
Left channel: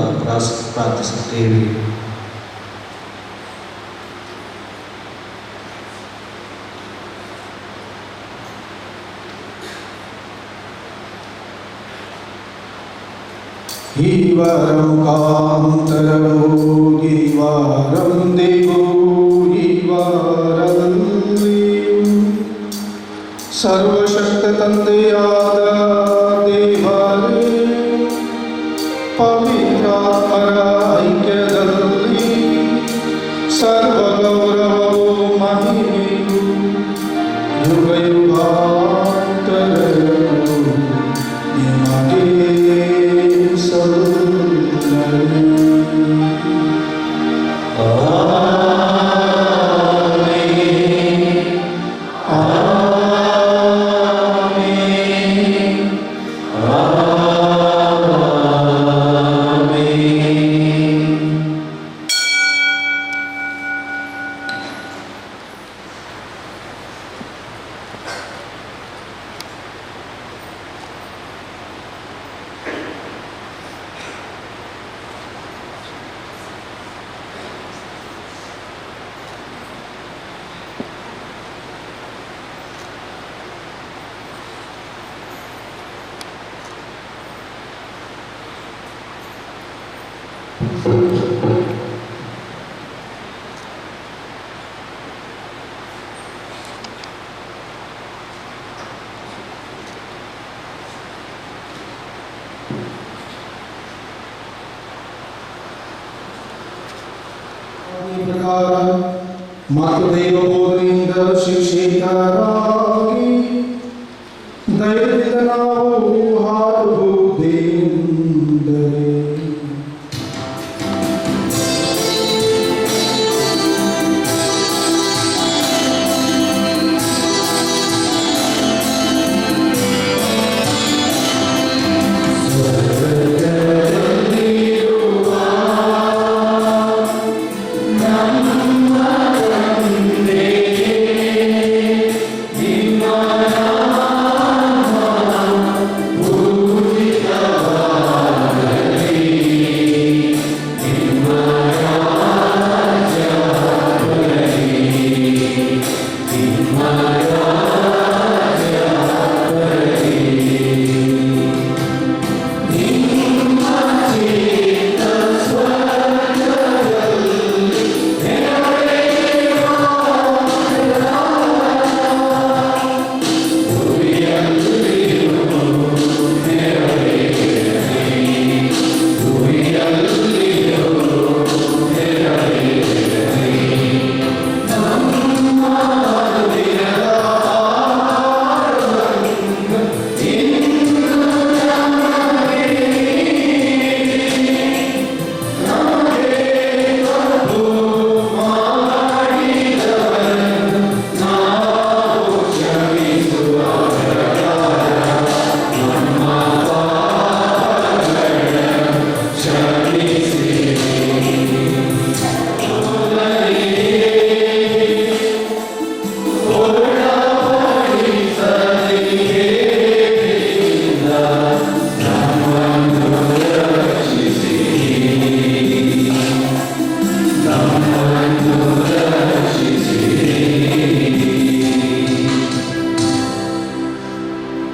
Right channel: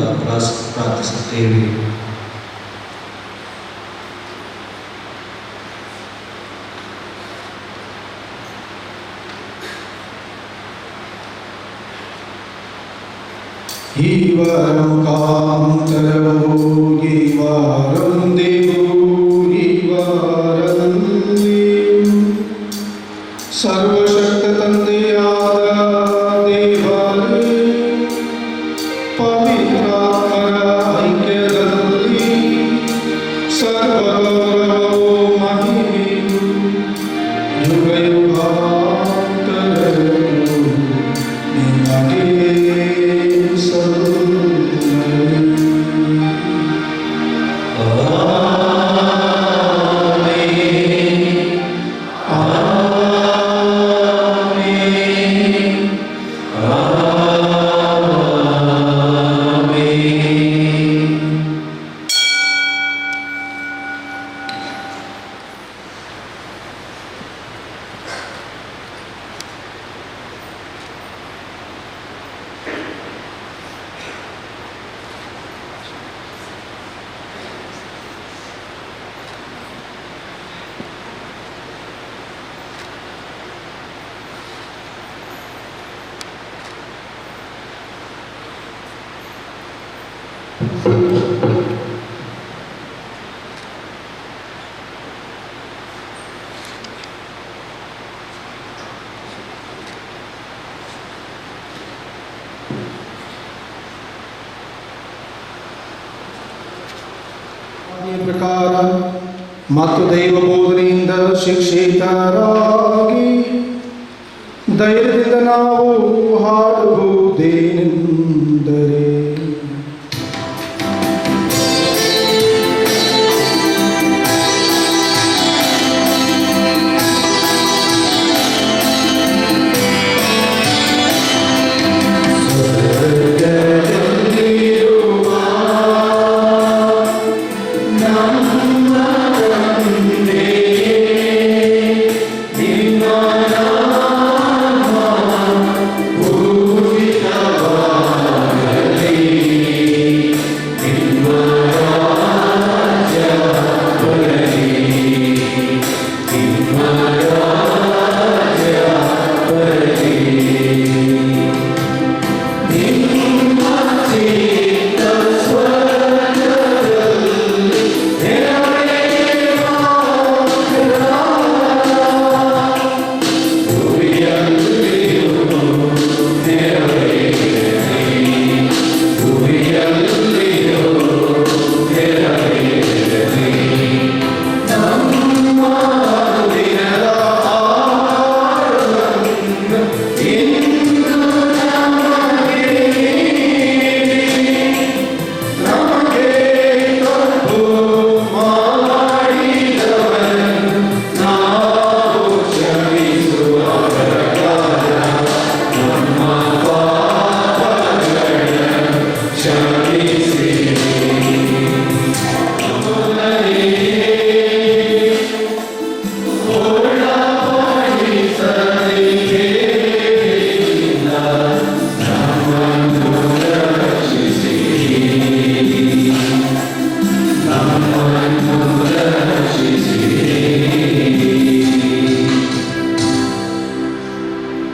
ಪ್ರಾರ್ಥಿಸುತ್ತೇವೆ. ಈ ವಾರ ಮುಖಾಂತರವೂ ಈ ವಾರೊಂದಿಗೂ ಈ ವಾರದಲ್ಲಿ ಸರ್ವಶಕ್ತ ತಂದೆಯಾದ ದೇವರೇ, ಪವಿತ್ರಾತ್ಮರ ಐಕ್ಯದಲ್ಲಿ ಸರ್ವ ಗೌರವವು ಮಹಿಮೆಯು ಯುಗ ಯುಗಾಂತರಕ್ಕೂ ನಿಮಗೆ ಪ್ರಕಾರ ಮತ್ತು ದೈವ ಬೋಧನೆಯಿಂದ ಶಿಕ್ಷಿತರಾಗಿ ಧೈರ್ಯದಿಂದ ನಾವು ಹಾಡುವುದೇನೆಂದರೆ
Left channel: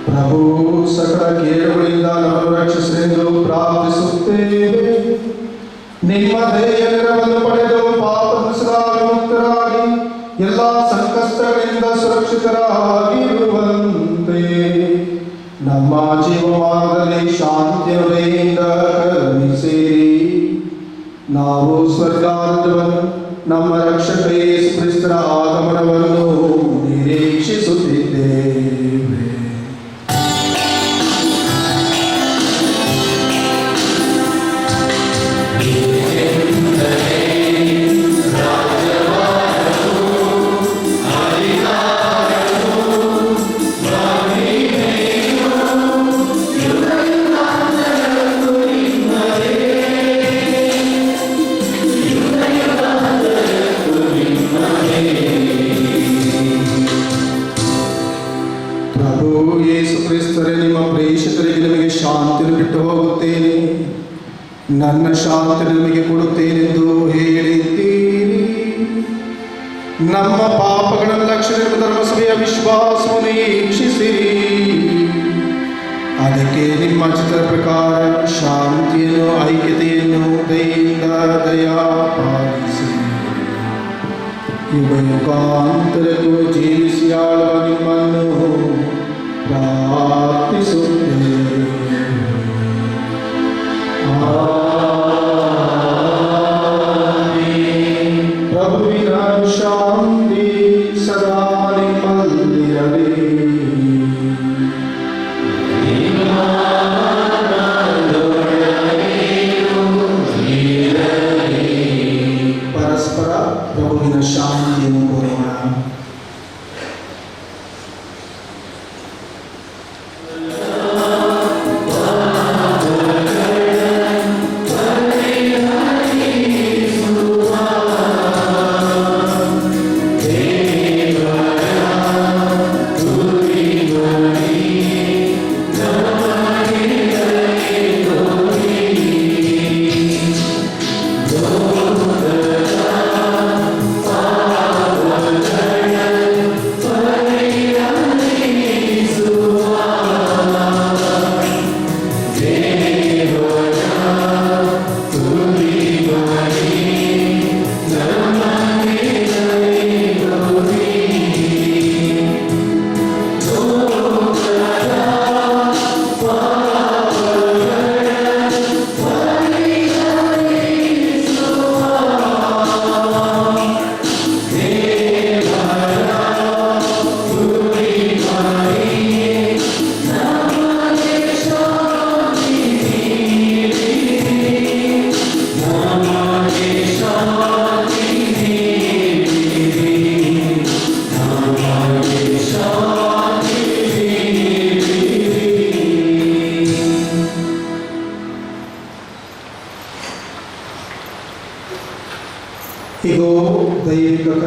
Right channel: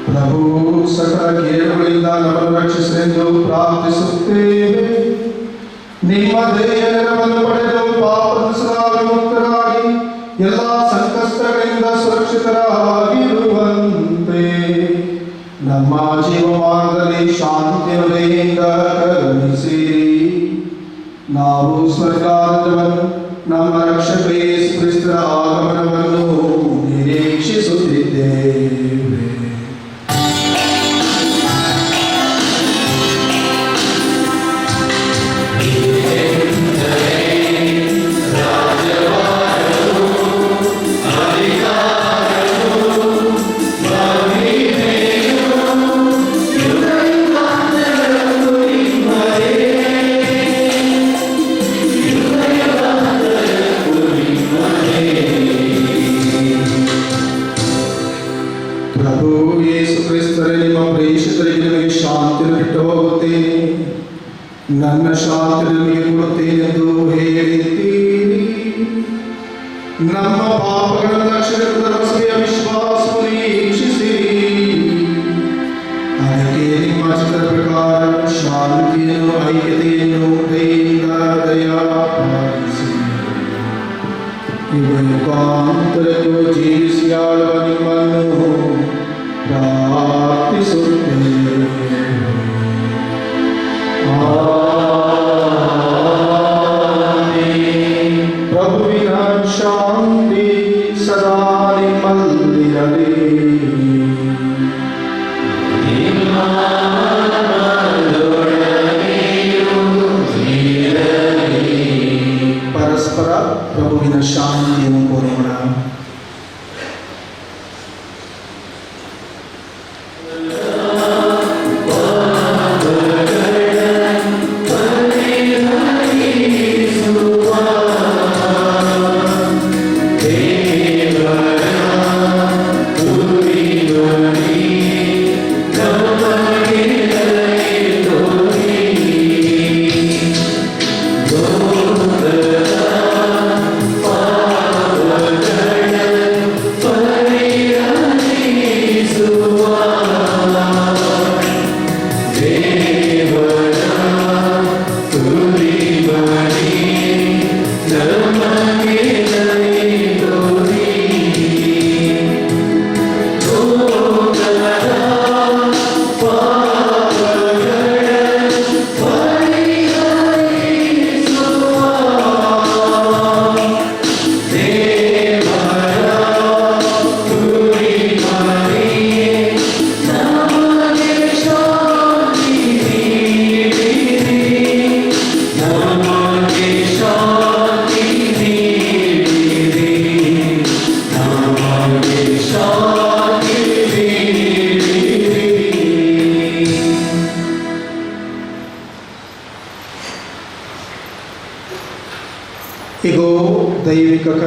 ಪ್ರಭು ಸಕಲ ಕೇಡುಗಳಿಂದ ನಮ್ಮನ್ನು ರಕ್ಷಿಸಲೆಂದು ಪ್ರಾರ್ಥಿಸುತ್ತೇವೆ. ನಿಮ್ಮ ದಯೆಯ ನೆರವನ್ನು ಪಡೆದು ಪಾಪದಿಂದ ವಿಮುಕ್ತರಾಗಿ ಎಲ್ಲ ಸಂಕಷ್ಟಗಳಿಂದ ಸುರಕ್ಷಿತರಾಗಿರುವಂತೆ ನಮ್ಮ ಜೀವಮಾರ್ಗದಲ್ಲಿ ಶಾಂತಿಯುಡೆಯಿಂದ ಕರುಣಿಸಿರಿ. ನಾವು ಸ್ವರ್ಗಾರ್ಧವನ್ನು ನಮ್ಮ ರಕ್ಷಕ ಯೇಸು ಕ್ರಿಸ್ತರ ಆಗಮನವನ್ನು ನಿರೀಕ್ಷಿಸುತ್ತಿದ್ದೇವೆ. ಪ್ರಭು ಯೇಸು ಕ್ರಿಸ್ತರೇ, ನಿಮ್ಮ ಪ್ರೇಷಿತರಿಗೆ ನಿಮಗೆ ಶಾಂತಿಯನ್ನು ಬಿಟ್ಟು ಹೋಗುತ್ತೇನೆ, ನನ್ನ ಶಾಂತಿ ನಿಮಗೆ ಕೊಡುತ್ತೇನೆಂದು ಹೇಳಿದ್ದೀರಿ. ನಮ್ಮ ಪಾಪಗಳನ್ನು ರಕ್ಷಣೆ ಧರ್ಮಸಭೆಯ ವಿಶ್ವಾಸವನ್ನು ವೀಕ್ಷಿಸಿರಿ. ಅದಕ್ಕೆ ನಿಮ್ಮ ಚಿತ್ರದ ಪ್ರಕಾರ ಶಾಂತಿಯನ್ನು ಐಕ್ಯತೆಯನ್ನು ದಯೆಯಿಂದ ದಯಾಪಾಲಿಸಿ ಯುಗಾಂತರಕ್ಕೂ ಜೀವಿಸಿ ಆಳುವ ನಿಮ್ಮನ್ನು ಪ್ರಾರ್ಥಿಸುತ್ತೇವೆ. ಪ್ರಭುವಿನ ಶಾಂತಿ ಸದಾ ನಿಮ್ಮಲ್ಲಿರಲಿ. ಪರಸ್ಪರ ಪ್ರಭುವಿನ ಶಾಂತಿಯನ್ನು ಕೋರೋಣ.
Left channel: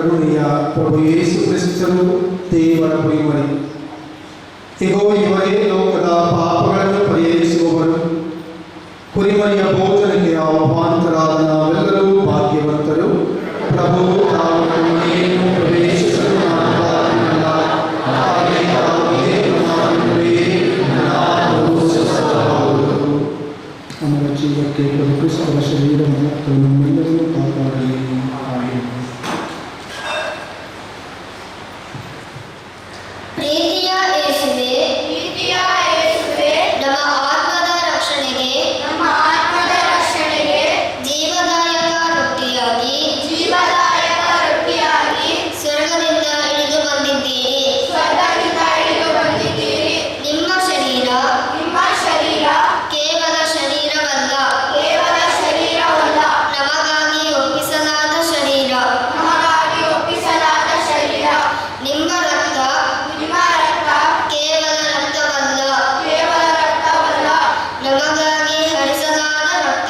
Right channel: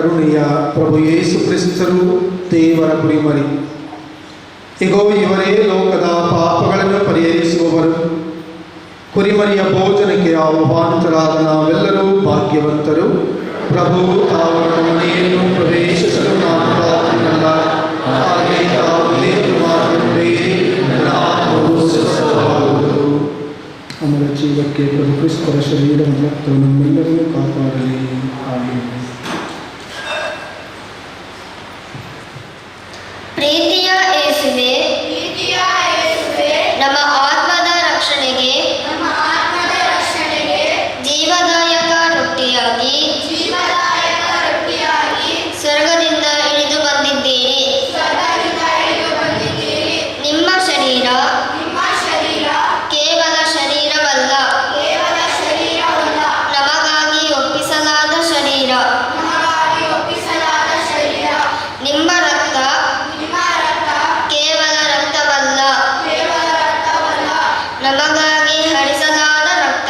ಕರುಣೆಯ ಪ್ರಭು ಯೇಸು ಕ್ರಿಸ್ತರು ದೇವರ ಕುರಿಮರಿ. ಇಗೋ ಇವರೇ ಲೋಕದ ಪಾಪಗಳನ್ನು ಪರಿಹರಿಸುವವರು. ಕುರಿಮರಿಯ ಭೋಜನಕ್ಕೆ ಆಹ್ವಾನಿತರಾದ ನಾವೆಲ್ಲರೂ ಭಾಗ್ಯವಂತರು. ಪ್ರಭು ತಾವು ನಮ್ಮ ಮನೆಯನ್ನು ಪ್ರವೇಶಿಸಲು ನಾನು ಬಾಧ್ಯನಲ್ಲ. ಹಾಗೆ ತಾವು ಏನು ಮಾಡುತ್ತೇವೆ ನಾವು ಸ್ವಸ್ಥವಾಗುವುದು. ನಮ್ಮ ಜೀವಕ್ಕೆ ಪ್ರಭು ಕ್ರಿಸ್ತರ ಶರೀರ ಮತ್ತು ನಮ್ಮೆಲ್ಲರನ್ನು ಕಾಪಾಡಲಿ. ಆಮೆನ್. ಪ್ರೀತಿಯ ಯೇಸುವೇ, ನಮ್ಮ ಆತ್ಮದ ರಕ್ಷಣೆಗೆ ಜೀವದಾಯಕ ರೊಟ್ಟಿಯಾಗಿ ಸ್ವರ್ಗದಿಂದ ಇಳಿದು ಬಂದಿದ್ದೀರಿ. ನಿಮ್ಮ ಶರೀರ ಕೇವಲ ಶರೀರವಲ್ಲ, ನಮಗಾಗಿ ಒಪ್ಪಿಸಲಾದ ಶರೀರ. ನಿಮ್ಮ ರಕ್ತ ಕೇವಲ ರಕ್ತವಲ್ಲ, ನಮಗಾಗಿ ಹರಿಸಲಾದ ರಕ್ತ.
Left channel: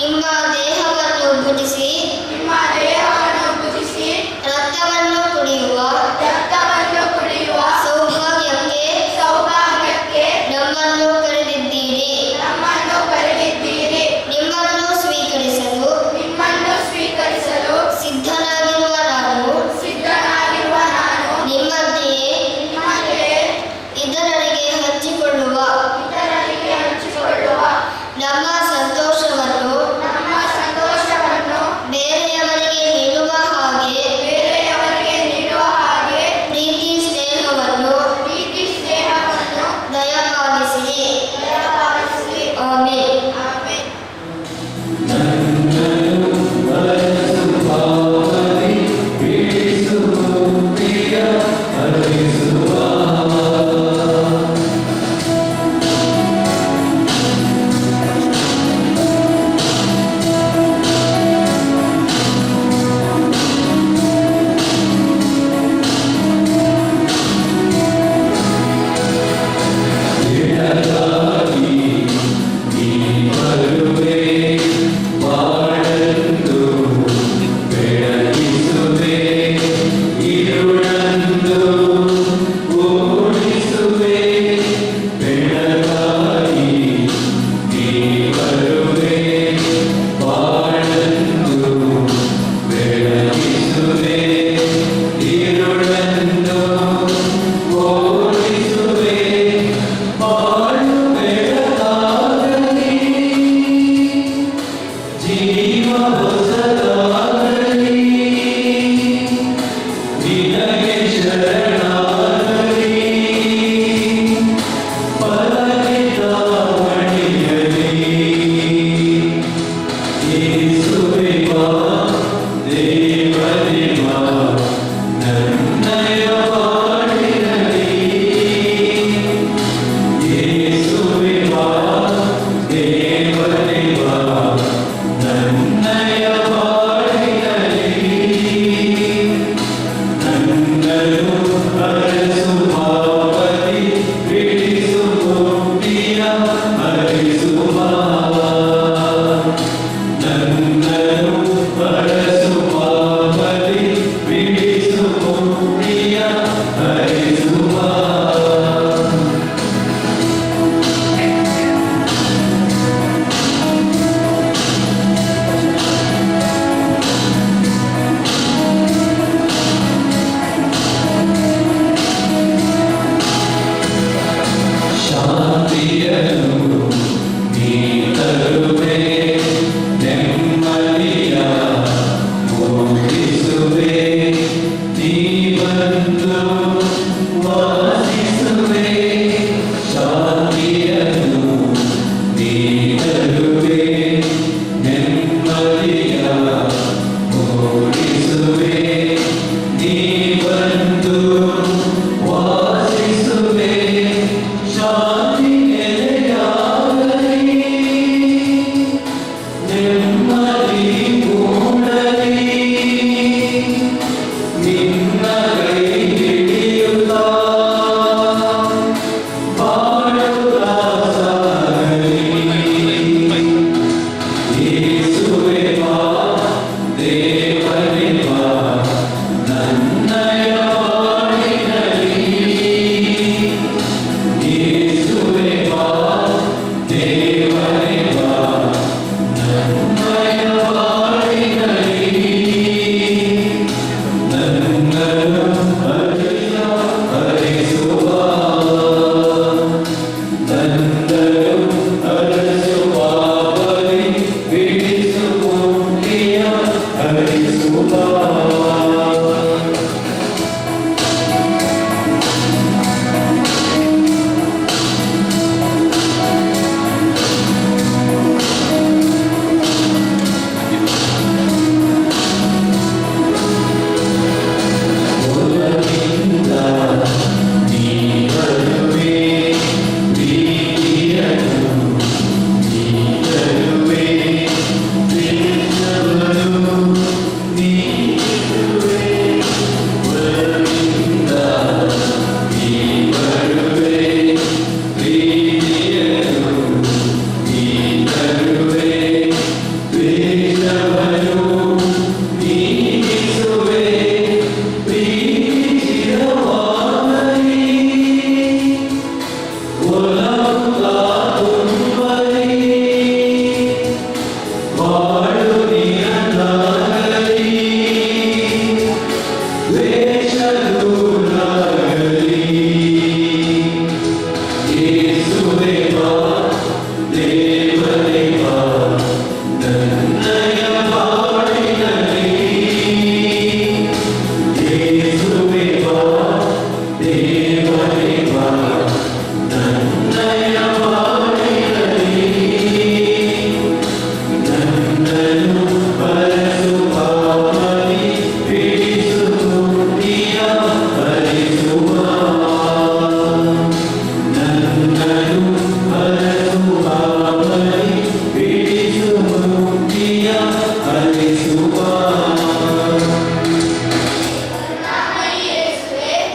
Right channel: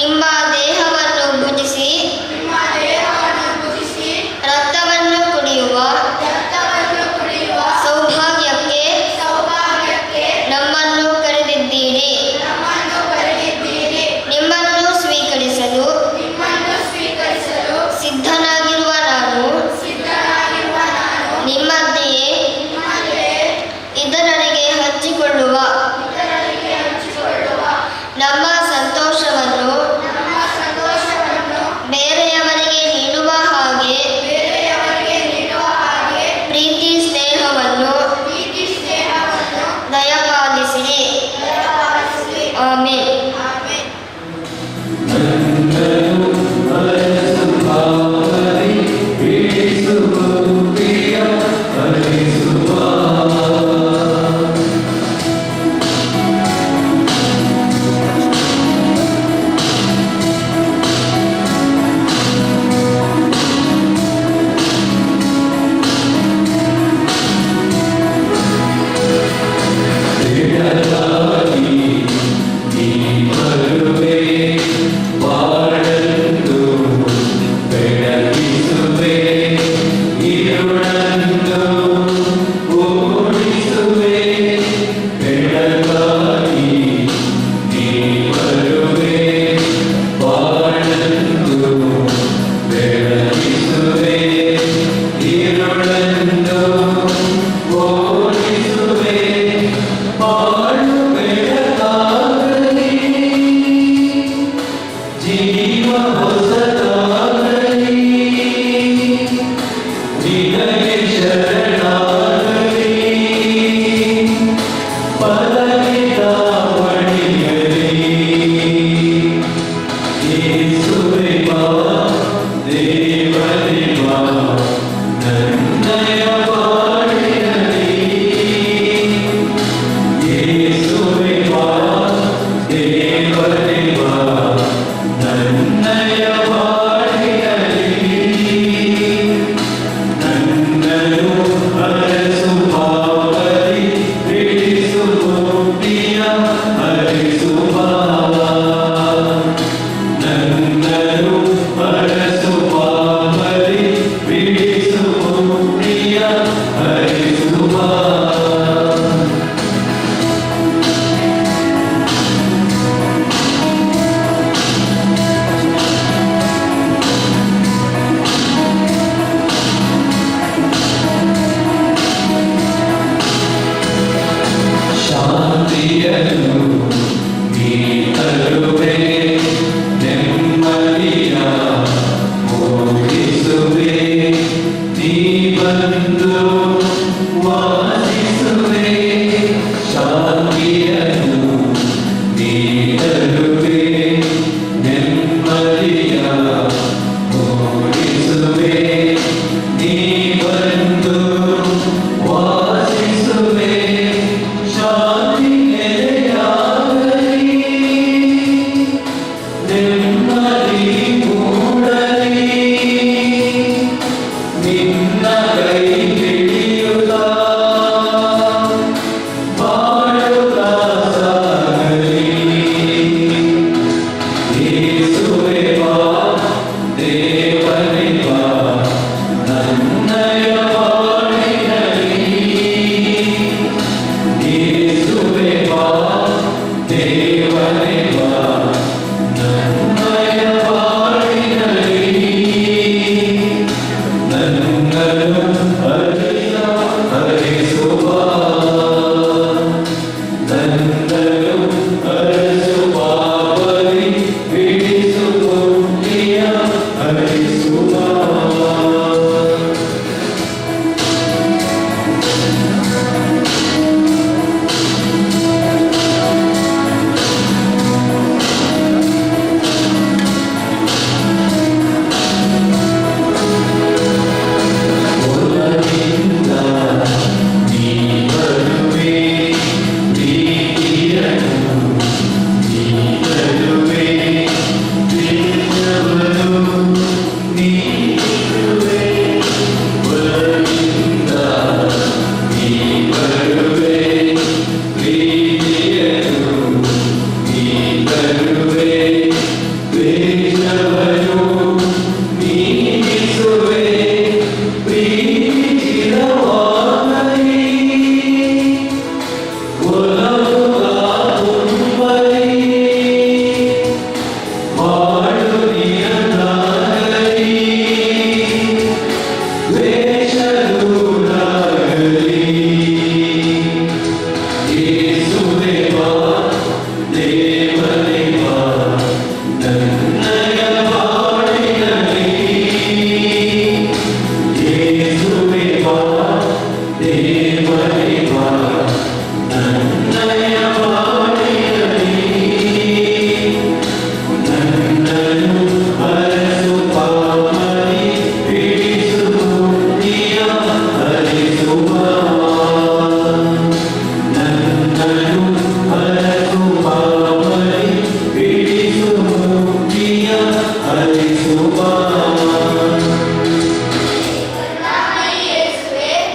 ನಿಮ್ಮ ದೇಹವನ್ನು ಭುಜಿಸಿ ರಕ್ತವನ್ನು ಕುಡಿಯುವ ಸೌಭಾಗ್ಯಕ್ಕೆ ನಮ್ಮನ್ನು ಕರೆದಿದ್ದೀರಿ. ನಿಮ್ಮನ್ನು ಸ್ವೀಕರಿಸಲು ಸಿದ್ಧನಾಗಿರುವ ನಾನು ನಿಮ್ಮಂತೆಯೇ ಇದರೊಳಗೆ ಹಂಚಿಕೊಳ್ಳುವ ನಮ್ಮ ಸಂತೋಷವನ್ನು ಬೇರೆಯವರಿಗೆ ನೀಡುವ ಹಾಗೆ ಪ್ರೀತಿ ಸ್ನೇಹವನ್ನು ದಯಪಾಲಿಸಿರಿ. ಆಮೆನ್. Amen.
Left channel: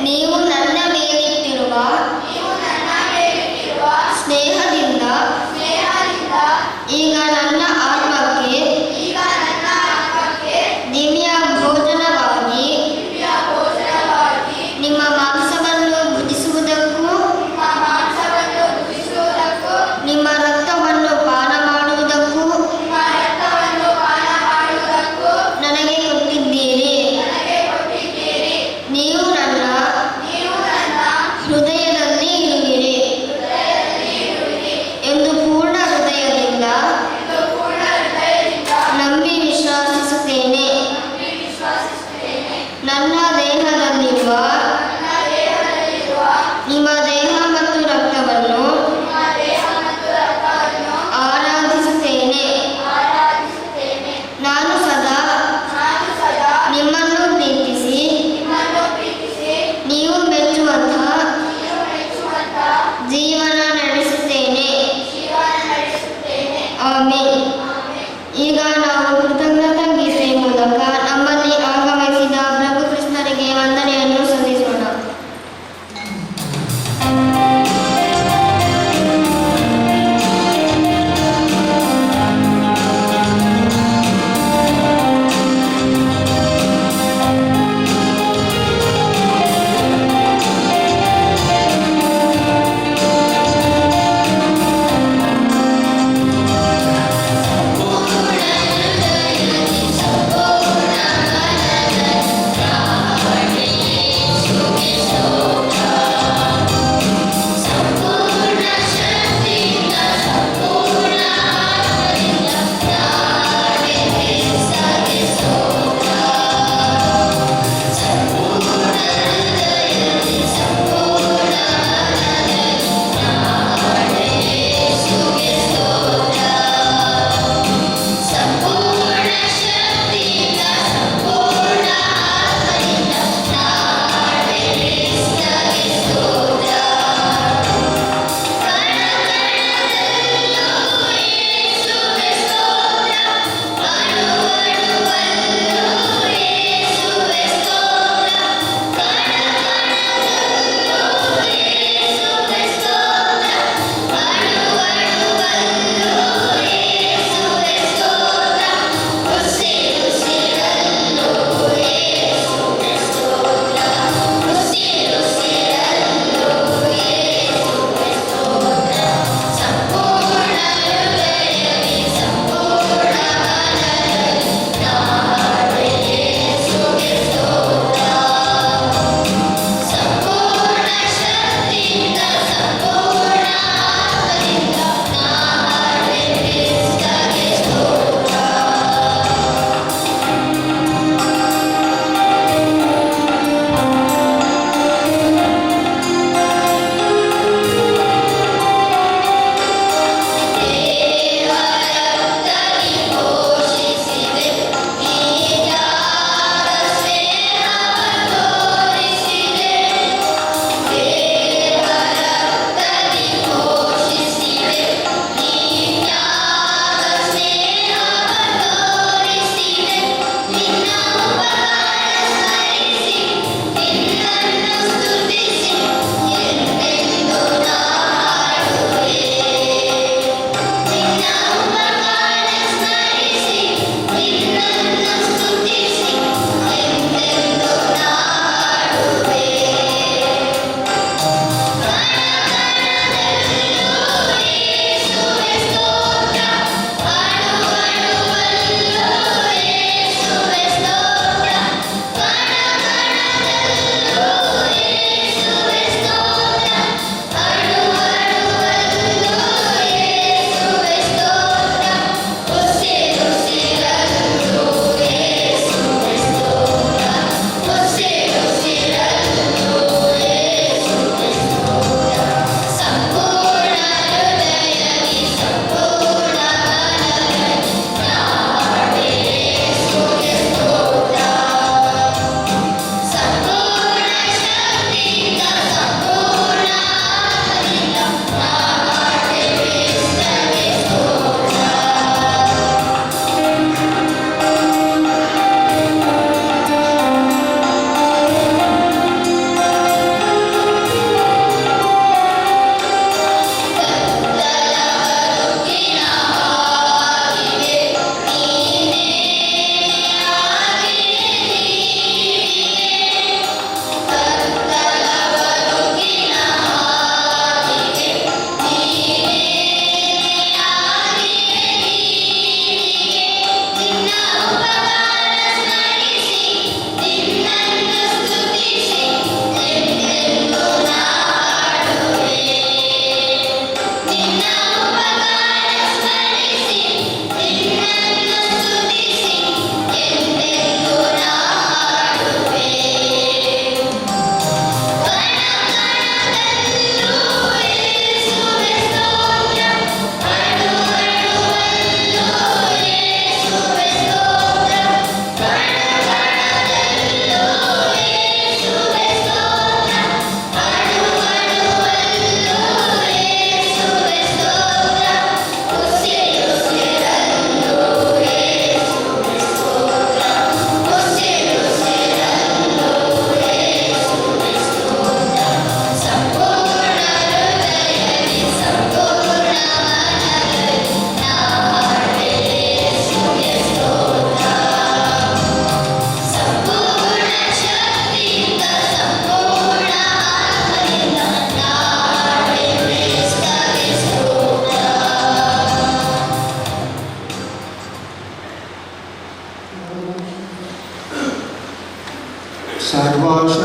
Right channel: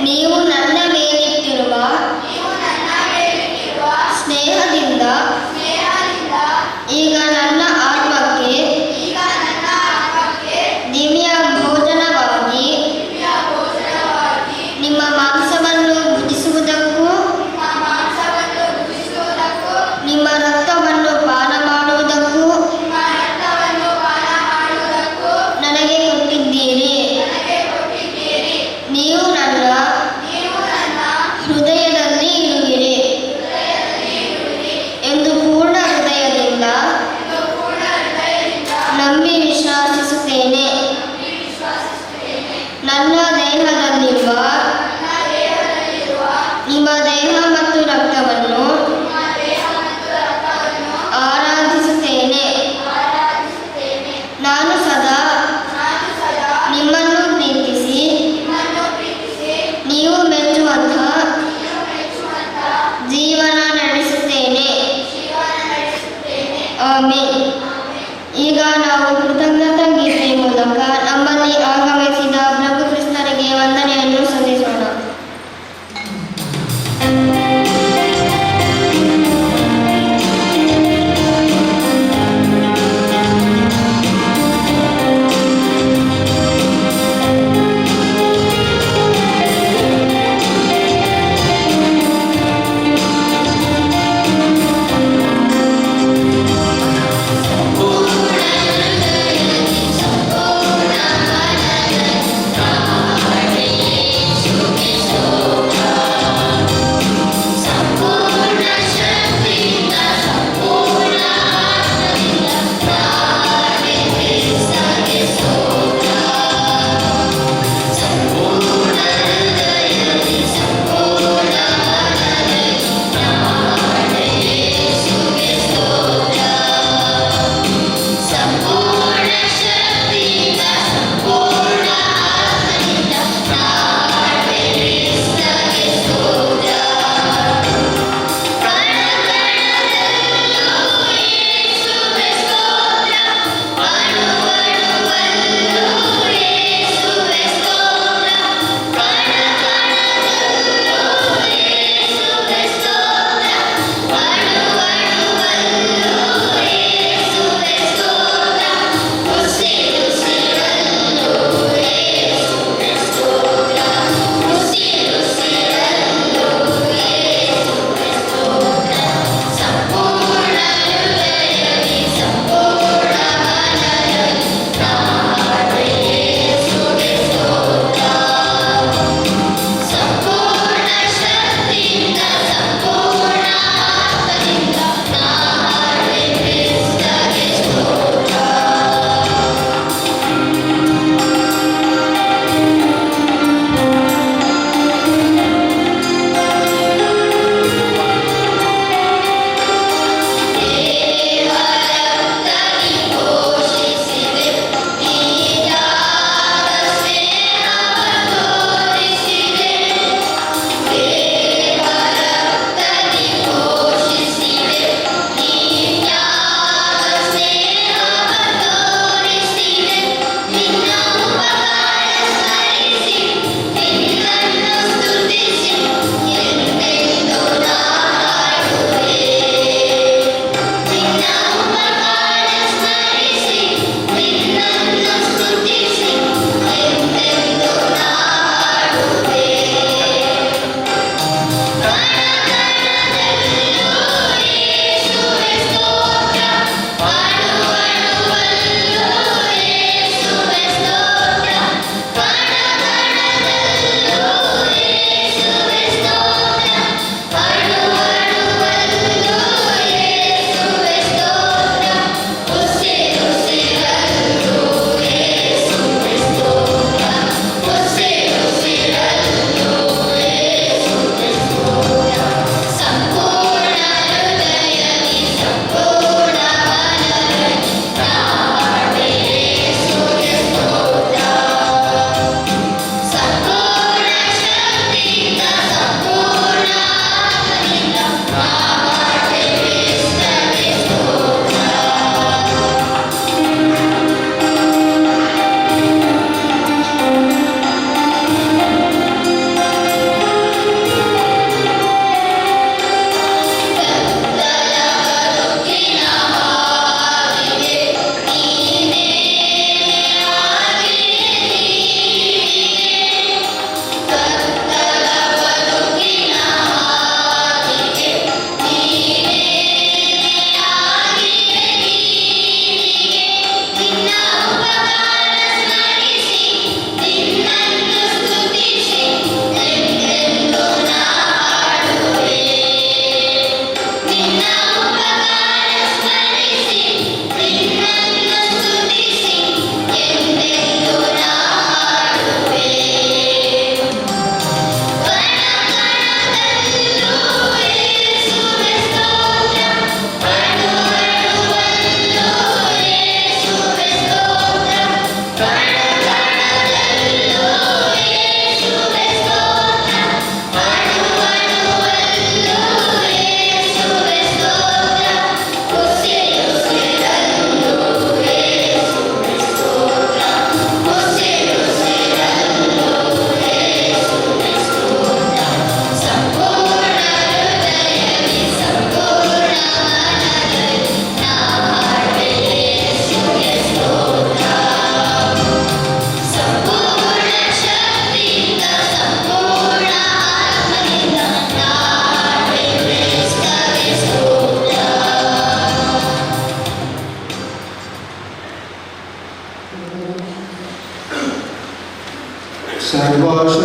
ನೀವು ನನ್ನ ಮೇಲಿಟ್ಟಿರುವ ಸ್ನೇಹದಿಂದ ಈಗ ನನ್ನ ಆತ್ಮಕ್ಕೆ ದಿವ್ಯ ಭೋಜನವಾಗಿ ನಿಮ್ಮ ಮಾಂಸವನ್ನು ಭುಜಿಸುವುದಕ್ಕೂ ನಿಮ್ಮ ರಕ್ತವನ್ನು ಪಾನ ಮಾಡುವುದಕ್ಕೂ ನನಗೆ ಕೊಟ್ಟಿದ್ದೀರಿ. ನೀವು ನನ್ನ ಹೃದಯದಲ್ಲಿ ಇರುವಿರಿ ಎಂದು ಪೂರ್ಣ ಹೃದಯದಿಂದ ನಂಬಿ ವಿಶ್ವಾಸಿಸುತ್ತೇನೆ. ನನ್ನ ದೇಹದಲ್ಲಿರುವ ನಿಮ್ಮ ದೇಹ ಮತ್ತು ರಕ್ತವನ್ನು ಆರಾಧಿಸುತ್ತೇನೆ. ನಾನು ಸದಾ ನಿಮ್ಮನ್ನು ಪ್ರೀತಿಸಿ ನೀವು ಮೆಚ್ಚುವಂತಹ ಜೀವನ ನಡೆಸುತ್ತೇನೆ. ಆಮೆನ್. ಈಗ ನಾವು ಕೃತಜ್ಞತಾ ಗೀತೆ ಮೂಲಕ ನಮ್ಮಲ್ಲಿ ಆಗಮಿಸಿದ ಪ್ರಭು ಕ್ರಿಸ್ತರಿಗೆ ವಂದನೆಯನ್ನು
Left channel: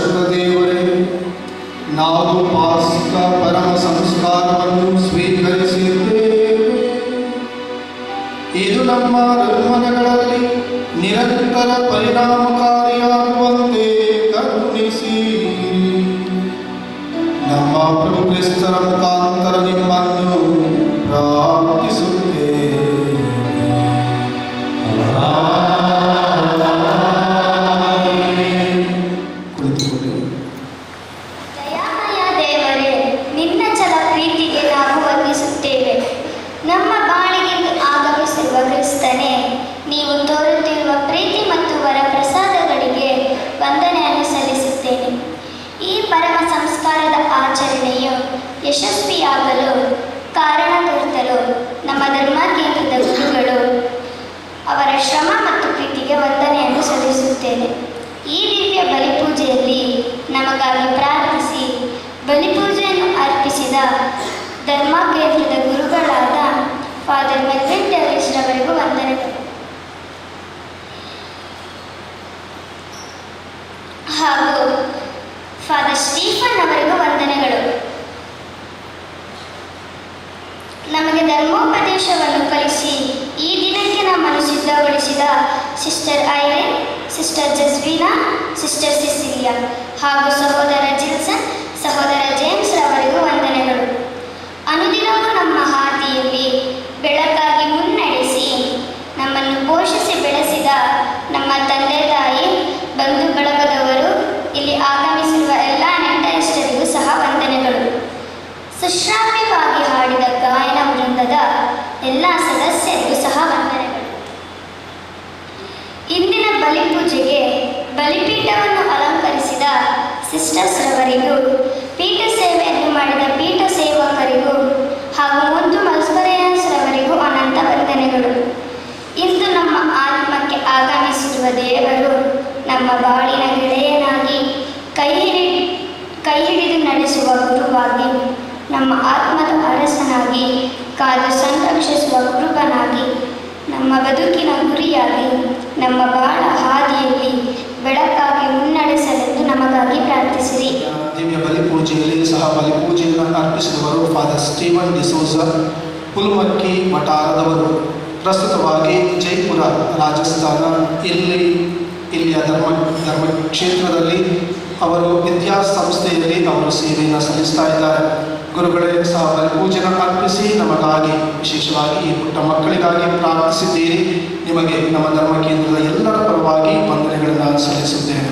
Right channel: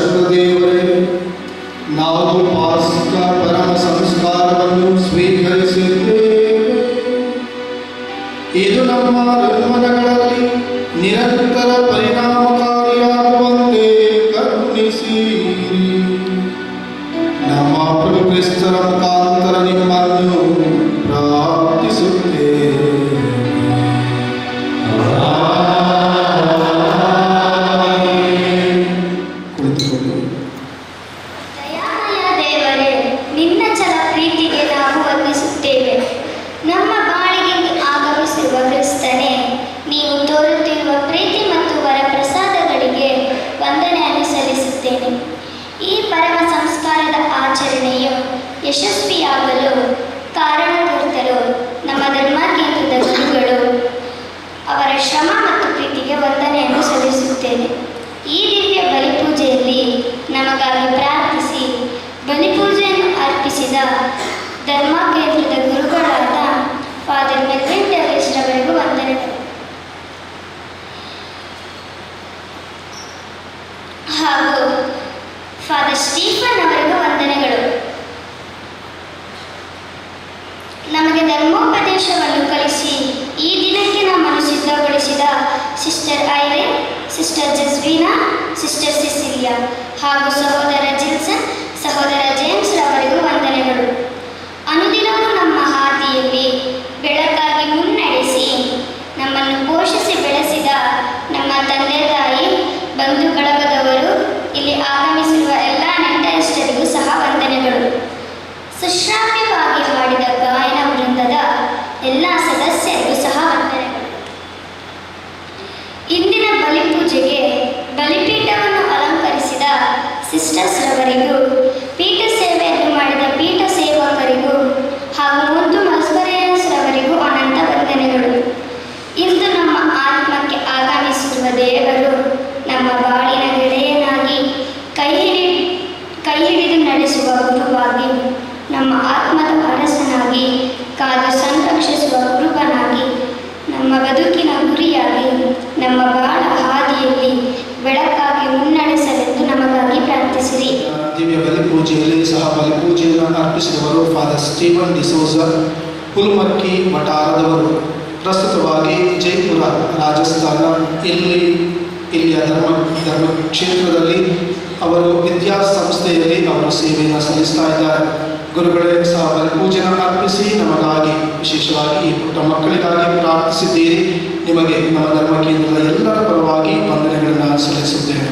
ಸರ್ವಶಕ್ತ ದೇವರೇ, ನಾವು ಪಾಸ್ಕ ಪರಮ ಸಂಸ್ಕಾರವನ್ನು ಸ್ವೀಕರಿಸಿದ್ದೇವೆ. ಇದು ನಮ್ಮ ನಿರ್ಮಲಗಳಲ್ಲಿ ನಿರಂತರ ಪರಿಣಾಮಕಾರಿಯಾಗುವಂತೆ ಕರುಣಿಸಿ. ನಮ್ಮ ಪ್ರಭು ಕ್ರಿಸ್ತರ ಮುಖಾಂತರ ನಿಮ್ಮನ್ನು ಪ್ರಾರ್ಥಿಸುತ್ತೇವೆ. ದಯಾಮಯ ದೇವರೇ, ನಿನ್ನ ಚಲ ಪ್ರೀತಿಗೆ ನಾವು ವಂದಿಸುತ್ತೇವೆ. ನಮ್ಮ ಬಾಳಿಗೆ ಆಗಮಿಸಿರುವ ಕ್ರಿಸ್ತನೇ, ನೀವು ತೋರುತ್ತಿರುವ ಪ್ರೀತಿ ಮತ್ತು ವರಪ್ರಸಾದಗಳಿಗೆ ವಂದನೆಯನ್ನು ಸಲ್ಲಿಸುತ್ತೇನೆ. ಈ ಪರಮ ಸಂಸ್ಕಾರದ ಆಚರಣೆಯು ಯಶಸ್ವಿಯಾಗಲು ಕಾರಣಕರ್ತರು ನಮ್ಮ ಧರ್ಮ ಕೇಂದ್ರದ ಗುರುಗಳು, ಅವರ ಶ್ರಮ ಮತ್ತು ಪ್ರೀತಿಗೆ ವಂದನೆಯನ್ನು ಸಲ್ಲಿಸುತ್ತೇನೆ. ಈ ದಿವ್ಯ ಬಲಿಪೂಜೆಯಲ್ಲಿ ನಮಗಾಗಿ ಪ್ರಾರ್ಥಿಸಿ ಬಲಿಪೂಜೆಯನ್ನು ಅರ್ಪಿಸಿದ ಧರ್ಮ ಕೇಂದ್ರದ ಗುರುಗಳಾದ ಫಾದರ್ ಮೆಲ್ವಿನ್ ಡೇವಿಸ್ ರವರಿಗೂ ವಂದನೆಗಳು ಹಾಗೂ ಫಾದರ್ ಸ್ಟೀಫನ್ ಅವರಿಗೂ ವಂದನೆಗಳು. ನಮಗೆ ಧರ್ಮೋಪದೇಶವನ್ನು ಕಲಿಸಿ ಈ ದಿನಕ್ಕೆ ನಮ್ಮನ್ನು ಸಿದ್ಧಗೊಳಿಸಿದ ಸಿಸ್ಟರ್ ಐರೆನ್, ಸಿಸ್ಟರ್ ಜಸ್ವಿನಾ, ಸಿಸ್ಟರ್ ಸಿಸಿಲಿಯಾ ಹಾಗೂ ಸಹೋದರ ಜಿಲ್ಸನ್, ಸಹೋದರ ಜೇಮ್ಸ್ ರವರಿಗೂ ವಂದನೆಗಳು. ಅನುದಿನವೂ ನಮ್ಮ ಹಾದಿಯಲ್ಲಿ ಬೆಳಕಾಗಿ ಮುನ್ನಡೆಸಿ ನಮ್ಮನ್ನು ಪೋಷಿಸಿ ಬೆಳೆಸಿದ ನಮ್ಮ ತಂದೆ ತಾಯಿ, ಬಂಧು ಬಳಗದವರು, ಇಲ್ಲಿ ಆಗಮಿಸಿರುವ ಎಲ್ಲ ನೆಂಟರಿಷ್ಟರಿಗೂ ಸಹ ವಂದನೆಗಳು. ಸುಶ್ರಾವ್ಯವಾಗಿ ಹಾಡಿದ ಗಾಯನ ವೃಂದದ ಎಲ್ಲ ಸದಸ್ಯರಿಗೂ ಸಹ ವಂದನೆಗಳು. ಇಂದಿನ ಬಲಿಪೂಜೆಗೆ ಬಲಿಪೀಠವನ್ನು ಅಲಂಕರಿಸಿದ ಸಿಸ್ಟರ್ಸ್ ರವರಿಗೂ, ಪೀಠ ಸೇವೆಯನ್ನು ಮಾಡಿದ ಪೀಠ ಸೇವಕರಿಗೂ ಹಾಗೂ ಮುದ್ದು ಮಲ್ಸ್ಪರೇಯನ್ಸ್ ರವರಿಗೂ ಅನಂತ ವಂದನೆಗಳು. ಇಂದು ನಮ್ಮ ಆತ್ಮಕ್ಕೆ ಆಗಮಿಸಿರುವ ದೇವರು ನಮ್ಮ ಬಾಳಿನ ಗೆಳೆಯನಾಗಿ ಕೈ ಹಿಡಿದು ನಡೆಸುವ ಗುರುವಾಗಿ, ನಮ್ಮ ಆತ್ಮದ ಅರಸನಾಗಿ ಕಾದು ಸಂರಕ್ಷಿಸುವ ಕುರುಬನಾಗಿ, ನಮ್ಮ ಬದುಕಿನ ಗುರಿಯಾಗಿ, ನಮ್ಮ ಬಾಳ ಹಾದಿಯಲ್ಲಿ ಬೆಳಕಾಗಿ ಮುನ್ನಡೆಸಲೆಂದು ನಮಗಾಗಿ ಪ್ರಾರ್ಥಿಸಿರಿ. ದಿವ್ಯ ಬಲಿಪೂಜೆಯಲ್ಲಿ ಸಹ ಬಲಿಪೂಜೆಯನ್ನು ಅರ್ಪಿಸಿದವರು ಫಾದರ್ ಸ್ಟೀಫನ್ ಡಿಸೋಜ, ಹುಲ್ಮಕ್ಕಿ ವಠಾರದವರು. ಪ್ರಸ್ತುತವಾಗಿ ಜೈಪುರ, ರಾಜಸ್ಥಾನ ಇಲ್ಲಿಯ ಧರ್ಮ ಕ್ಷೇತ್ರದಲ್ಲಿ ಅವರು ವಿದ್ಯಾಸಂಸ್ಥೆಯಲ್ಲಿ ಅವರು ಸೇವೆಯನ್ನು ಸಲ್ಲಿಸ್ತಾ ಇದ್ದಾರೆ. ಗುರುಗಳೇ ಸಹ ಬಲಿಪೂಜೆಯನ್ನು ಅರ್ಪಿಸಿ ನಮಗಾಗಿ, ವಿಶೇಷವಾಗಿ ಈ ಪುಟ್ಟ ಮಕ್ಕಳಿಗಾಗಿ ಪ್ರಾರ್ಥಿಸಿದ್ದೀರಿ. ನಿಮಗೆ ನಮ್ಮ ಧರ್ಮ ಕೇಂದ್ರದ ಎಲ್ಲರ ಪರವಾಗಿ ವಂದನೆಗಳನ್ನು ಸಲ್ಲಿಸುತ್ತೇನೆ.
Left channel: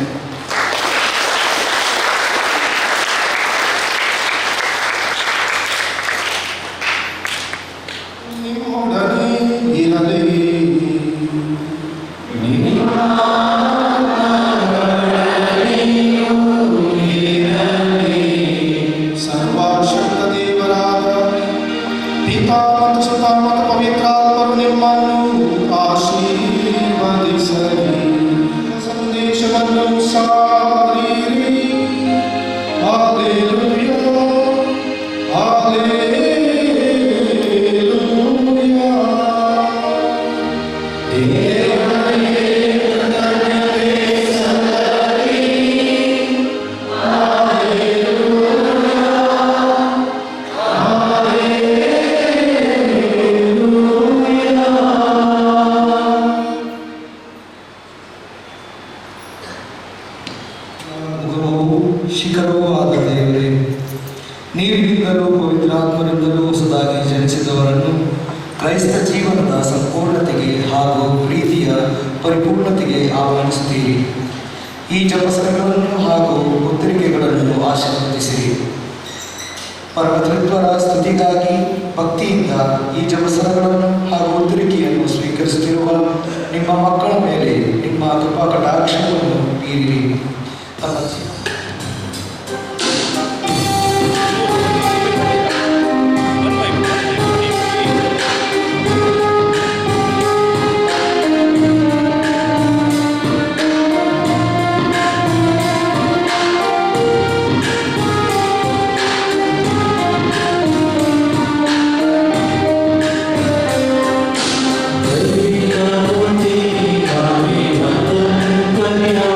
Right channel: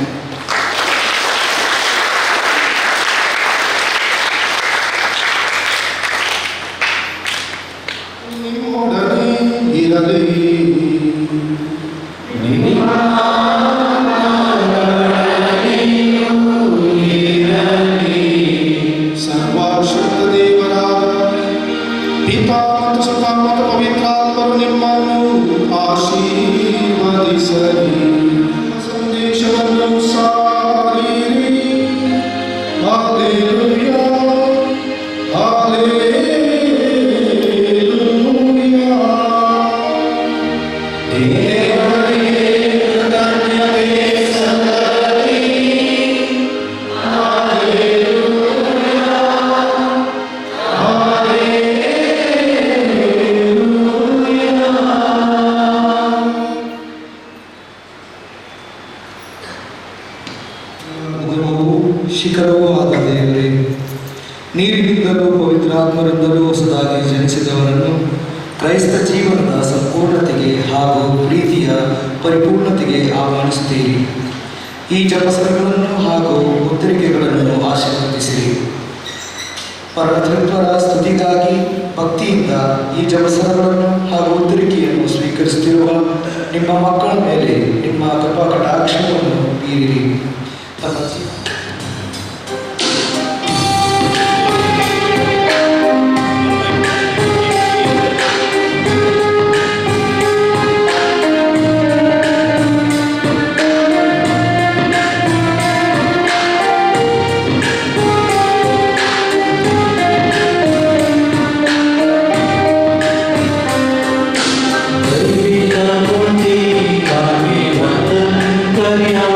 ಸರ್ವಶಕ್ತ ದೇವರಾದ ಪಿತಾ ಮತ್ತು ಸುತ ಮತ್ತು ಪವಿತ್ರಾತ್ಮರು ನಿಮ್ಮನ್ನು ಆಶೀರ್ವದಿಸಲಿ. ಸಂದೇಶವನ್ನು ಸಾರಿರಿ. Hallelujah, hallelujah. ಗುರುವು ಶಿಖರವೂ ಆದ ದೇವರೇ, ನೀರಿನಿಂದಲೂ ಪವಿತ್ರಾತ್ಮರಿಂದಲೂ ಹೊಸದಾಗಿ ಜನಿಸಿದವರನ್ನು ಕ್ರೈಸ್ತ ಜೀವನದ ಸಂಪೂರ್ಣತೆಗೆ ಹಾಗೂ ಪ್ರೀತಿಯ ಪರಿಪೂರ್ಣತೆಗೆ ಆಹ್ವಾನಿಸುತ್ತೀರಿ. ಈ ಜಪಸರಗಳನ್ನು ಹಾಗೂ ಉತ್ತರಿಕೆಗಳನ್ನು ಆಶೀರ್ವದಿಸಿರಿ. ಪರಮತೃತ್ವರ ಸ್ತುತಿಗಾಗಿ ಭಕ್ತಿಯಿಂದ ಈ ಜಪಸರಗಳನ್ನು ಹಾಗೂ ಉತ್ತರಿಕೆಯನ್ನು ಸ್ವೀಕರಿಸುತ್ತಿರುವ ನಿಮ್ಮ ಮಕ್ಕಳ ಮೇಲೆ ನಿಮ್ಮ ಕೃಪಾ ಕಟಾಕ್ಷವನ್ನು ಬೀರಿರಿ. ತಮ್ಮ Maria,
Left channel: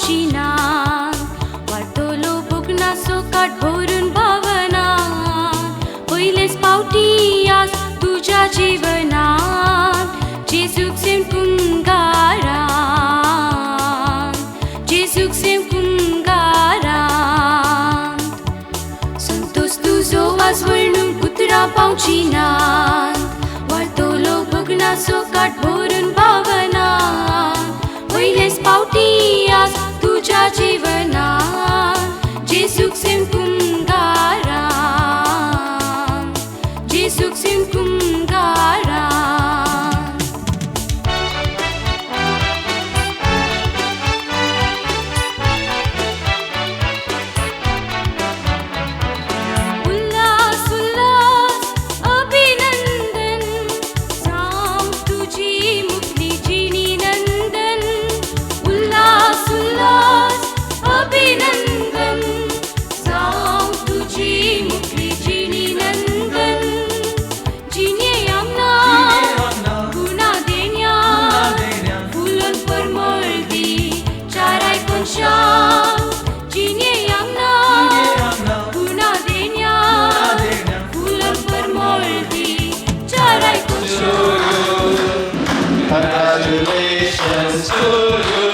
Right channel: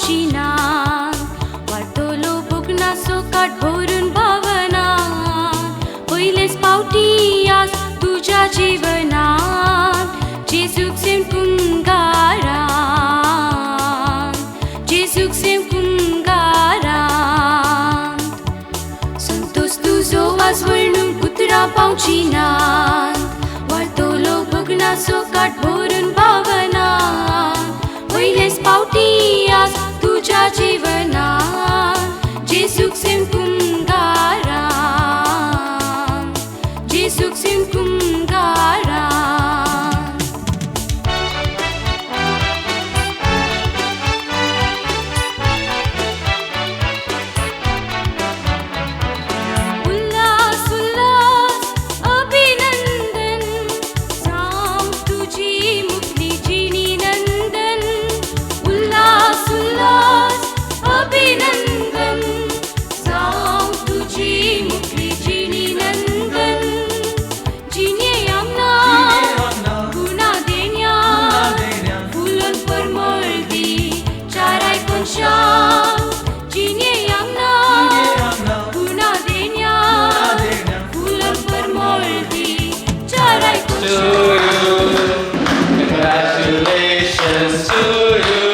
पावचिनात वाटतलो बगनासो काठ भरून भावनात पयलेच पावटी आज तुझ्या जीवनात जेजूक सेम कुंगारान जेजूक सेम कुंगारान संतोष तुझो आज वर्णून कुत्रा पावचिनात वाटतलो बगनासो काठ भरून भावनात पयलेच पावटी आज तुझ्या जीवनात जेजूक सेम कुंगारान जेजूक सेम कुंगारान उल्हास उल्हास अभिनंदन साम तुझी मुक्तीची नंदन उल्हास उल्हास अभिनंदन साम तुझी मुक्तीची नंदन जिने आमना गुना देण्या फुलन परमळदी चाराय कोनशा जिने आमना गुना देण्या Phulan परमळदी चाराय कोनशा Congratulations to you.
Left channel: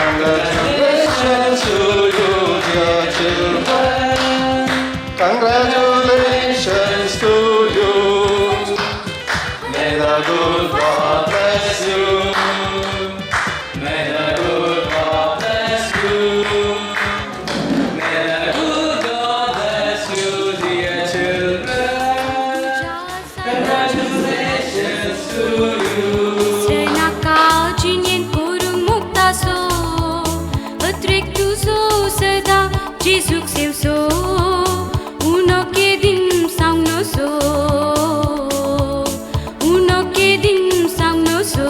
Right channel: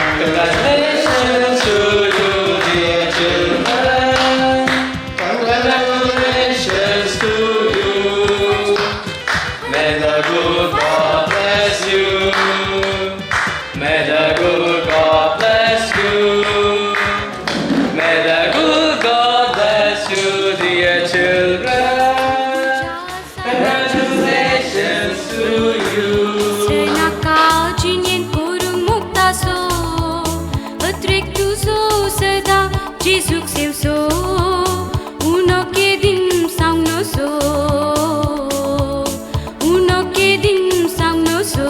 Congratulations to you, dear children. Congratulations to you. May the good God bless you. May the good God bless you. May the good God bless you, dear children. Congratulations to you. Srenaka jinyen korung muktaso atrek tuzo sada Jesuk semso uno ke din sangno so uno ke din sangno so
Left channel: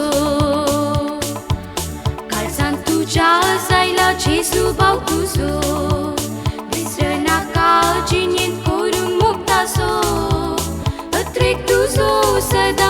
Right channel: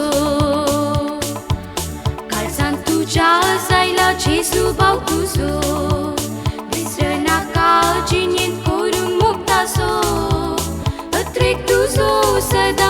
kalsan tuja zaila Jesu bau tuzo Srenaka jinyen korung muktaso atrek tuzo sada